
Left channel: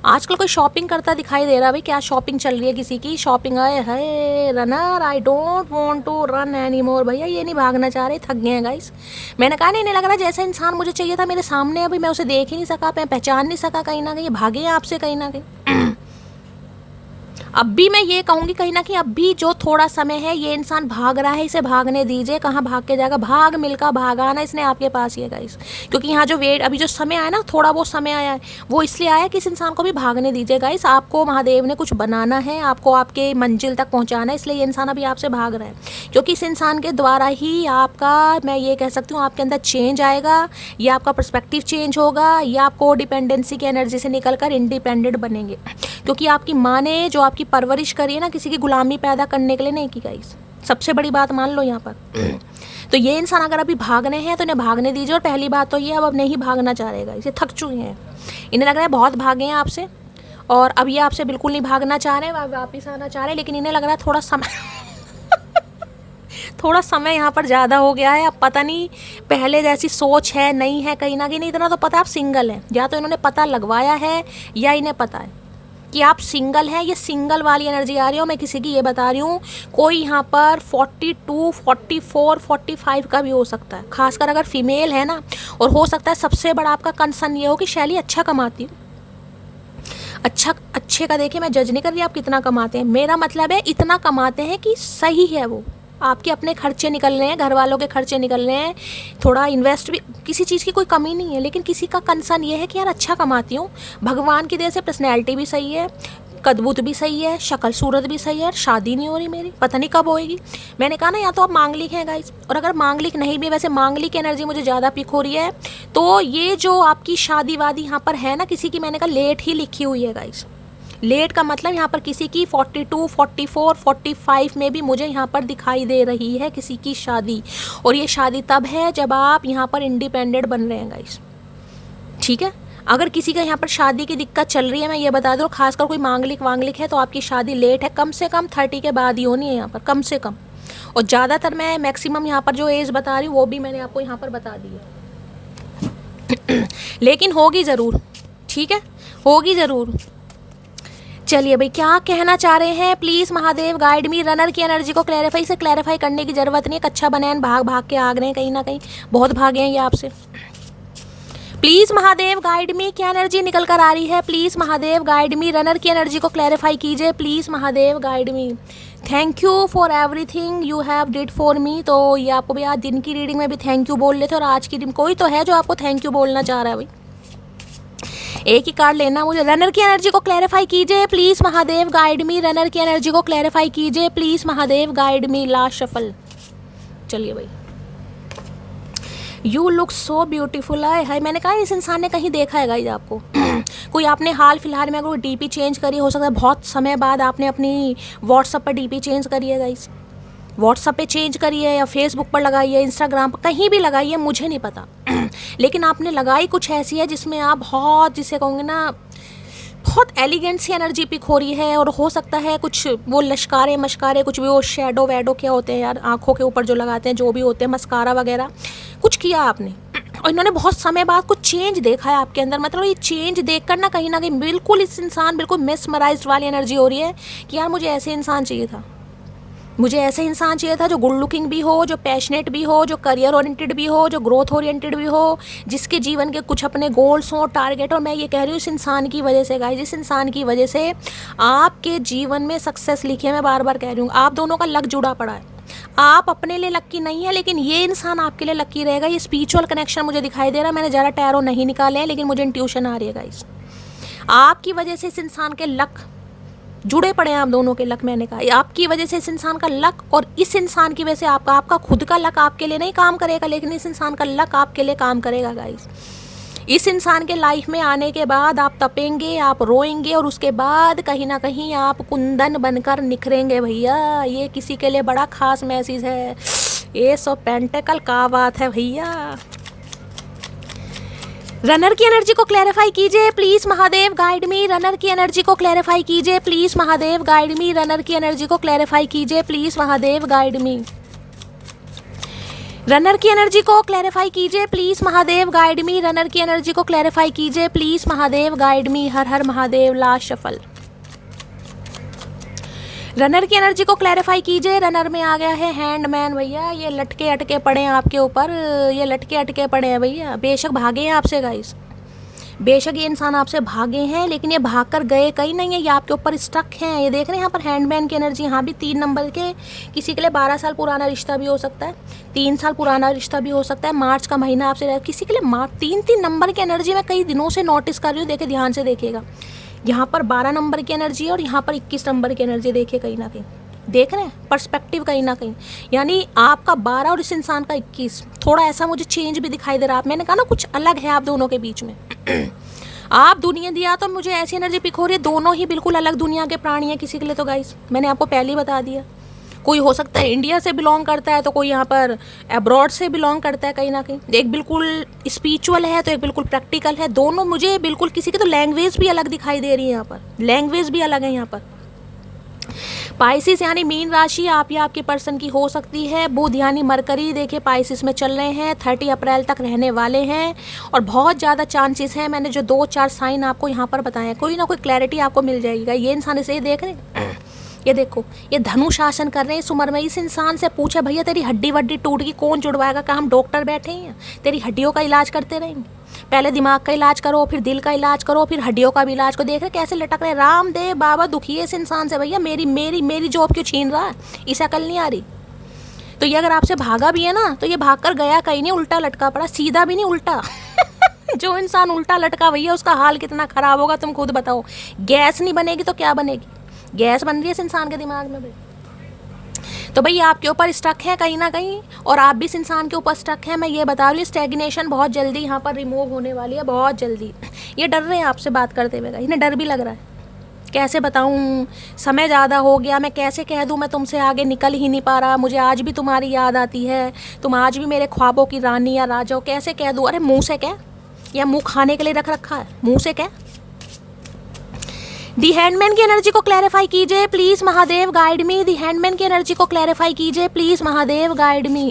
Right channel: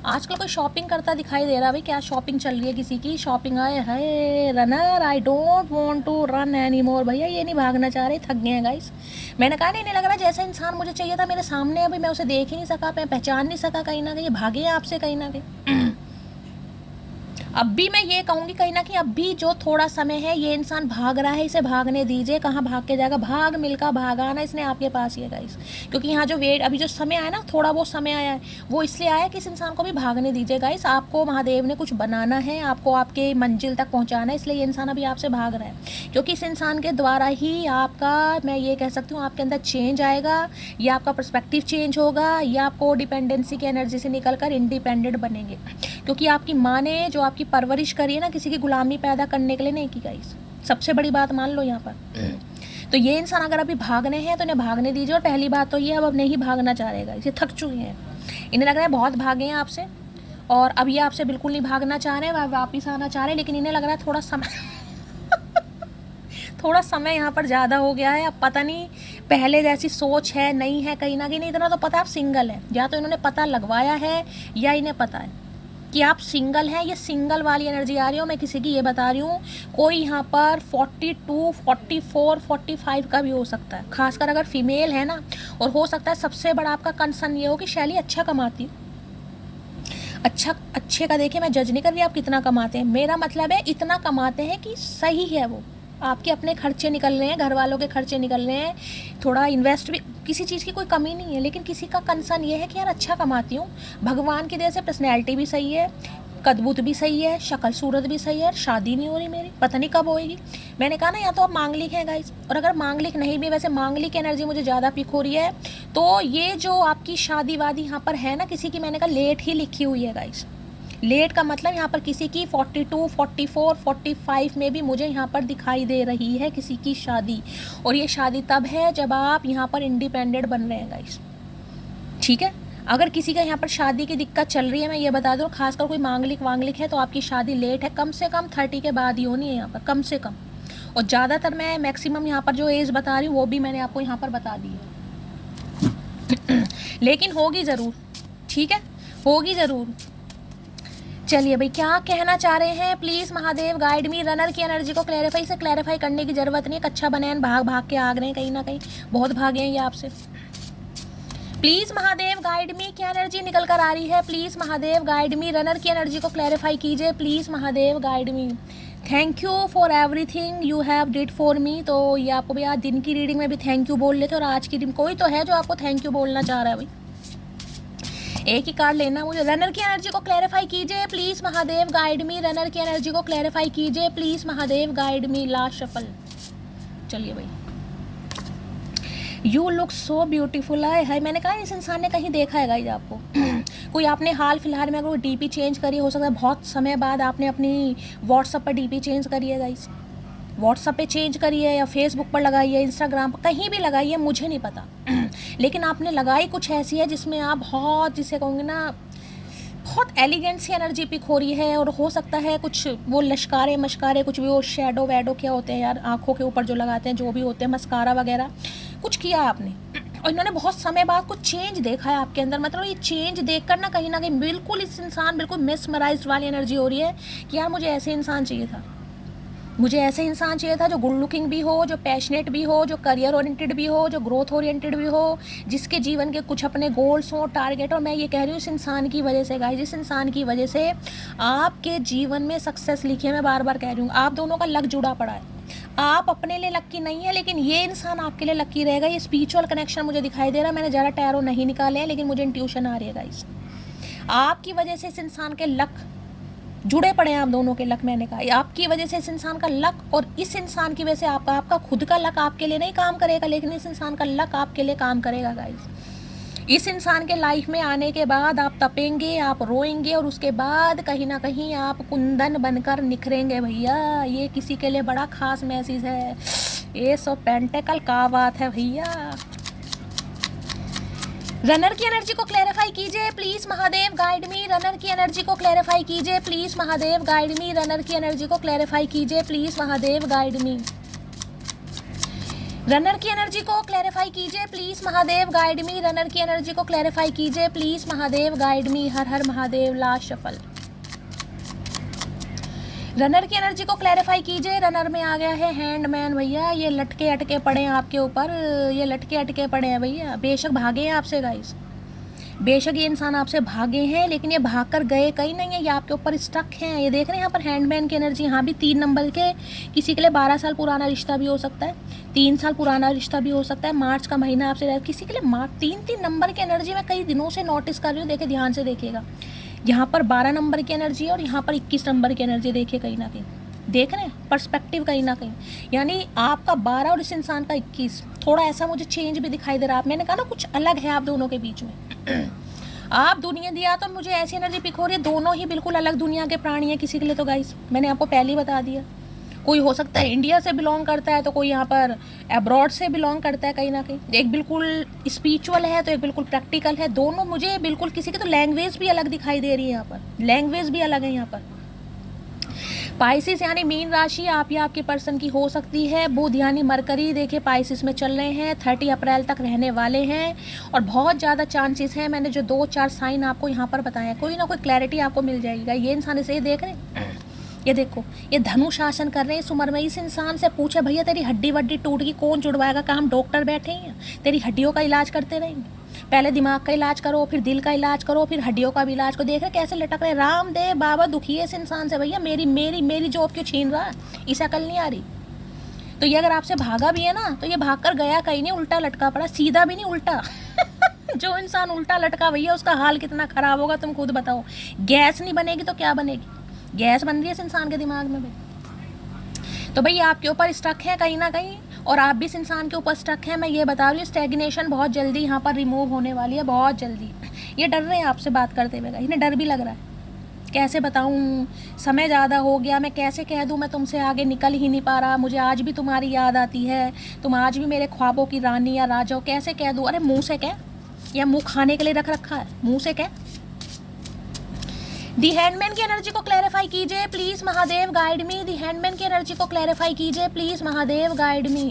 आजकल कोई शॉपिंग करता दिखाई दे रहा है भाई, क्या शॉपिंग चल रही है किसी की, शॉपिंग आए है। Runner, I don't want to run any more. भैया ये नहीं भागना चाह रहे, थक गए हैं गाइस। मैंने कहा नहीं लग रहा जैसा इंसान मुझे चाहिए था मेरे सामने, अभी मैं उसे देख ही नहीं सका, मैं पहचान नहीं सका, कहीं ना कहीं भागे हैं आपसे कहीं ना कहीं। अब भी मैं ये कहूँगी कहीं ना कहीं अब भी जो थोड़ा समय है, ये इंसान भाग रहा है, इसे भागने दीजिए। कहाँ भाग के जाएगा, भाग मिलका भागा ना इसने आपके पास ये गाइस। क्योंकि यहाँ जो वेट, अभी जो समय आया ना, थोड़ा वो समय आया है, वो इसलिए आया कि इस इंसान को भी भागने दीजिए गाइस। आपको महादेव ने कुछ बनाना है, आपको आपके मंजिल तक पहुँचाना है, इसलिए ये इंसान अभी आपसे भाग रहा है। क्योंकि इस इंसान के द्वारा ही आपका, मैं ये कह सकती हूँ, आपके अंदर चेंज आएगा, या आपका पर्सपेक्टिव चेंज होगा, या आपको डिपेंडेंसी की एनर्जी से निकल कर इंडिपेंडेंट बनेंगे। क्योंकि आपकी माँ ने जो आपकी परवरिश करी है ना, किसी की गुलामी पैदा करने के लिए नहीं की गाइस, सबसे बड़ी बात मान लो यहाँ पर। तो ये इंसान अगर अभी भागने हैं तो इन्हें भागने दीजिए। और पहली बात तो ये अब नहीं भागना चाह रहे गाइस, ये थक चुके हैं, इन्हें लग रहा है बहुत भागे हैं आपसे, और अब ये आपसे बिल्कुल नहीं भागना चाह रहे हैं, वापिस आना चाह रहे हैं। लेकिन इन्हें लग रहा है थोड़ा समय थोड़ा समय यहाँ पर ज़्यादा हो गया है। अब पता नहीं पहले जैसी सोच है नहीं है, कहीं ना कहीं नहीं। इतना तो पता आप सिंगल हैं, या तो इन्होंने पता लगवाया है या इन्हें पता है कि आप सिंगल हैं। ये सिंगल वाली एनर्जी आ रही है। मैं किसी की ये बता रही हूँ, कोई यहाँ पर 42, 44, 45 का भी हो सकता है, खासकर अगर फीमेल है ना। और हो सकता है सबसे बड़ा आपका कंसर्न ये हो कि शैली अच्छा कमाती है। अच्छे का देखिए, मैं जज नहीं कर रही आप कितना कमाते हैं, मेरा मतलब है इतना कमाते हैं कि सही है वो। आपके अपने खर्चे निकल रहे हैं, घर वालों के खर्चे निकल रहे हैं, थोड़ा इन्वेस्ट भी, किसी चीज़ की कोई कमी नहीं है। लेकिन किसी का कंसर्न ये है कि यार अच्छा कमाती हूँ, भगवान की दया से पर्सनैलिटी भी सही है, कदबूत भी सही है, शक्ल सूरत भी सही है, शादी नहीं हो रही मेरी, पता नहीं कब होएगी। मैंने कहा ना, या तो आप मांगलिक हैं गाइस, और अगर मांगलिक नहीं भी, वैसे मांगलिक एनर्जी मुझे ज़्यादा पिक हो रही है। तो ये जो आपकी शादी वादी यहाँ पर है ना, किसी की, मैंने कहा लेट ही लिखी हुई है गाइस। लेट का मतलब यहाँ पर किसी की 42, 44, 45 में भी मुझे यहाँ पर दिखाई दे रही है किसी की शादी। और ये शादी तब है जब आप यहाँ पर इंडिपेंडेंट बन रहे हैं गाइस, ठीक है। अगर किसी का यहाँ पर शादी की दिक्कत चल रही है, मैं ये बता दूँ, खासकर कोई मांगलिक है, तो आपकी शादी लेट है, कम से कम 30 के बाद ही होनी है यहाँ पर, कम से कम। और ज़्यादातर मैं मैक्सिमम यहाँ पर जो एज बता रही हूँ वो भी मैंने आपको यहाँ पर बता दी है। लेकिन होगी ज़रूर, ठीक है, होगी ज़रूर। चलिए भाई क्या कहना चाह रहे हैं, please Mahadev guide me. Runner की एनर्जी को क्लैरिफाई से क्लैरिफाई करने की ज़रूरत नहीं है। कच्चा बनैन भाग भाग के आग रहे हैं, कहीं ना कहीं बहुत भागे हैं ये आपसे। प्लीज महादेव गाइड मी, क्या एनर्जी निकल कर आ रही है? Please Mahadev guide me, runner की एनर्जी को क्लैरिफाई कीजिए। Please Mahadev guide me. Thank you for everything you have did for me. तो ये आपको भी आज दिन की रीडिंग में भी थैंक यू बोल लेते और आज की रीडिंग कोई तो है जो आपको थैंक यू बोलना चाह रहा है भाई। एक ही कार्ड लेना मुझे। रनर की एनर्जी को क्लैरिफाई कीजिए please Mahadev guide me. Runner की एनर्जी को क्लैरिफाई कीजिए please Mahadev guide me. Last shuffle. चलिए भाई। यू लुक सो ब्यूटीफुल है। मैंने कहा इस इंसान ने कहीं देखा है गाइस आपको। कोई आपने हाल फिलहाल में अगर डीपी चेंज करी, हो सकता है बहुत समय बाद आपने अपनी व्हाट्सएप पर डीपी चेंज करी है गाइस। व्हाट्सएप पे चेंज करी है या फेसबुक पर लगाई है, इंस्टाग्राम पर कहीं भी लगाई है, मुझे नहीं पता। लेकिन आपने लगाई कुछ ऐसी है जिसमें आप बहुत, जिसे कहूँगे ना, बहुत एलिगेंट सी एनर्जी पिक हो रही है। और हो सकता है कुछ वो लश्कारे मशकारे, कुछ भी वो शेडो वैडो क्या होते हैं यार, आंखों के ऊपर जो लगाते हैं, जो भी होते हैं, मस्कारा वगैरह कुछ किया आपने। और इन्होंने बहुत समय बाद कुछ चेंज देखा है आपके अंदर। मतलब ये चेंज देखकर ना कहीं बिल्कुल इस इंसान बिल्कुल मेस्मराइज्ड वाली एनर्जी हो रही है कि यार मुझे ऐसे इंसान चाहिए था। मुझे ऐसे इंसान चाहिए था जो गुड लुकिंग भी हो, जो पैशनेट भी हो, जो करियर ओरिएंटेड भी हो, जो ग्रोथ ओरिएंटेड भी हो, जिसके जीवन के कुछ अपने गोल्स हो, टारगेट। और मैं ये कह रही हूँ इस इंसान की वजह से गाइस, इस इंसान की वजह से आपके जीवन में सक्सेस लिखी है। मैं बार बार कह रही हूँ आप दोनों का लक जुड़ा पड़ा है। आप अपने लिए लक्की नहीं है लेकिन ये इंसान आपके लिए लक्की रहेगा। ये स्पिरिचुअल कनेक्शन मुझे दिखाई दे रहा है। मैंने ज़्यादा टैरो नहीं निकाले हैं लेकिन मुझे इंट्यूशन आ रही है गाइस। आपकी वजह से इस इंसान के लक जुड़े पड़े हैं, आप दोनों के लक। मैंने कहा आपकी वजह से इस इंसान का लक, और इस इंसान की वजह से आपका खुद का लक आपके लिए नहीं काम करेगा लेकिन इस इंसान का लक आपके लिए काम करेगा गाइस। इस इंसान के लाइफ में आने के बाद आप तपेंगे, आप रोएंगे और उसके बाद कहीं ना कहीं आप कुंदन बनकर निखरेंगे भैया। ये किसी के लिए बड़ा खास मैसेज है। ये सो पेंटेकल का बात है भैया। रनर की एनर्जी को क्लैरिफाई कीजिए please Mahadev guide me. Runner की एनर्जी को क्लैरिफाई कीजिए please Mahadev guide me. Runner की एनर्जी को क्लैरिफाई कीजिए please Mahadev guide me. Runner की एनर्जी को क्लैरिफाई कीजिए please Mahadev guide me. Runner की एनर्जी को क्लैरिफाई कीजिए प्लीज महादेव गाइड मी। हर हर महादेव। Last shuffle. रनर की एनर्जी को क्लैरिफाई कीजिए। रनर में आ गया है हैंडमैन भैया। ये लटके अटके पड़े हैं आपके ऊपर, ये लटके अटके पड़े हैं भैया। बेशक भागे हैं आपसे गाइस, बेशक ये इंसान आपसे भागे हैं लेकिन ये भाग कर गए कहीं नहीं है, ये आपके ऊपर स्टक हैं। ये देख रहे हैं यहाँ पर हैंडमैन की एनर्जी। यहाँ भी 3 नंबर के, किसी के लिए 12 साल पुराना रिश्ता भी हो सकता है, 3 साल पुराना रिश्ता भी हो सकता है। मार्च का महीना आपसे, किसी के लिए 3 नंबर की एनर्जी में कई दिनों से नोटिस कर रही हूँ। देखिए ध्यान से देखिएगा, यहाँ पर 12 नंबर की एनर्जी है और यहाँ पर 21 नंबर की एनर्जी। देखिए कहीं ना कहीं देख रहे हैं पर्सपेक्टिव कहीं ना कहीं, यानी आपका 12 और इस इंसान का 21 थोड़ा ऐसा मुझे चेंज भी दिखाई दे रहा है। मैंने कहा ना कुछ अलग है आप दोनों के बीच में। आप दुनिया दिया तो मुझे ऐसी एनर्जी पिक हो रही है, दोनों ही बिल्कुल अलग दुनिया के प्राणी हैं। किसी के लिए तो गाइस मैंने आपको पहले ही बता दिया, कोई हो सकता है इंडिया से बिलोंग करता है तो कोई यहाँ पर अब्रॉड से बिलोंग करता है कहीं ना कहीं। एक बिल्कुल स्पिरिचुअल है तो एक बिल्कुल प्रैक्टिकल है। दोनों मुझे बिल्कुल, किसी की तो लैंग्वेज भी अलग दिखाई दे रही है, यहाँ पर लैंग्वेज भी अलग है। यहाँ पर पाइसिस यानी मीन राशि आप या आपके पर्सन की हो सकती है। बुध यानी मरकरी देखिए पाइसिस में चल रहे हैं, 30 अप्रैल तक रहने वाले हैं और बहुत ज़्यादा चांसेस हैं। मैंने जो 2-4 साइन आपको यहाँ पर बताए हैं, कोई ना कोई क्लैरिटी आपको मिल जाएगा। ये इंसान इसे देख रहे हैं, ये देखो ये धनु शासन कर रहे हैं इस उम्र में। इस इंसान से पूछे भैया तेरी हड्डी वड्डी टूट गई कौन जुड़वाएगा? कहाँ हम डॉक्टर बैठे हैं? तेरी हड्डियों का इलाज करते रहेंगे। पहले दिमाग का इलाज करो, फिर दिल का इलाज करो, फिर हड्डियों का भी इलाज को। देख रहे कैसे लटक रहे। रामदेव बाबा दुखी है इस इंसान से भैया। मेरी जॉब क्यों छीन रहा है? इसे अकल नहीं आ रही। तो ये अगर आपसे भागा भी है ना तो ये भाग कर गया कहीं नहीं, उल्टा लटका पड़ा, सीधा भी नहीं उल्टा। जो इंसान उल्टा लटका भैया उसका हाल कितना खराब होगा तुम खुद बताओ। गैस नहीं बनेगी तो क्या बनेगी? गैस बन रही है इस इंसान के दिमाग में भाई। तो भाई आपके ऊपर स्टक है कहीं ना कहीं और आप भी इस इंसान के ऊपर स्टक है। मैं ये बता रही हूँ स्टैग्नेशन बहुत जल्दी यहाँ पर रिमूव होने वाली है, बहुत जल्दी। ये डर रहे हैं आपसे बात करते हुए, इन्हें डर भी लग रहा है। कैसे बताऊँ, समय ज़्यादा हो गया, मैं कैसे कह दूँ मैं तुमसे आगे निकल ही नहीं पा रहा, मुझे आज भी तुम्हारी याद आती है, तुम आज भी मेरे ख्वाबों की रानी या राजा हो। कैसे कह दूँ? अरे मुँह से कह, या मुँह खाने के लिए रख रखा है? मुँह से कह। दी हैंडमैन की एनर्जी को क्लैरिफाई कीजिए please Mahadev guide me. The hanged man की एनर्जी को क्लैरिफाई कीजिए प्लीज महादेव गाइड मी।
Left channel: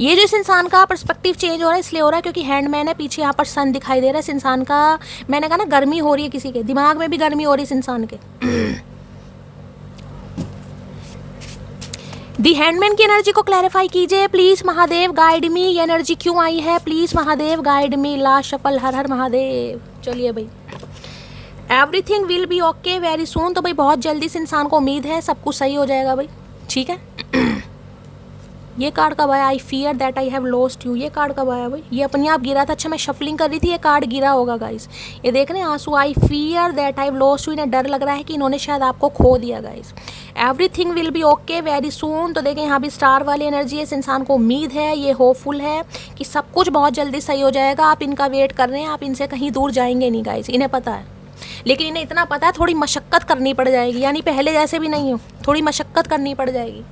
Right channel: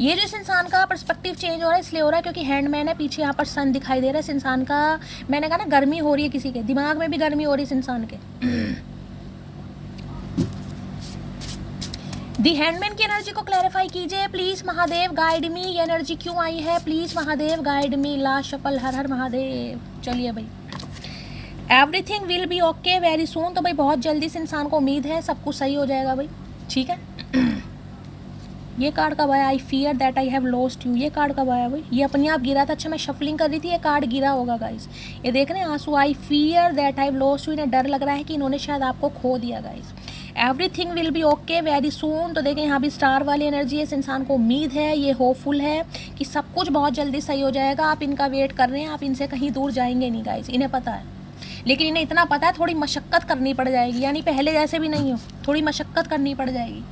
ये जो इस इंसान का पर्सपेक्टिव चेंज हो रहा है इसलिए हो रहा है क्योंकि हैंडमैन है, पीछे यहाँ पर सन दिखाई दे रहा है इस इंसान का। मैंने कहा ना गर्मी हो रही है, किसी के दिमाग में भी गर्मी हो रही है इस इंसान के। दी हैंडमैन की एनर्जी को क्लैरिफाई कीजिए प्लीज महादेव, गाइड मी। ये एनर्जी क्यों आई है please Mahadev, guide me. Last shuffle, हर हर महादेव। चलिए भाई, everything will be okay very soon. तो भाई बहुत जल्दी से इंसान को उम्मीद है सब कुछ सही हो जाएगा भाई, ठीक है। ये कार्ड कब आया? I fear that I have lost you. ये कार्ड कब आया भाई? ये अपने आप गिरा था। अच्छा, मैं शफलिंग कर रही थी, ये कार्ड गिरा होगा गाइस। ये देख रहे हैं आंसू। I fear that I have lost you. इन्हें डर लग रहा है कि इन्होंने शायद आपको खो दिया guys. Everything will be okay very soon. तो देखें यहाँ भी स्टार वाली एनर्जी है। इस इंसान को उम्मीद है, ये होपफुल है कि सब कुछ बहुत जल्दी सही हो जाएगा। आप इनका वेट कर रहे हैं, आप इनसे कहीं दूर जाएंगे नहीं गाइस, इन्हें पता है। लेकिन इन्हें इतना पता है थोड़ी मशक्क़त करनी पड़ जाएगी, यानी पहले जैसे भी नहीं हो, थोड़ी मशक्क़त करनी पड़ जाएगी।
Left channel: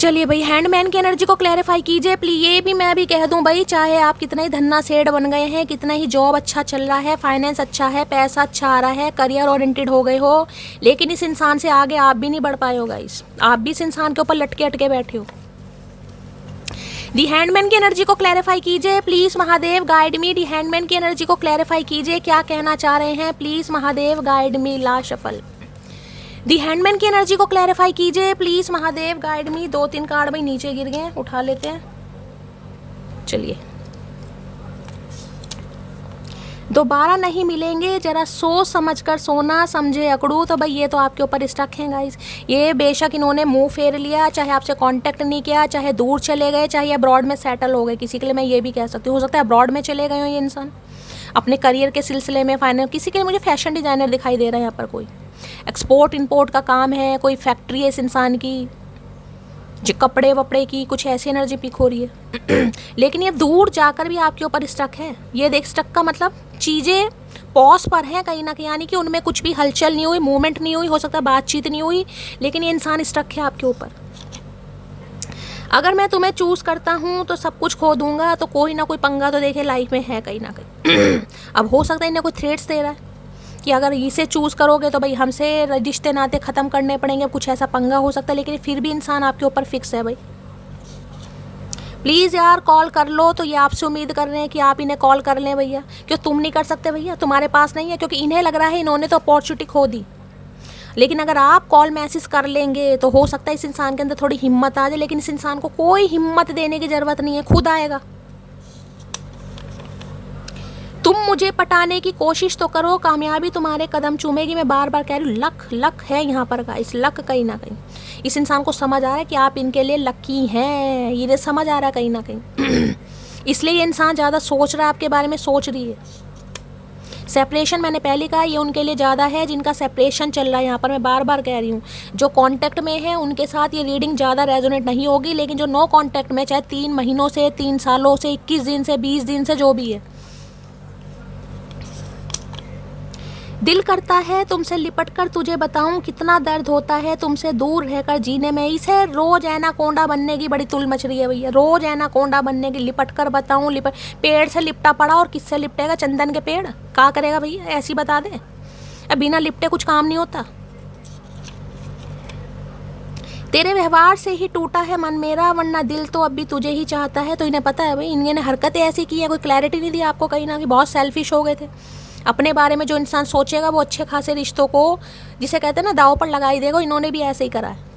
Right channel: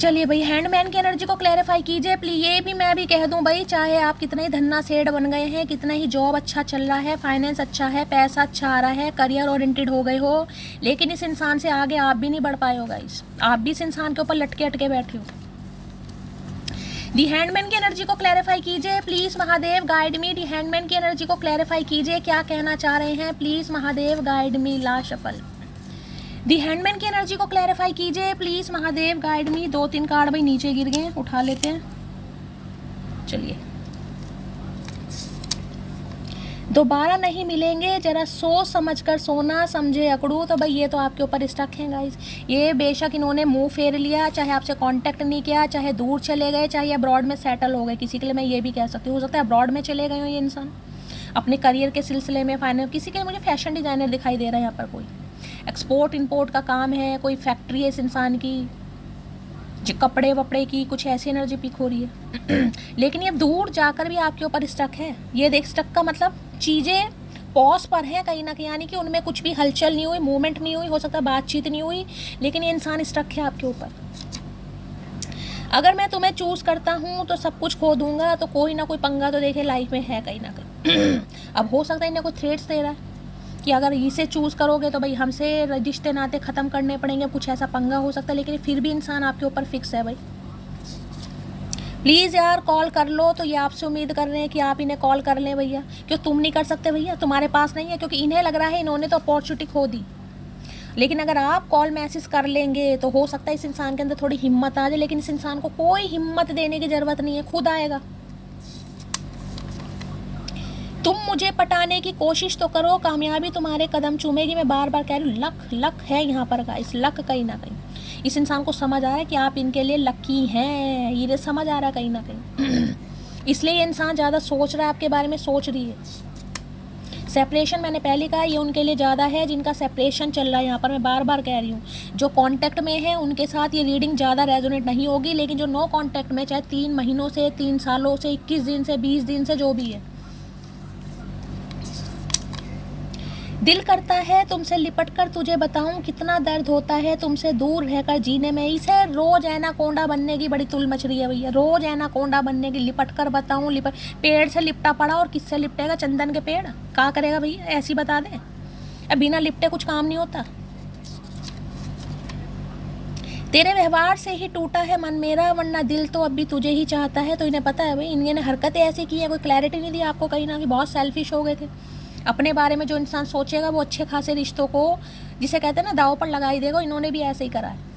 चलिए भाई, हैंडमैन की एनर्जी को क्लैरिफाई कीजिए प्लीज। ये भी मैं भी कह दूं भाई, चाहे आप कितना ही धन्ना सेठ बन गए हैं, कितना ही जॉब अच्छा चल रहा है, फाइनेंस अच्छा है, पैसा अच्छा आ रहा है, करियर ओरिएंटेड हो गए हो, लेकिन इस इंसान से आगे आप भी नहीं बढ़ पाए हो गाइस। आप भी इस इंसान के ऊपर लटके अटके बैठे हो। दी हैंडमैन की एनर्जी को क्लैरिफाई कीजिए please Mahadev, guide me. The hanged man की एनर्जी को क्लैरिफाई कीजिए, क्या कहना चाह रहे हैं please Mahadev, guide me. Last shuffle, the hanged man की एनर्जी को क्लैरिफाई कीजिए please Mahadev, guide me. 2-3 card भाई नीचे गिर गए, उठा लेते हैं। चलिए, दोबारा नहीं मिलेंगे, जरा सोच समझ कर सोना, समझे अकड़ू। तो भाई ये तो आपके ऊपर स्टक हैं गाइस। ये बेशक इन्होंने मुंह फेर लिया, चाहे आपसे कांटेक्ट नहीं किया, चाहे दूर चले गए, चाहे अब्रॉड में सेटल हो गए। किसी के लिए मैं ये भी कह सकती हूँ, हो सकता है अब्रॉड में चले गए हो ये इंसान अपने करियर के सिलसिले में, फाइनेंस। किसी के लिए मुझे फैशन डिज़ाइनर दिखाई दे रहा है यहाँ पर, कोई एक्सपोर्ट इंपोर्ट का काम है, कोई फैक्ट्री है इस इंसान की, जो कपड़े वपड़े की, कुछ ऐसी एनर्जी पिक हो रही है। लेकिन ये दूर जाकर भी आपके ऊपर स्टक है। ये देख, स्टक का मतलब चीज़ें पॉज पर हैं कहीं ना कहीं, यानी कि उनमें कुछ भी हलचल नहीं हुई, मूवमेंट नहीं हुई, हो सकता है बातचीत नहीं हुई, लेकिन ये इंसान स्टक है आपके ऊपर। अगर मैं तुम्हें चूज़ करता हूँ तो सब कुछ खो दूंगा, तो कोई ना कोई पंगा तो देखे लाइफ में है कहीं ना कहीं। अब हो सकता है इन्हें कोई थ्रेट्स दे रहा है कि अगर इसे चूज़ करोगे तो भाई हमसे रिश्ते नाते ख़त्म करने पड़ेंगे, कुछ ऐसा पंगा हो सकता है। लेकिन फिर भी इंसान आपके ऊपर फिक्स है भाई। प्लीज़ यार कॉल कर लो। तो ये आपसे उम्मीद कर रहे हैं कि आप इन्हें कॉल कर लें भैया। क्यों तुम नहीं कर सकते भैया? तुम्हारे पास नहीं है, क्योंकि इन्हें लग रहा है इन्होंने तो अपॉर्चुनिटी खो दी। लेकिन अगर आप कॉल मैसेज कर लेंगे तो हो सकता है इस इंसान के अंदर थोड़ी हिम्मत आ जाए। लेकिन इस इंसान को कोई हिम्मत देने की ज़रूरत नहीं है, खुद आएगा। तुम मुझे पटाने की कोशिश तो करो, कामयाबी तुम्हारे कदम चूमेगी। मैं बार बार कह रही हूँ, लक लक है यहाँ पर का। इस लक कहीं ना कहीं इस इंसान को समझ आ रहा है कि आप इनके लिए लकी हैं, ये समझ आ रहा है कहीं ना कहीं। इसलिए ये इंसान ज़्यादा सोच रहा है आपके बारे में, सोच रही है। सेपरेशन मैंने पहले कहा, ये उनके लिए ज़्यादा है जिनका सेपरेशन चल रहा है। यहाँ पर मैं बार बार कह रही हूँ, जो कांटेक्ट में है उनके साथ ये रीडिंग ज़्यादा रेजोनेट नहीं होगी। लेकिन जो नो कांटेक्ट में, चाहे 3 महीनों से, 3 सालों से, 21 दिन से, 20 दिन से, जो भी है, दिल करता है तुमसे लिपट कर तुझे बताऊं कितना दर्द होता है तुमसे दूर रहकर जीने में। इसे रोज एनाकोंडा बनने की बड़ी तुल मच रही है भैया, रोज एनाकोंडा बनने की। लिपट कर बताऊं, लिपट पेड़ से लिपटा पड़ा, और किससे लिपटेगा? चंदन के पेड़ क्या करेगा भैया? ऐसी बता दे, अब बिना लिपटे कुछ काम नहीं होता। तेरे व्यवहार से ही टूटा है मन मेरा, वरना दिल तो अब भी तुझे ही चाहता है। तो इन्हें पता है भाई, इन्हें हरकतें ऐसी की है, कोई क्लैरिटी नहीं दी आपको कहीं ना कहीं। बहुत सेल्फिश हो गए थे अपने बारे में। जो इंसान सोचेगा वो अच्छे खासे रिश्तों को, जिसे कहते हैं ना, दाव पर लगाई देगा। इन्होंने भी ऐसे ही करा है।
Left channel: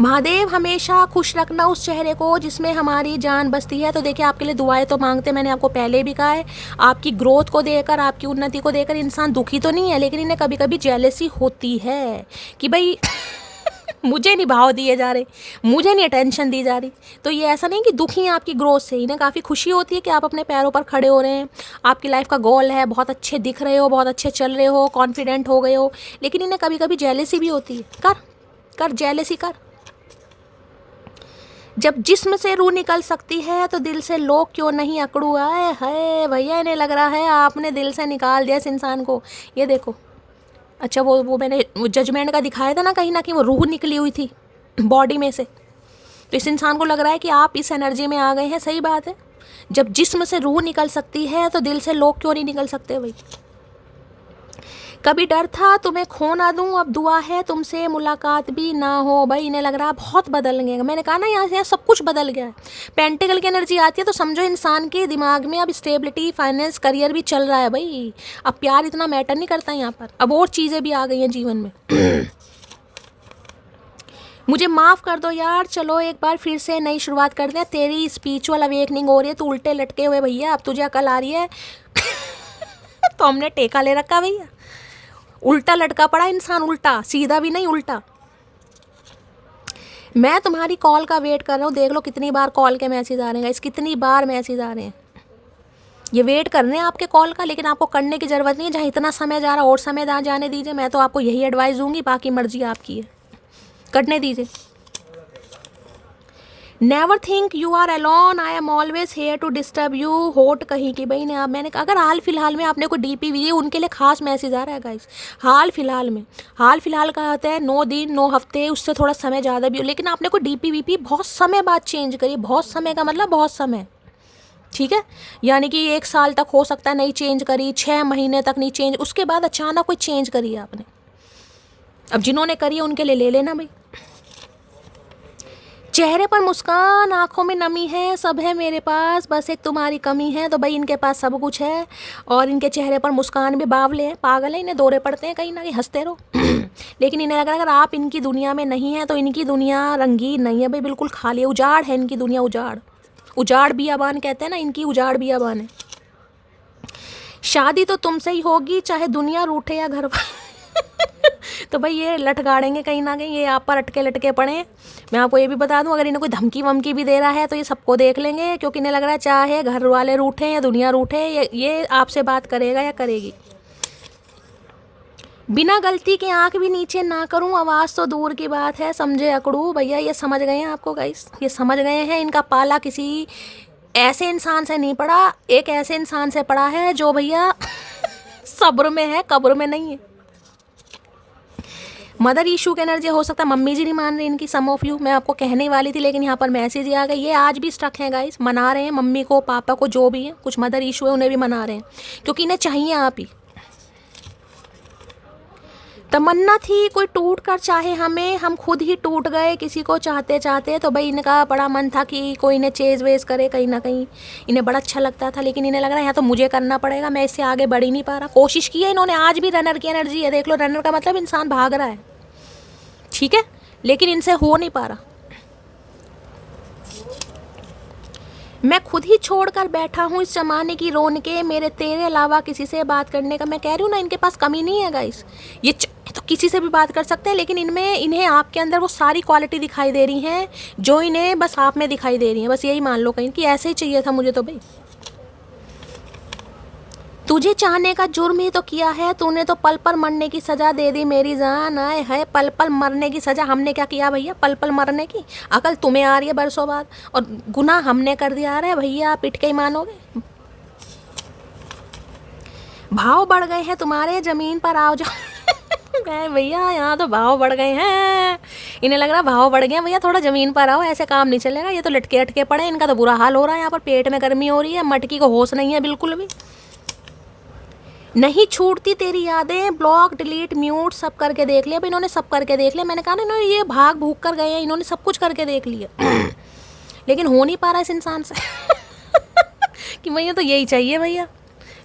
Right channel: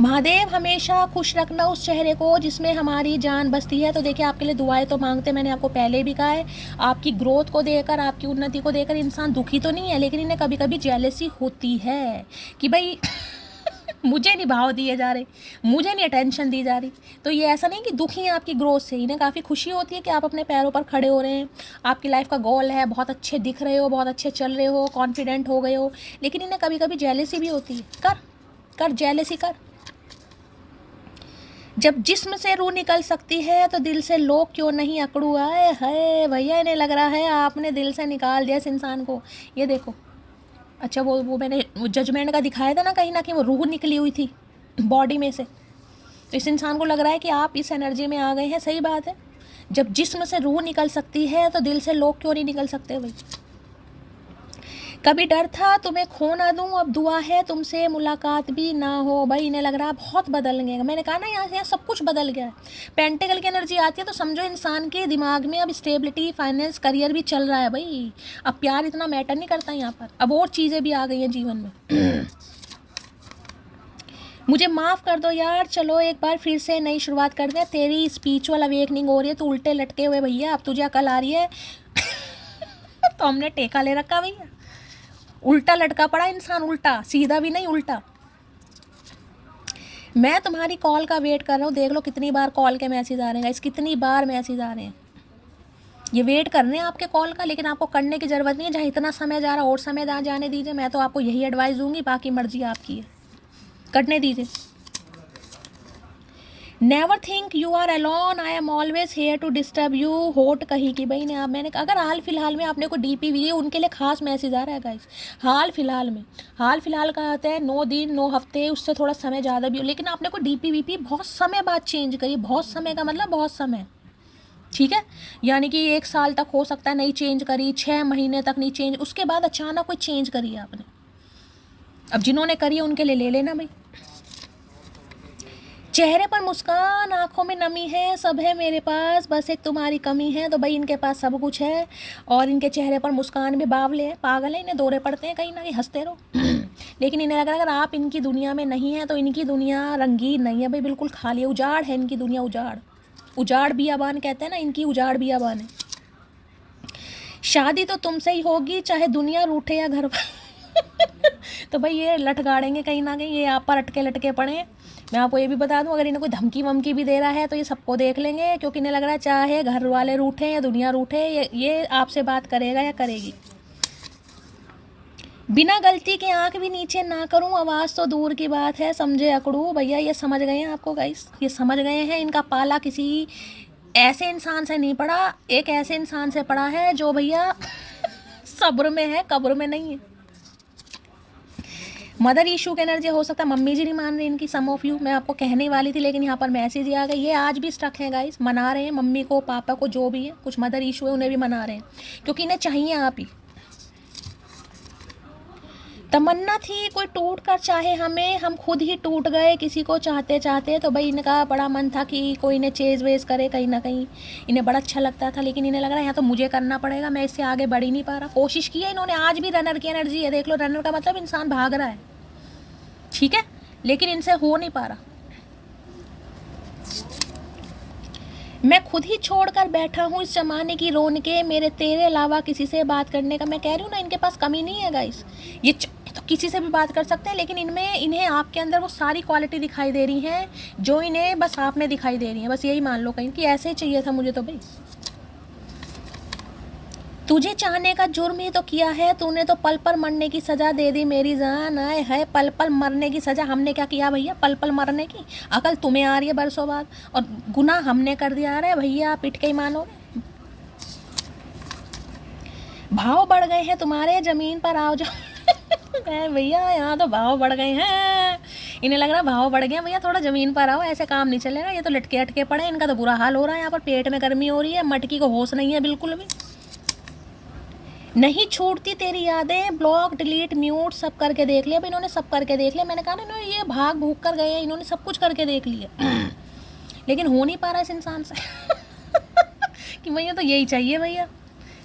महादेव हमेशा खुश रखना उस चेहरे को जिसमें हमारी जान बसती है। तो देखिए, आपके लिए दुआएं तो मांगते, मैंने आपको पहले भी कहा है। आपकी ग्रोथ को देकर, आपकी उन्नति को देकर इंसान दुखी तो नहीं है, लेकिन इन्हें कभी कभी जेलसी होती है कि भाई मुझे नहीं भाव दिए जा रहे, मुझे नहीं अटेंशन दी जा रही। तो ये ऐसा नहीं कि दुखी हैं आपकी ग्रोथ से, इन्हें काफ़ी खुशी होती है कि आप अपने पैरों पर खड़े हो रहे हैं, आपकी लाइफ का गोल है, बहुत अच्छे दिख रहे हो, बहुत अच्छे चल रहे हो, कॉन्फिडेंट हो गए हो। लेकिन इन्हें कभी कभी जेलसी भी होती है। कर जेलसी कर। जब जिस्म से रूह निकल सकती है तो दिल से लोग क्यों नहीं अकड़ू आए है भैया। इन्हें लग रहा है आपने दिल से निकाल दिया इस इंसान को। ये देखो, अच्छा वो मैंने जजमेंट का दिखाया था ना, कहीं ना कहीं वो रूह निकली हुई थी बॉडी में से। तो इस इंसान को लग रहा है कि आप इस एनर्जी में आ गए हैं। सही बात है, जब जिस्म से रूह निकल सकती है तो दिल से लोग क्यों नहीं निकल सकते भाई। कभी डर था तुम्हें खो ना दूं, अब दुआ है तुमसे मुलाकात भी ना हो। भाई इन्हें लग रहा है बहुत बदल गया। मैंने कहा ना यहाँ से यहाँ सब कुछ बदल गया है। पेंटिकल की एनर्जी आती है तो समझो इंसान के दिमाग में अब स्टेबिलिटी, फाइनेंस, करियर भी चल रहा है भाई। अब प्यार इतना मैटर नहीं करता यहाँ पर, अब और चीज़ें भी आ गई हैं जीवन में। मुझे माफ़ कर दो यार, चलो एक बार फिर से नई शुरुआत कर दें। तेरी स्पिरिचुअल अवेकनिंग हो रही है, तो उल्टे लटके हुए भैया, अब तुझे अकल आ रही है। तो हमने टेका ले रखा भैया, उल्टा लटका पड़ा इंसान, उल्टा, सीधा भी नहीं, उल्टा। मैं तुम्हारी कॉल का वेट कर रहा हूँ। देख लो कितनी बार कॉल के मैसेज आ रहे हैं, कितनी बार मैसेज आ रहे हैं। ये वेट कर रहे हैं आपके कॉल का, लेकिन आपको करने की ज़रूरत नहीं है। जहाँ इतना समय जा रहा और समय जाने दीजिए। मैं तो आपको यही एडवाइस दूंगी, बाकी मर्जी आपकी है, करने दीजिए। Never think you are alone, I am always here to disturb you. होट कहीं की भाई ने आप, मैंने कहा अगर हाल फिलहाल में आपने कोई डीपी वी, उनके लिए खास मैसेज आ रहा है गाइस। हाल फिलहाल का होता है 9 दिन 9 हफ्ते, उससे थोड़ा समय ज़्यादा भी हो, लेकिन आपने कोई डीपी वीपी बहुत समय बाद चेंज करी। बहुत समय का मतलब बहुत समय, ठीक है, यानी कि 1 साल तक हो सकता है नहीं चेंज करी, 6 महीने तक नहीं चेंज, उसके बाद अचानक कोई चेंज करी आपने। अब जिन्होंने करी है उनके लिए ले लेना भाई। चेहरे पर मुस्कान, आंखों में नमी है, सब है मेरे पास, बस एक तुम्हारी कमी है। तो भाई इनके पास सब कुछ है, और इनके चेहरे पर मुस्कान भी, बावले हैं, पागल है, इन्हें दौरे पड़ते हैं कहीं ना कहीं, हंसते रहो। लेकिन इन्हें लग रहा है अगर आप इनकी दुनिया में नहीं है तो इनकी दुनिया रंगीन नहीं है भाई, बिल्कुल खाली है, उजाड़ है इनकी दुनिया, उजाड़ बियाबान कहते हैं ना, इनकी उजाड़ बियाबान है। शादी तो तुमसे ही होगी, चाहे दुनिया रूठे या घर। तो भाई ये लट गाड़ेंगे कहीं ना कहीं, ये आप पर लटके पड़े। मैं आपको ये भी बता दूं, अगर इन्हें कोई धमकी वमकी भी दे रहा है तो ये सबको देख लेंगे, क्योंकि इन्हें लग रहा है चाहे घर वाले रूठे या दुनिया रूठे, ये आपसे बात करेगा या करेगी। बिना गलती के आंख भी नीचे ना करूं, आवाज़ तो दूर की बात है, समझे अकड़ू। भैया ये समझ गए हैं आपको गाइस, ये समझ गए हैं। इनका पाला किसी ऐसे इंसान से नहीं पड़ा, एक ऐसे इंसान से पड़ा है जो भैया सब्र में है, कब्र में नहीं है। मदर इशू की एनर्जी हो सकता है, मम्मी जी नहीं मान रही इनकी, सम ऑफ यू। मैं आपको कहने वाली थी लेकिन यहाँ पर मैसेज ही आ गई। ये आज भी स्टक है गाइस, मना रहे हैं मम्मी को, पापा को, जो भी है, कुछ मदर इशू है उन्हें भी मना रहे हैं, क्योंकि इन्हें चाहिए आप ही। तमन्ना थी कोई टूट कर चाहे हमें, हम खुद ही टूट गए किसी को चाहते चाहते। तो भाई इनका बड़ा मन था कि कोई इन्हें चेज वेज करे कहीं ना कहीं, इन्हें बड़ा अच्छा लगता था, लेकिन इन्हें लग रहा है यहाँ तो मुझे करना पड़ेगा, मैं इससे आगे बढ़ ही नहीं पा रहा। कोशिश की है इन्होंने, आज भी रनर की एनर्जी है, देख लो, रनर का मतलब इंसान भाग रहा है, ठीक है, लेकिन इनसे हो नहीं पा रहा। मैं खुद ही छोड़कर बैठा हूँ इस जमाने की रौनकें, मेरे तेरे अलावा किसी से बात करने का। मैं कह रही हूँ ना, इनके पास कमी नहीं है गाइस, ये तो किसी से भी बात कर सकते हैं, लेकिन इन्हें आपके अंदर वो सारी क्वालिटी दिखाई दे रही हैं जो इन्हें बस आप में दिखाई दे रही हैं। बस यही मान लो कहीं कि ऐसे ही चाहिए था मुझे तो भाई। तुझे चाहने का जुर्म ही तो किया है तूने, तो पल पल मरने की सजा दे दी मेरी जान। आए है पल पल मरने की सजा, हमने क्या किया भैया पल पल मरने की? अकल तुम्हें आ रही है बरसों बाद, और गुनाह हमने कर दिया आ रहा है भैया, आप पिट के ही मानोगे। भाव बढ़ गए हैं तुम्हारे, जमीन पर आओ जाओ। कहे भैया यहाँ तो भाव बढ़ गए हैं, इन्हें लग रहा भाव बढ़ गए भैया, थोड़ा जमीन पर आओ, ऐसे काम नहीं चलेगा। ये तो लटके अटके पड़े, इनका तो बुरा हाल हो रहा है, यहाँ पर पेट में गर्मी हो रही है, मटकी को होश नहीं है बिल्कुल भी। नहीं छूटती तेरी यादें, ब्लॉक डिलीट म्यूट सब करके देख लिया। अब इन्होंने सब करके देख लिया, मैंने कहा ना इन्होंने ये भाग भूग कर गए हैं, इन्होंने सब कुछ करके देख लिया। लेकिन हो नहीं पा रहा इस इंसान से। कि भैया तो यही चाहिए भैया,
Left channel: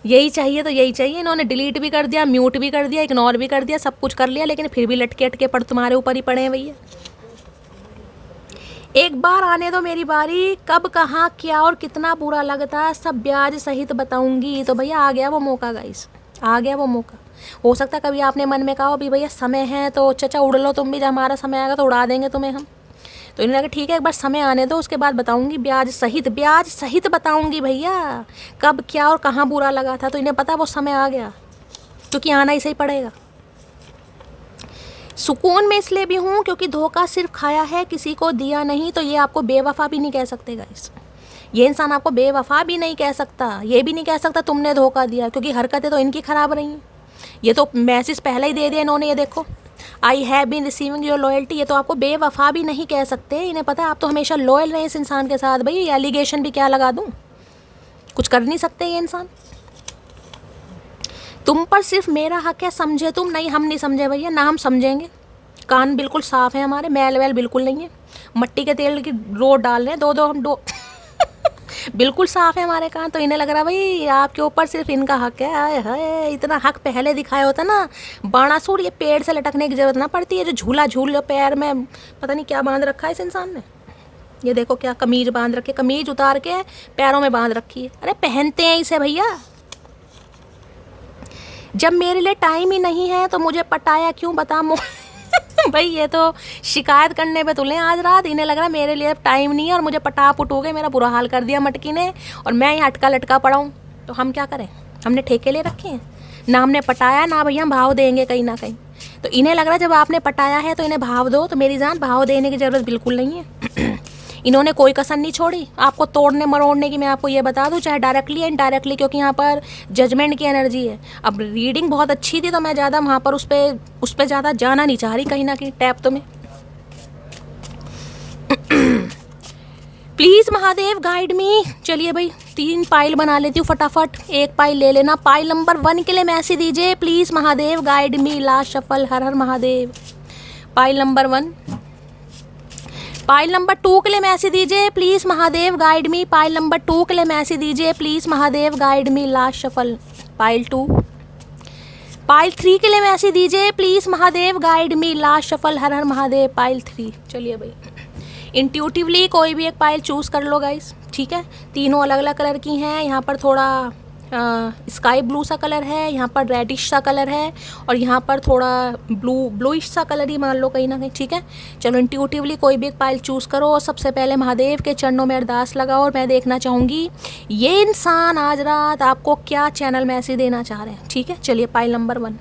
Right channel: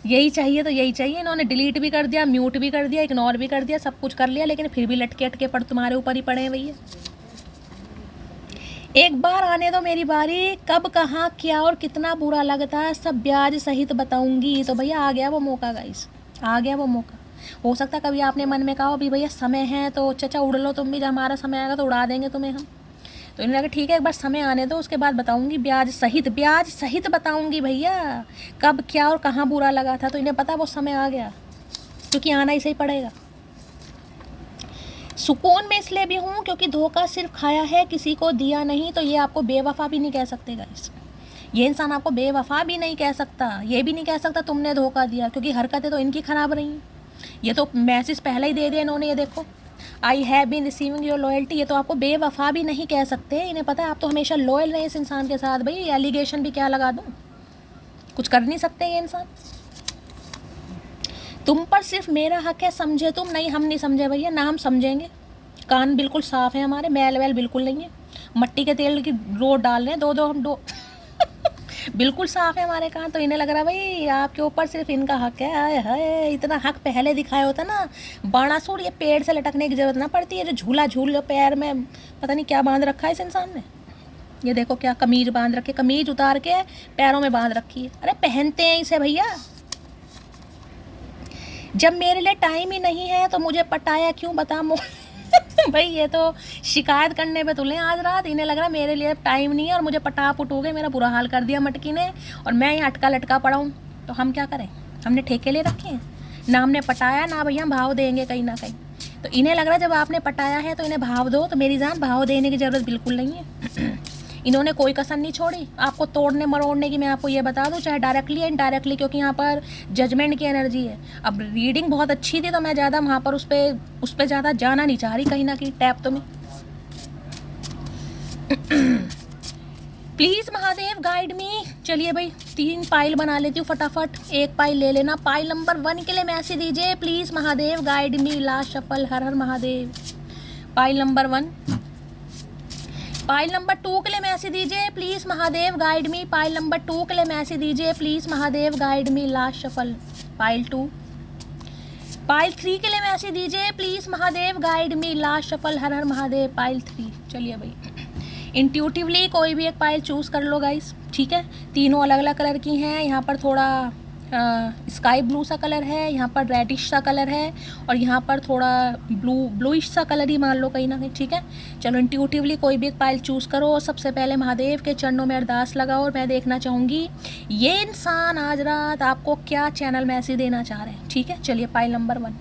यही चाहिए तो यही चाहिए। इन्होंने डिलीट भी कर दिया, म्यूट भी कर दिया, इग्नोर भी कर दिया, सब कुछ कर लिया, लेकिन फिर भी लटके अटके पड़ तुम्हारे ऊपर ही पड़े हैं भैया। एक बार आने दो मेरी बारी, कब कहाँ क्या और कितना बुरा लगता है सब ब्याज सहित बताऊंगी। तो भैया आ गया वो मौका गाइस, आ गया वो मौका। हो सकता है कभी आपने मन में कहा अभी भैया समय है तो चचा उड़ लो तुम भी, जब हमारा समय आएगा तो उड़ा देंगे तुम्हें हम। तो इन्होंने कहा ठीक है एक बार समय आने दो, उसके बाद बताऊंगी, ब्याज सहित बताऊंगी भैया कब क्या और कहाँ बुरा लगा था। तो इन्हें पता वो समय आ गया, क्योंकि आना इसे ही पड़ेगा। सुकून में इसलिए भी हूँ क्योंकि धोखा सिर्फ खाया है, किसी को दिया नहीं। तो ये आपको बेवफा भी नहीं कह सकते गाइस, ये इंसान आपको बेवफा भी नहीं कह सकता, ये भी नहीं कह सकता तुमने धोखा दिया, क्योंकि हरकतें तो इनकी ख़राब रही हैं। ये तो मैसेज पहले ही दे दिया इन्होंने, ये देखो I have been receiving your loyalty. ये तो आपको बेवफा भी नहीं कह सकते, इन्हें पता आप तो हमेशा लॉयल रहे इस इंसान के साथ। भाई एलिगेशन भी क्या लगा दूँ, कुछ कर नहीं सकते ये इंसान। तुम पर सिर्फ मेरा हक है, समझे तुम? नहीं, हम नहीं समझे भैया, ना हम समझेंगे। कान बिल्कुल साफ है हमारे, मैल वैल बिल्कुल नहीं है। मट्टी के तेल की रोड डाल रहे हैं दो हम दो बिल्कुल साफ है हमारे कान। तो इन्हें लग रहा भाई आपके ऊपर सिर्फ इनका हक है। आए हाय, इतना हक पहले दिखाया होता ना, बाणासुर, ये पेड़ से लटकने की जरूरत ना पड़ती है। जो झूला झूल लो पैर में, पता नहीं क्या बांध रखा है इस इंसान ने। ये देखो क्या कमीज बांध रखे, कमीज उतार के पैरों में बांध रखी है। अरे पहनते हैं इसे भैया। जब मेरे लिए टाइम ही नहीं है तो मुझे पटाया क्यों, बता भाई ये तो शिकायत करने पे तुले आज रात। इन्हें लग रहा है मेरे लिए टाइम नहीं है और मुझे पटा पुटोगे, मेरा बुरा हाल कर दिया मटकी ने, और मैं यहाँ अटका लटका पड़ा हूँ। तो हम क्या करें? हमने ठेके ले रखे हैं ना, हमने पटाया ना भैया, हम भाव देंगे कहीं ना कहीं। तो इन्हें लग रहा है जब आपने पटाया है तो इन्हें भाव दो। तो मेरी जान, भाव देने की ज़रूरत बिल्कुल नहीं है। इन्होंने कोई कसर नहीं छोड़ी आपको तोड़ने मरोड़ने की। मैं आपको ये बता दूं, चाहे डायरेक्टली या इनडायरेक्टली, क्योंकि यहाँ पर जजमेंट की एनर्जी है। अब रीडिंग बहुत अच्छी थी तो मैं ज़्यादा वहाँ पर उस पर ज़्यादा जाना नहीं चाह रही, कहीं ना कहीं टैप तो मैं प्लीज़ महादेव गाइड मी। चलिए भाई 3 पाइल बना लेती हूँ फटाफट, 1 पाइल ले लेना। पाइल नंबर 1 के लिए मैसेज दीजिए, please Mahadev guide me, last shuffle, her her Mahadev. Pile number 1। Pile number 2 के लिए मैसेज दीजिए, please Mahadev guide me. Pile number 2 के लिए मैसेज दीजिए, please Mahadev guide me, last shuffle, pile 2। Pile 3 के लिए मैसेज दीजिए, please Mahadev guide me, last shuffle, her her Mahadev, pile 3। चलिए भाई इंट्यूटिवली कोई भी एक पाइल चूज़ कर लो गाइस, ठीक है। तीनों अलग अलग कलर की हैं। यहाँ पर थोड़ा स्काई ब्लू सा कलर है, यहाँ पर रेडिश सा कलर है, और यहाँ पर थोड़ा ब्लूइश सा कलर ही मान लो कहीं ना कहीं, ठीक है। चलो इंट्यूटिवली कोई भी एक पाइल चूज़ करो और सबसे पहले महादेव के चरणों में अरदास लगाओ। और मैं देखना चाहूँगी ये इंसान आज रात आपको क्या चैनल मैसेज देना चाह रहे हैं, ठीक है। चलिए pile number 1,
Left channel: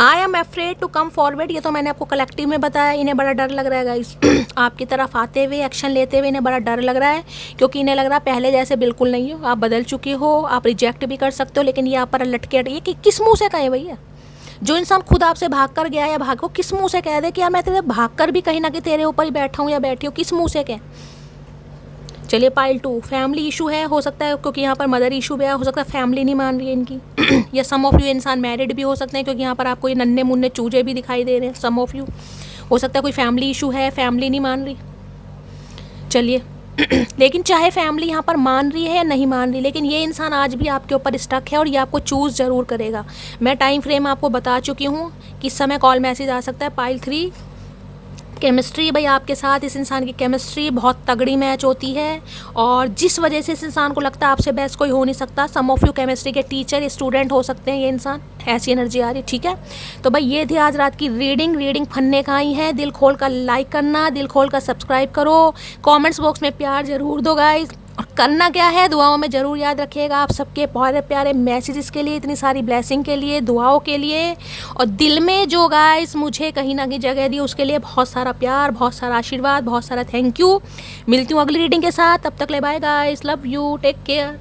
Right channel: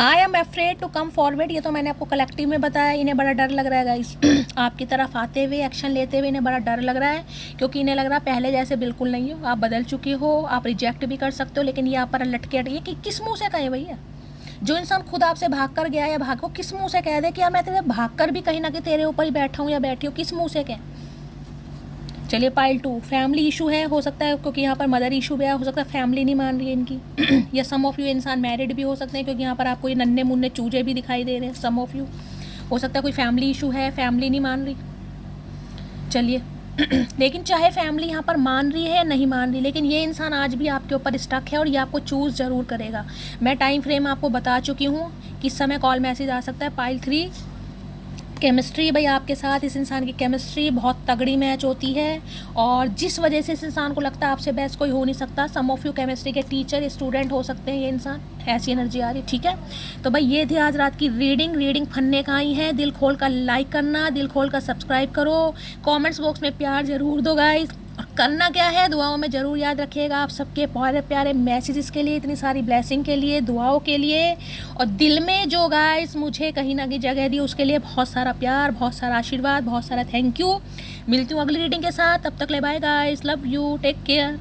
I am afraid to come forward. ये तो मैंने आपको कलेक्टिव में बताया, इन्हें बड़ा डर लग रहा है गाइस। आपकी तरफ आते हुए, एक्शन लेते हुए इन्हें बड़ा डर लग रहा है, क्योंकि इन्हें लग रहा है पहले जैसे बिल्कुल नहीं हो, आप बदल चुकी हो, आप रिजेक्ट भी कर सकते हो। लेकिन ये आप पर लटके ये कि किस मुँह से कहें भैया? जो इंसान खुद आपसे भाग कर गया है, भागो, किस मुँह से कह दे कि यार मैं तेरे भाग कर भी कहीं ना कहीं तेरे ऊपर ही बैठा हूँ या बैठी हूँ, किस मुँह से कह? चलिए पाइल 2, फैमिली इशू है, हो सकता है क्योंकि यहाँ पर मदर इशू भी है, हो सकता है फैमिली नहीं मान रही है इनकी। या सम ऑफ यू इंसान मैरिड भी हो सकते हैं, क्योंकि यहाँ पर आपको ये नन्हे मुन्ने चूजे भी दिखाई दे रहे हैं। सम ऑफ यू हो सकता है कोई फैमिली इशू है, फैमिली नहीं मान रही। चलिए लेकिन चाहे फैमिली यहाँ पर मान रही है या नहीं मान रही, लेकिन ये इंसान आज भी आपके ऊपर स्टक है और ये आपको चूज़ ज़रूर करेगा। मैं टाइम फ्रेम आपको बता चुकी हूँ, किस समय कॉल मैसेज आ सकता है। पाइल 3, केमिस्ट्री भाई आपके साथ इस इंसान की केमिस्ट्री बहुत तगड़ी मैच होती है, और जिस वजह से इस इंसान को लगता है आपसे बेस्ट कोई हो नहीं सकता। सम ऑफ यू केमिस्ट्री के टीचर, स्टूडेंट हो सकते हैं ये इंसान, ऐसी एनर्जी आ रही है, ठीक है। तो भाई ये थी आज रात की रीडिंग फन्ने का ही है। दिल खोल कर लाइक करना, दिल खोल कर सब्सक्राइब करो, कमेंट्स बॉक्स में प्यार ज़रूर दो गाइस। और करना क्या है, दुआओं में ज़रूर याद रखिएगा। आप सबके प्यारे प्यारे मैसेजेस के लिए, इतनी सारी ब्लेसिंग के लिए, दुआओं के लिए, और दिल में जो गाइस मुझे कहीं ना कहीं जगह दी उसके लिए बहुत सारा प्यार, बहुत सारा आशीर्वाद, बहुत सारा थैंक यू। मिलती हूँ अगली रीडिंग के साथ, तब तक ले bye guys, love you, take care.